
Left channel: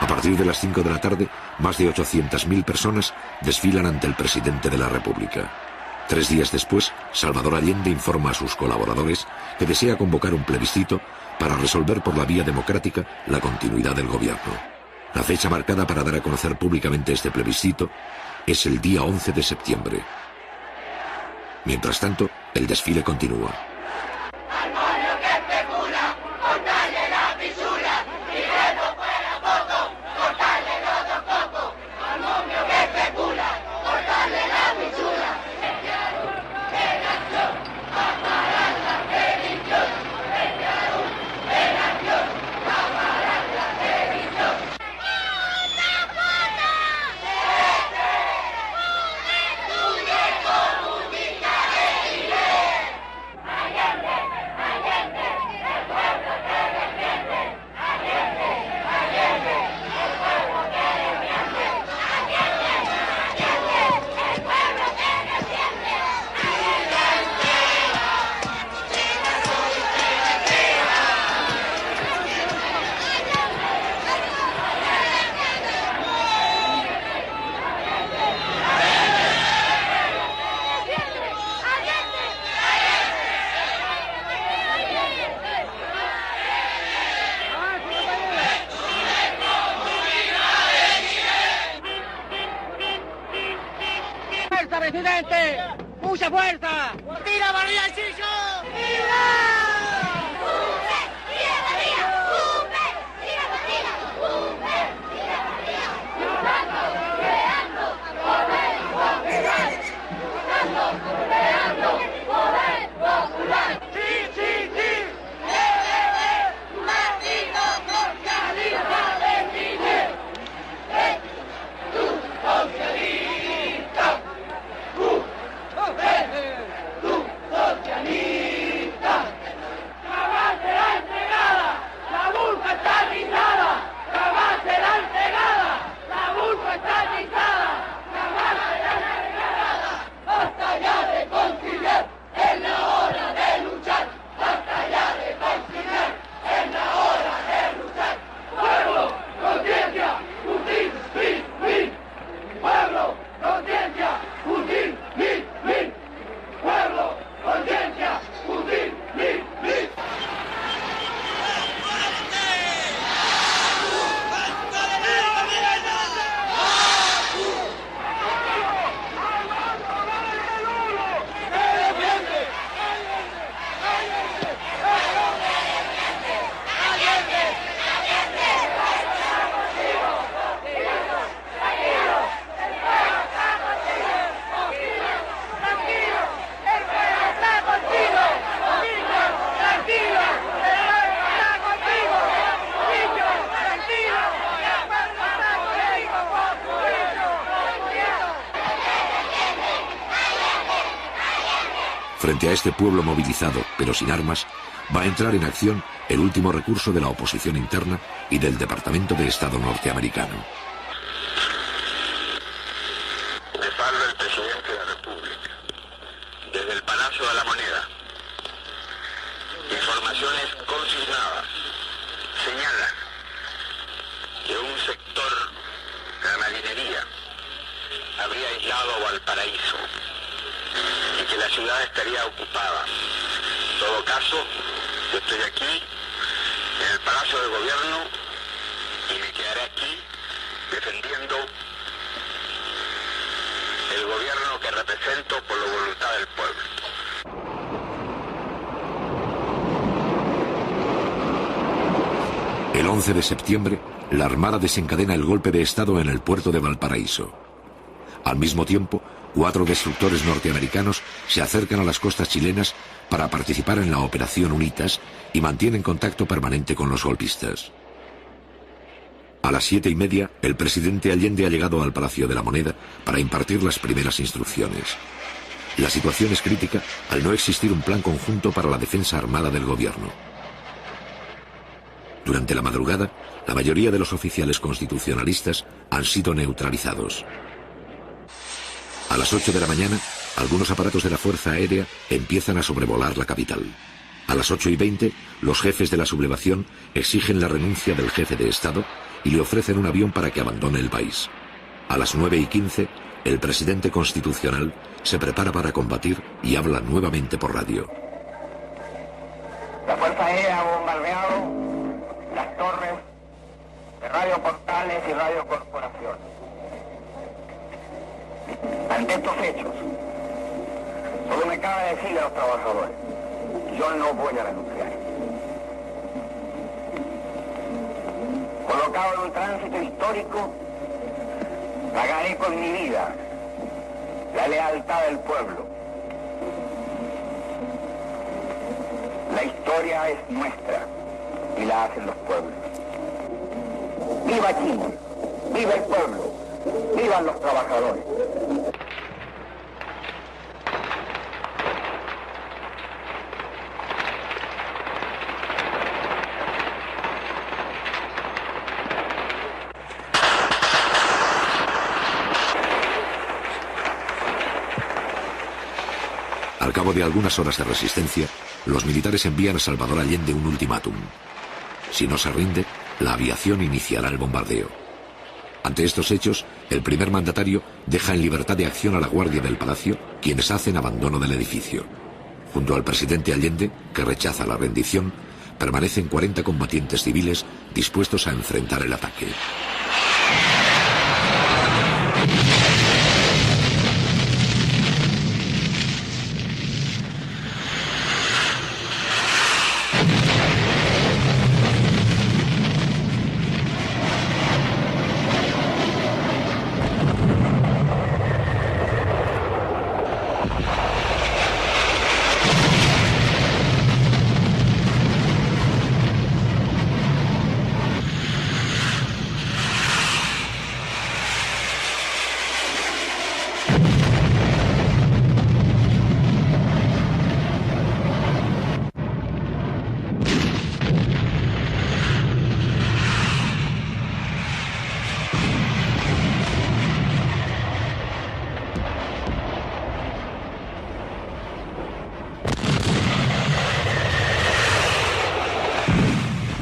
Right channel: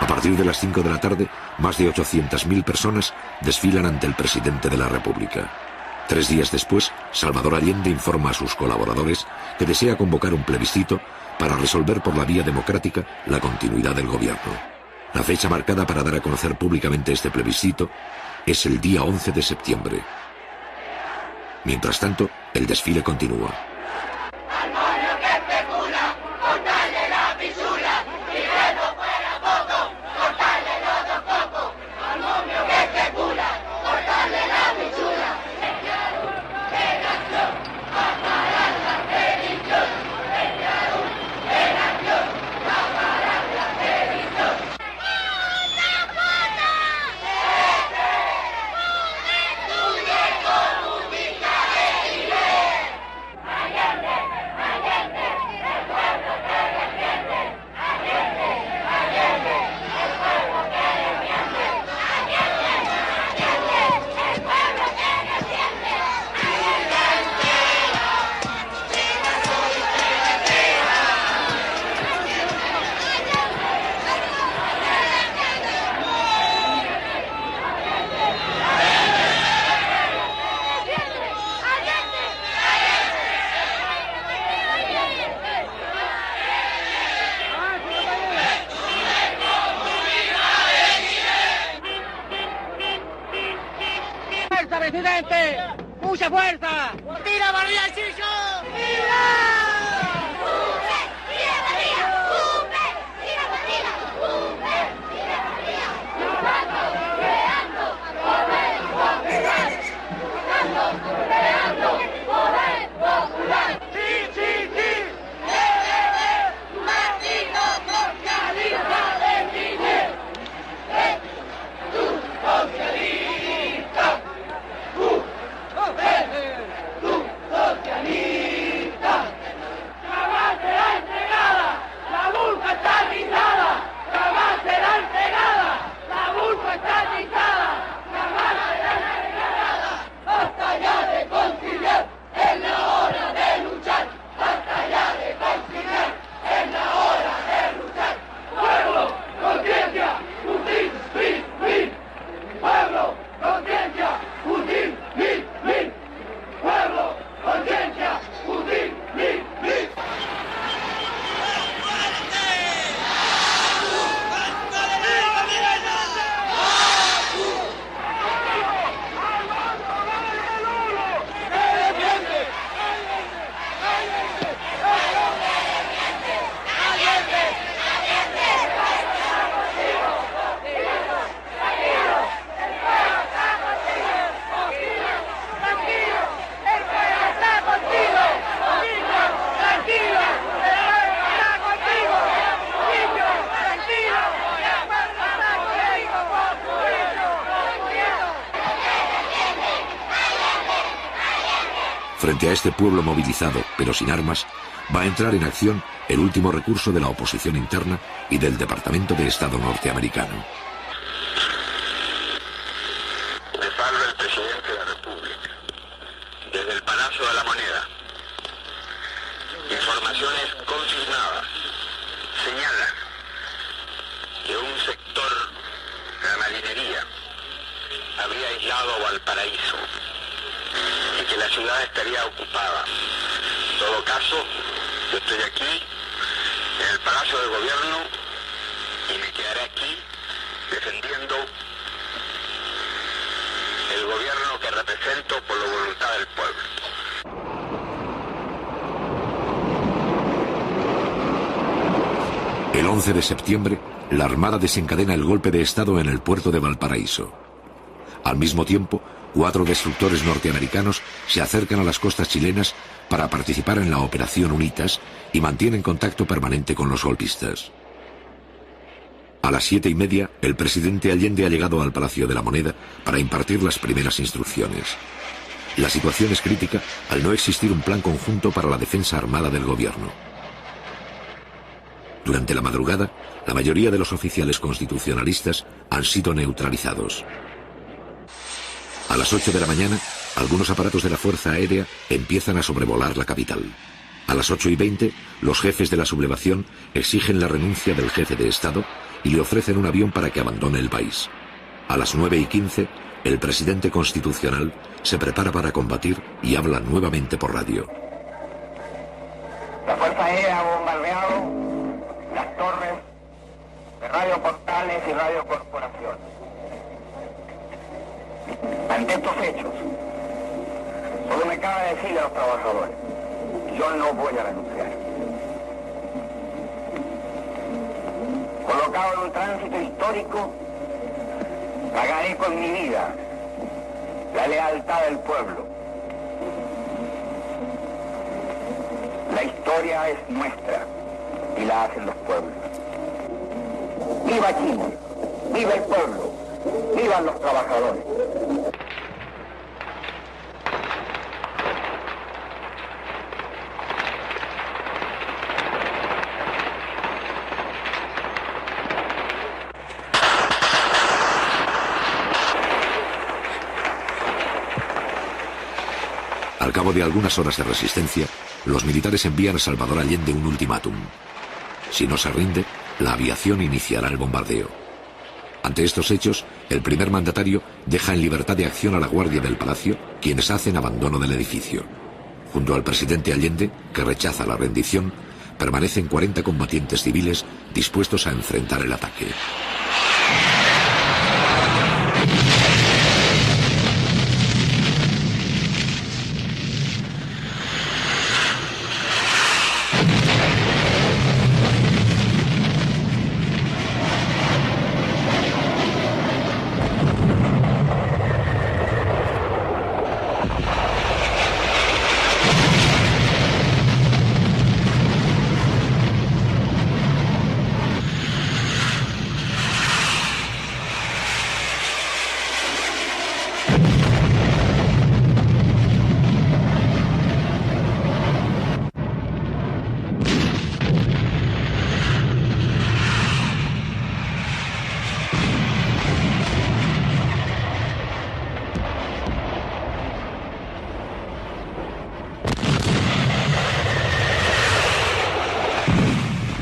A partir de las 5 de la tarde, más de 800.000 personas desfilan ante el presidente de la República. 3 días después, Salvador Allende informa a sus colaboradores que desea convocar un plebiscito para resolver por la vía democrática la continuidad del gobierno. La fecha marcada para dar a conocer públicamente este plebiscito es el día 11 de septiembre. Mientras tanto, el desfile continúa. ¡Presidente! ¡Mucha fuerza! ¡Viva María Chillo! Frente a este pueblo movilizado, pero sin armas, va a entrar en acción el último recurso de la oposición interna y del Departamento de Estado norteamericano. Les habla el presidente de la República, desde el Palacio de la Moneda. Informaciones confirmadas señalan que un sector de la marinería habría aislado Valparaíso y que la ciudad estaría ocupada. En todo caso, yo estoy aquí en el Palacio del Gobierno y me quedaré aquí defendiendo el gobierno que represento por la voluntad del pueblo. El 11 de septiembre, la Armada desencadena el golpe de Estado en el puerto de Valparaíso. Al mismo tiempo, 4 destructores norteamericanos se acercan a las costas chilenas para participar en la Operación Unitas y mantienen contacto permanente con los golpistas. A las 7:30, el presidente Allende ha llegado al Palacio de la Moneda para impartir las primeras instrucciones. La situación es crítica al no existir un plan conjunto para la defensa armada del gobierno. Durante la madrugada, la mayoría de los oficiales constitucionalistas han sido neutralizados. A las 8 de la mañana, algunos aparatos de la Fuerza Aérea empiezan a sobrevolar la capital. A las 8:20, los jefes de la sublevación exigen la renuncia del jefe de Estado y le ofrecen un avión para que abandone el país. A las 9:15, el presidente constitucional se prepara para combatir y habla nuevamente por radio. La Fuerza Aérea ha bombardeado las torres de Radio Portales y Radio Corporación. Ante estos hechos, solo me cabe decirle a los trabajadores, yo no voy a renunciar. Colocado en un tránsito histórico, pagaré con mi vida la lealtad del pueblo. La historia es nuestra y la hacen los pueblos. ¡Viva Chile! ¡Viva el pueblo! ¡Vivan los trabajadores! Al cabo de algunas horas de resistencia, los militares envían a Salvador Allende un ultimátum. Si no se rinde, la aviación iniciará el bombardeo. Ante estos hechos, el primer mandatario deja en libertad de acción a la guardia del palacio, quienes hacen abandono del edificio. Junto al presidente Allende, que rechaza la rendición, permanecen 40 combatientes civiles dispuestos a enfrentar el ataque.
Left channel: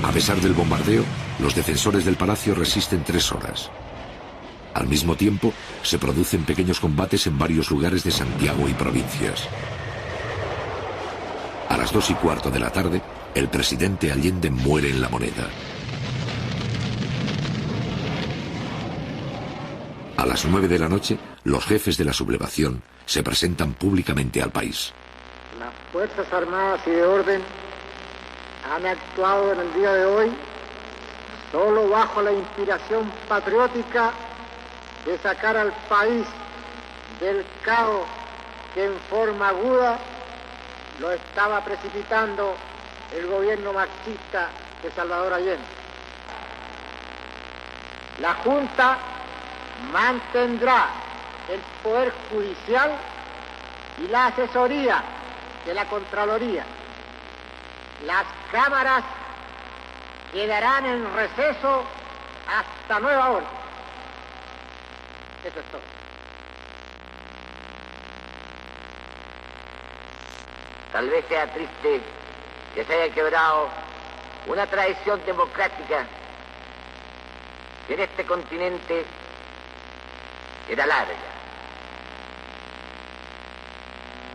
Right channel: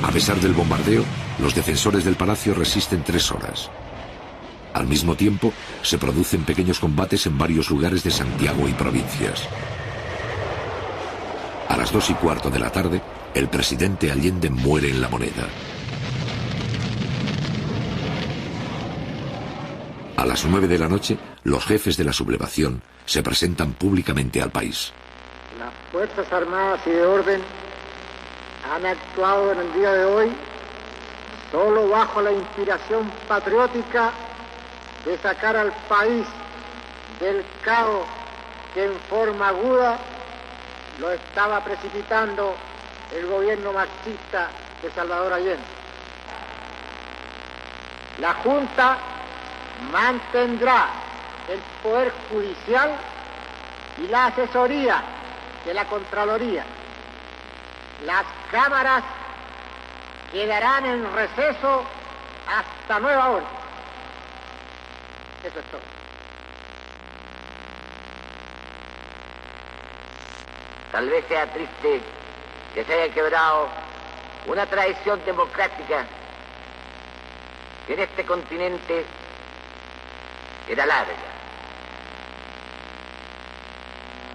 A pesar del bombardeo, los defensores del palacio resisten 3 horas. Al mismo tiempo, se producen pequeños combates en varios lugares de Santiago y provincias. A las 2:15 de la tarde, el presidente Allende muere en La Moneda. A las 9 de la noche, los jefes de la sublevación se presentan públicamente al país. Las Fuerzas Armadas y de Orden han actuado en el día de hoy solo bajo la inspiración patriótica de sacar al país del caos que en forma aguda lo estaba precipitando el gobierno marxista de Salvador Allende. La Junta mantendrá el poder judicial y la asesoría de la Contraloría. Las cámaras quedarán en receso hasta nueva orden. Eso es todo. Tal vez sea triste que se haya quebrado una tradición democrática que en este continente era larga.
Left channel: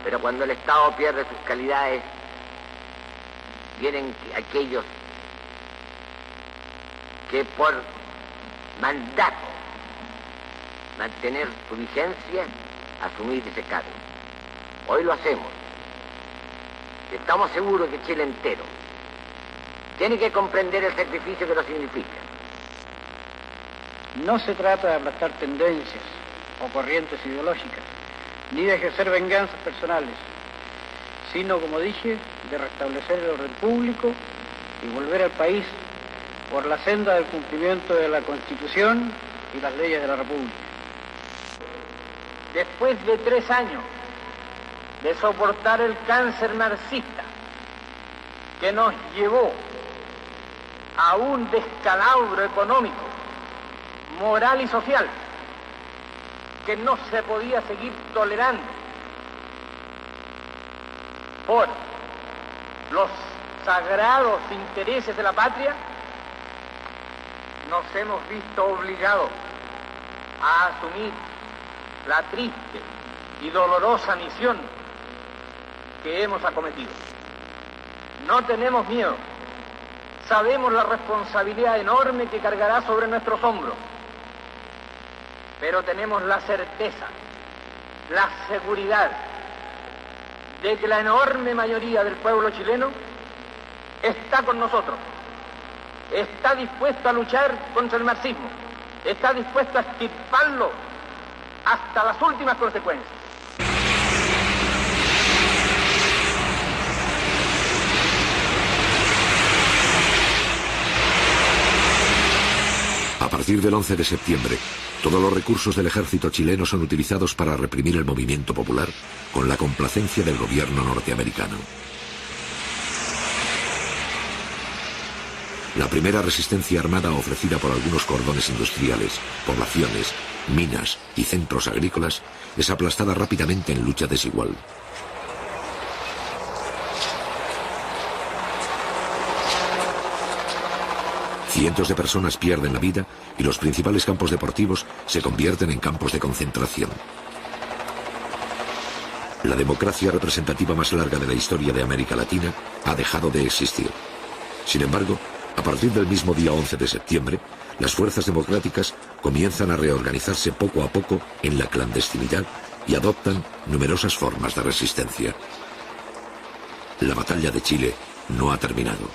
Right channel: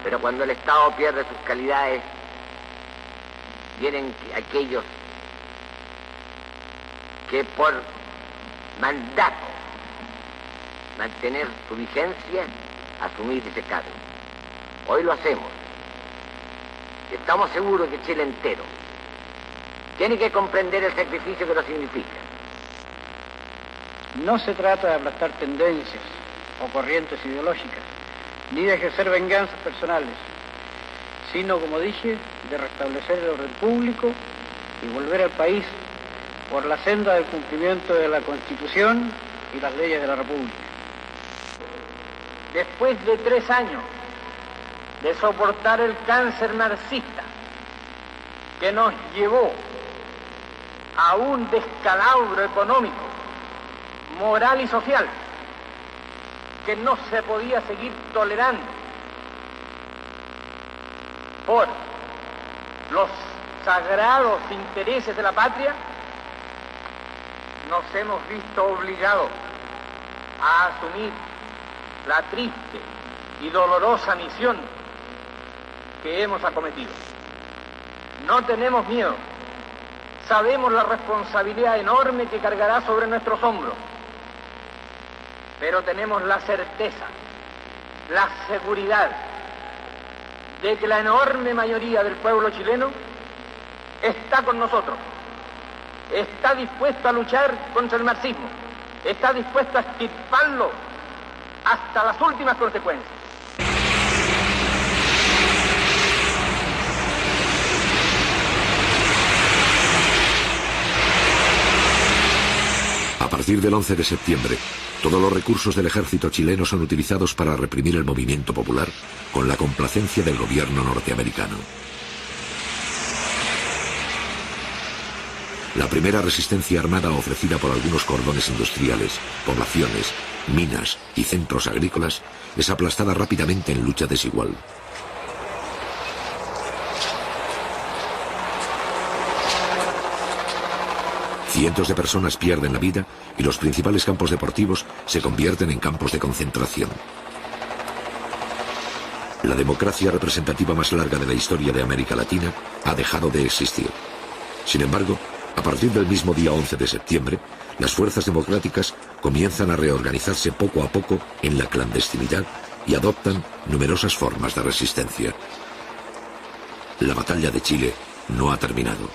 Pero cuando el Estado pierde sus calidades, vienen aquellos que por mandato mantener su vigencia, asumir ese cargo. Hoy lo hacemos. Estamos seguros que Chile entero tiene que comprender el sacrificio que nos significa. No se trata de aplastar tendencias o corrientes ideológicas, ni de ejercer venganzas personales, sino, como dije, de restablecer el orden público y volver al país por la senda del cumplimiento de la Constitución y las leyes de la República. Después de 3 años de soportar el cáncer marxista que nos llevó a un descalabro económico, moral y social que no se podía seguir tolerando por los sagrados intereses de la patria, nos hemos visto obligados a asumir la triste y dolorosa misión que hemos acometido. No tenemos miedo, sabemos la responsabilidad enorme que cargará sobre nuestros hombros, pero tenemos la certeza, la seguridad de que la enorme mayoría del pueblo chileno está con nosotros, está dispuesto a luchar contra el marxismo, está dispuesto a extirparlo hasta las últimas consecuencias. A partir del 11 de septiembre, todos los recursos del ejército chileno son utilizados para reprimir el movimiento popular con la complacencia del gobierno norteamericano. La primera resistencia armada ofrecida por algunos cordones industriales, poblaciones, minas y centros agrícolas es aplastada rápidamente en lucha desigual. Cientos de personas pierden la vida y los principales campos deportivos se convierten en campos de concentración. La democracia representativa más larga de la historia de América Latina ha dejado de existir. Sin embargo, a partir del mismo día 11 de septiembre, las fuerzas democráticas comienzan a reorganizarse poco a poco en la clandestinidad y adoptan numerosas formas de resistencia. La batalla de Chile no ha terminado.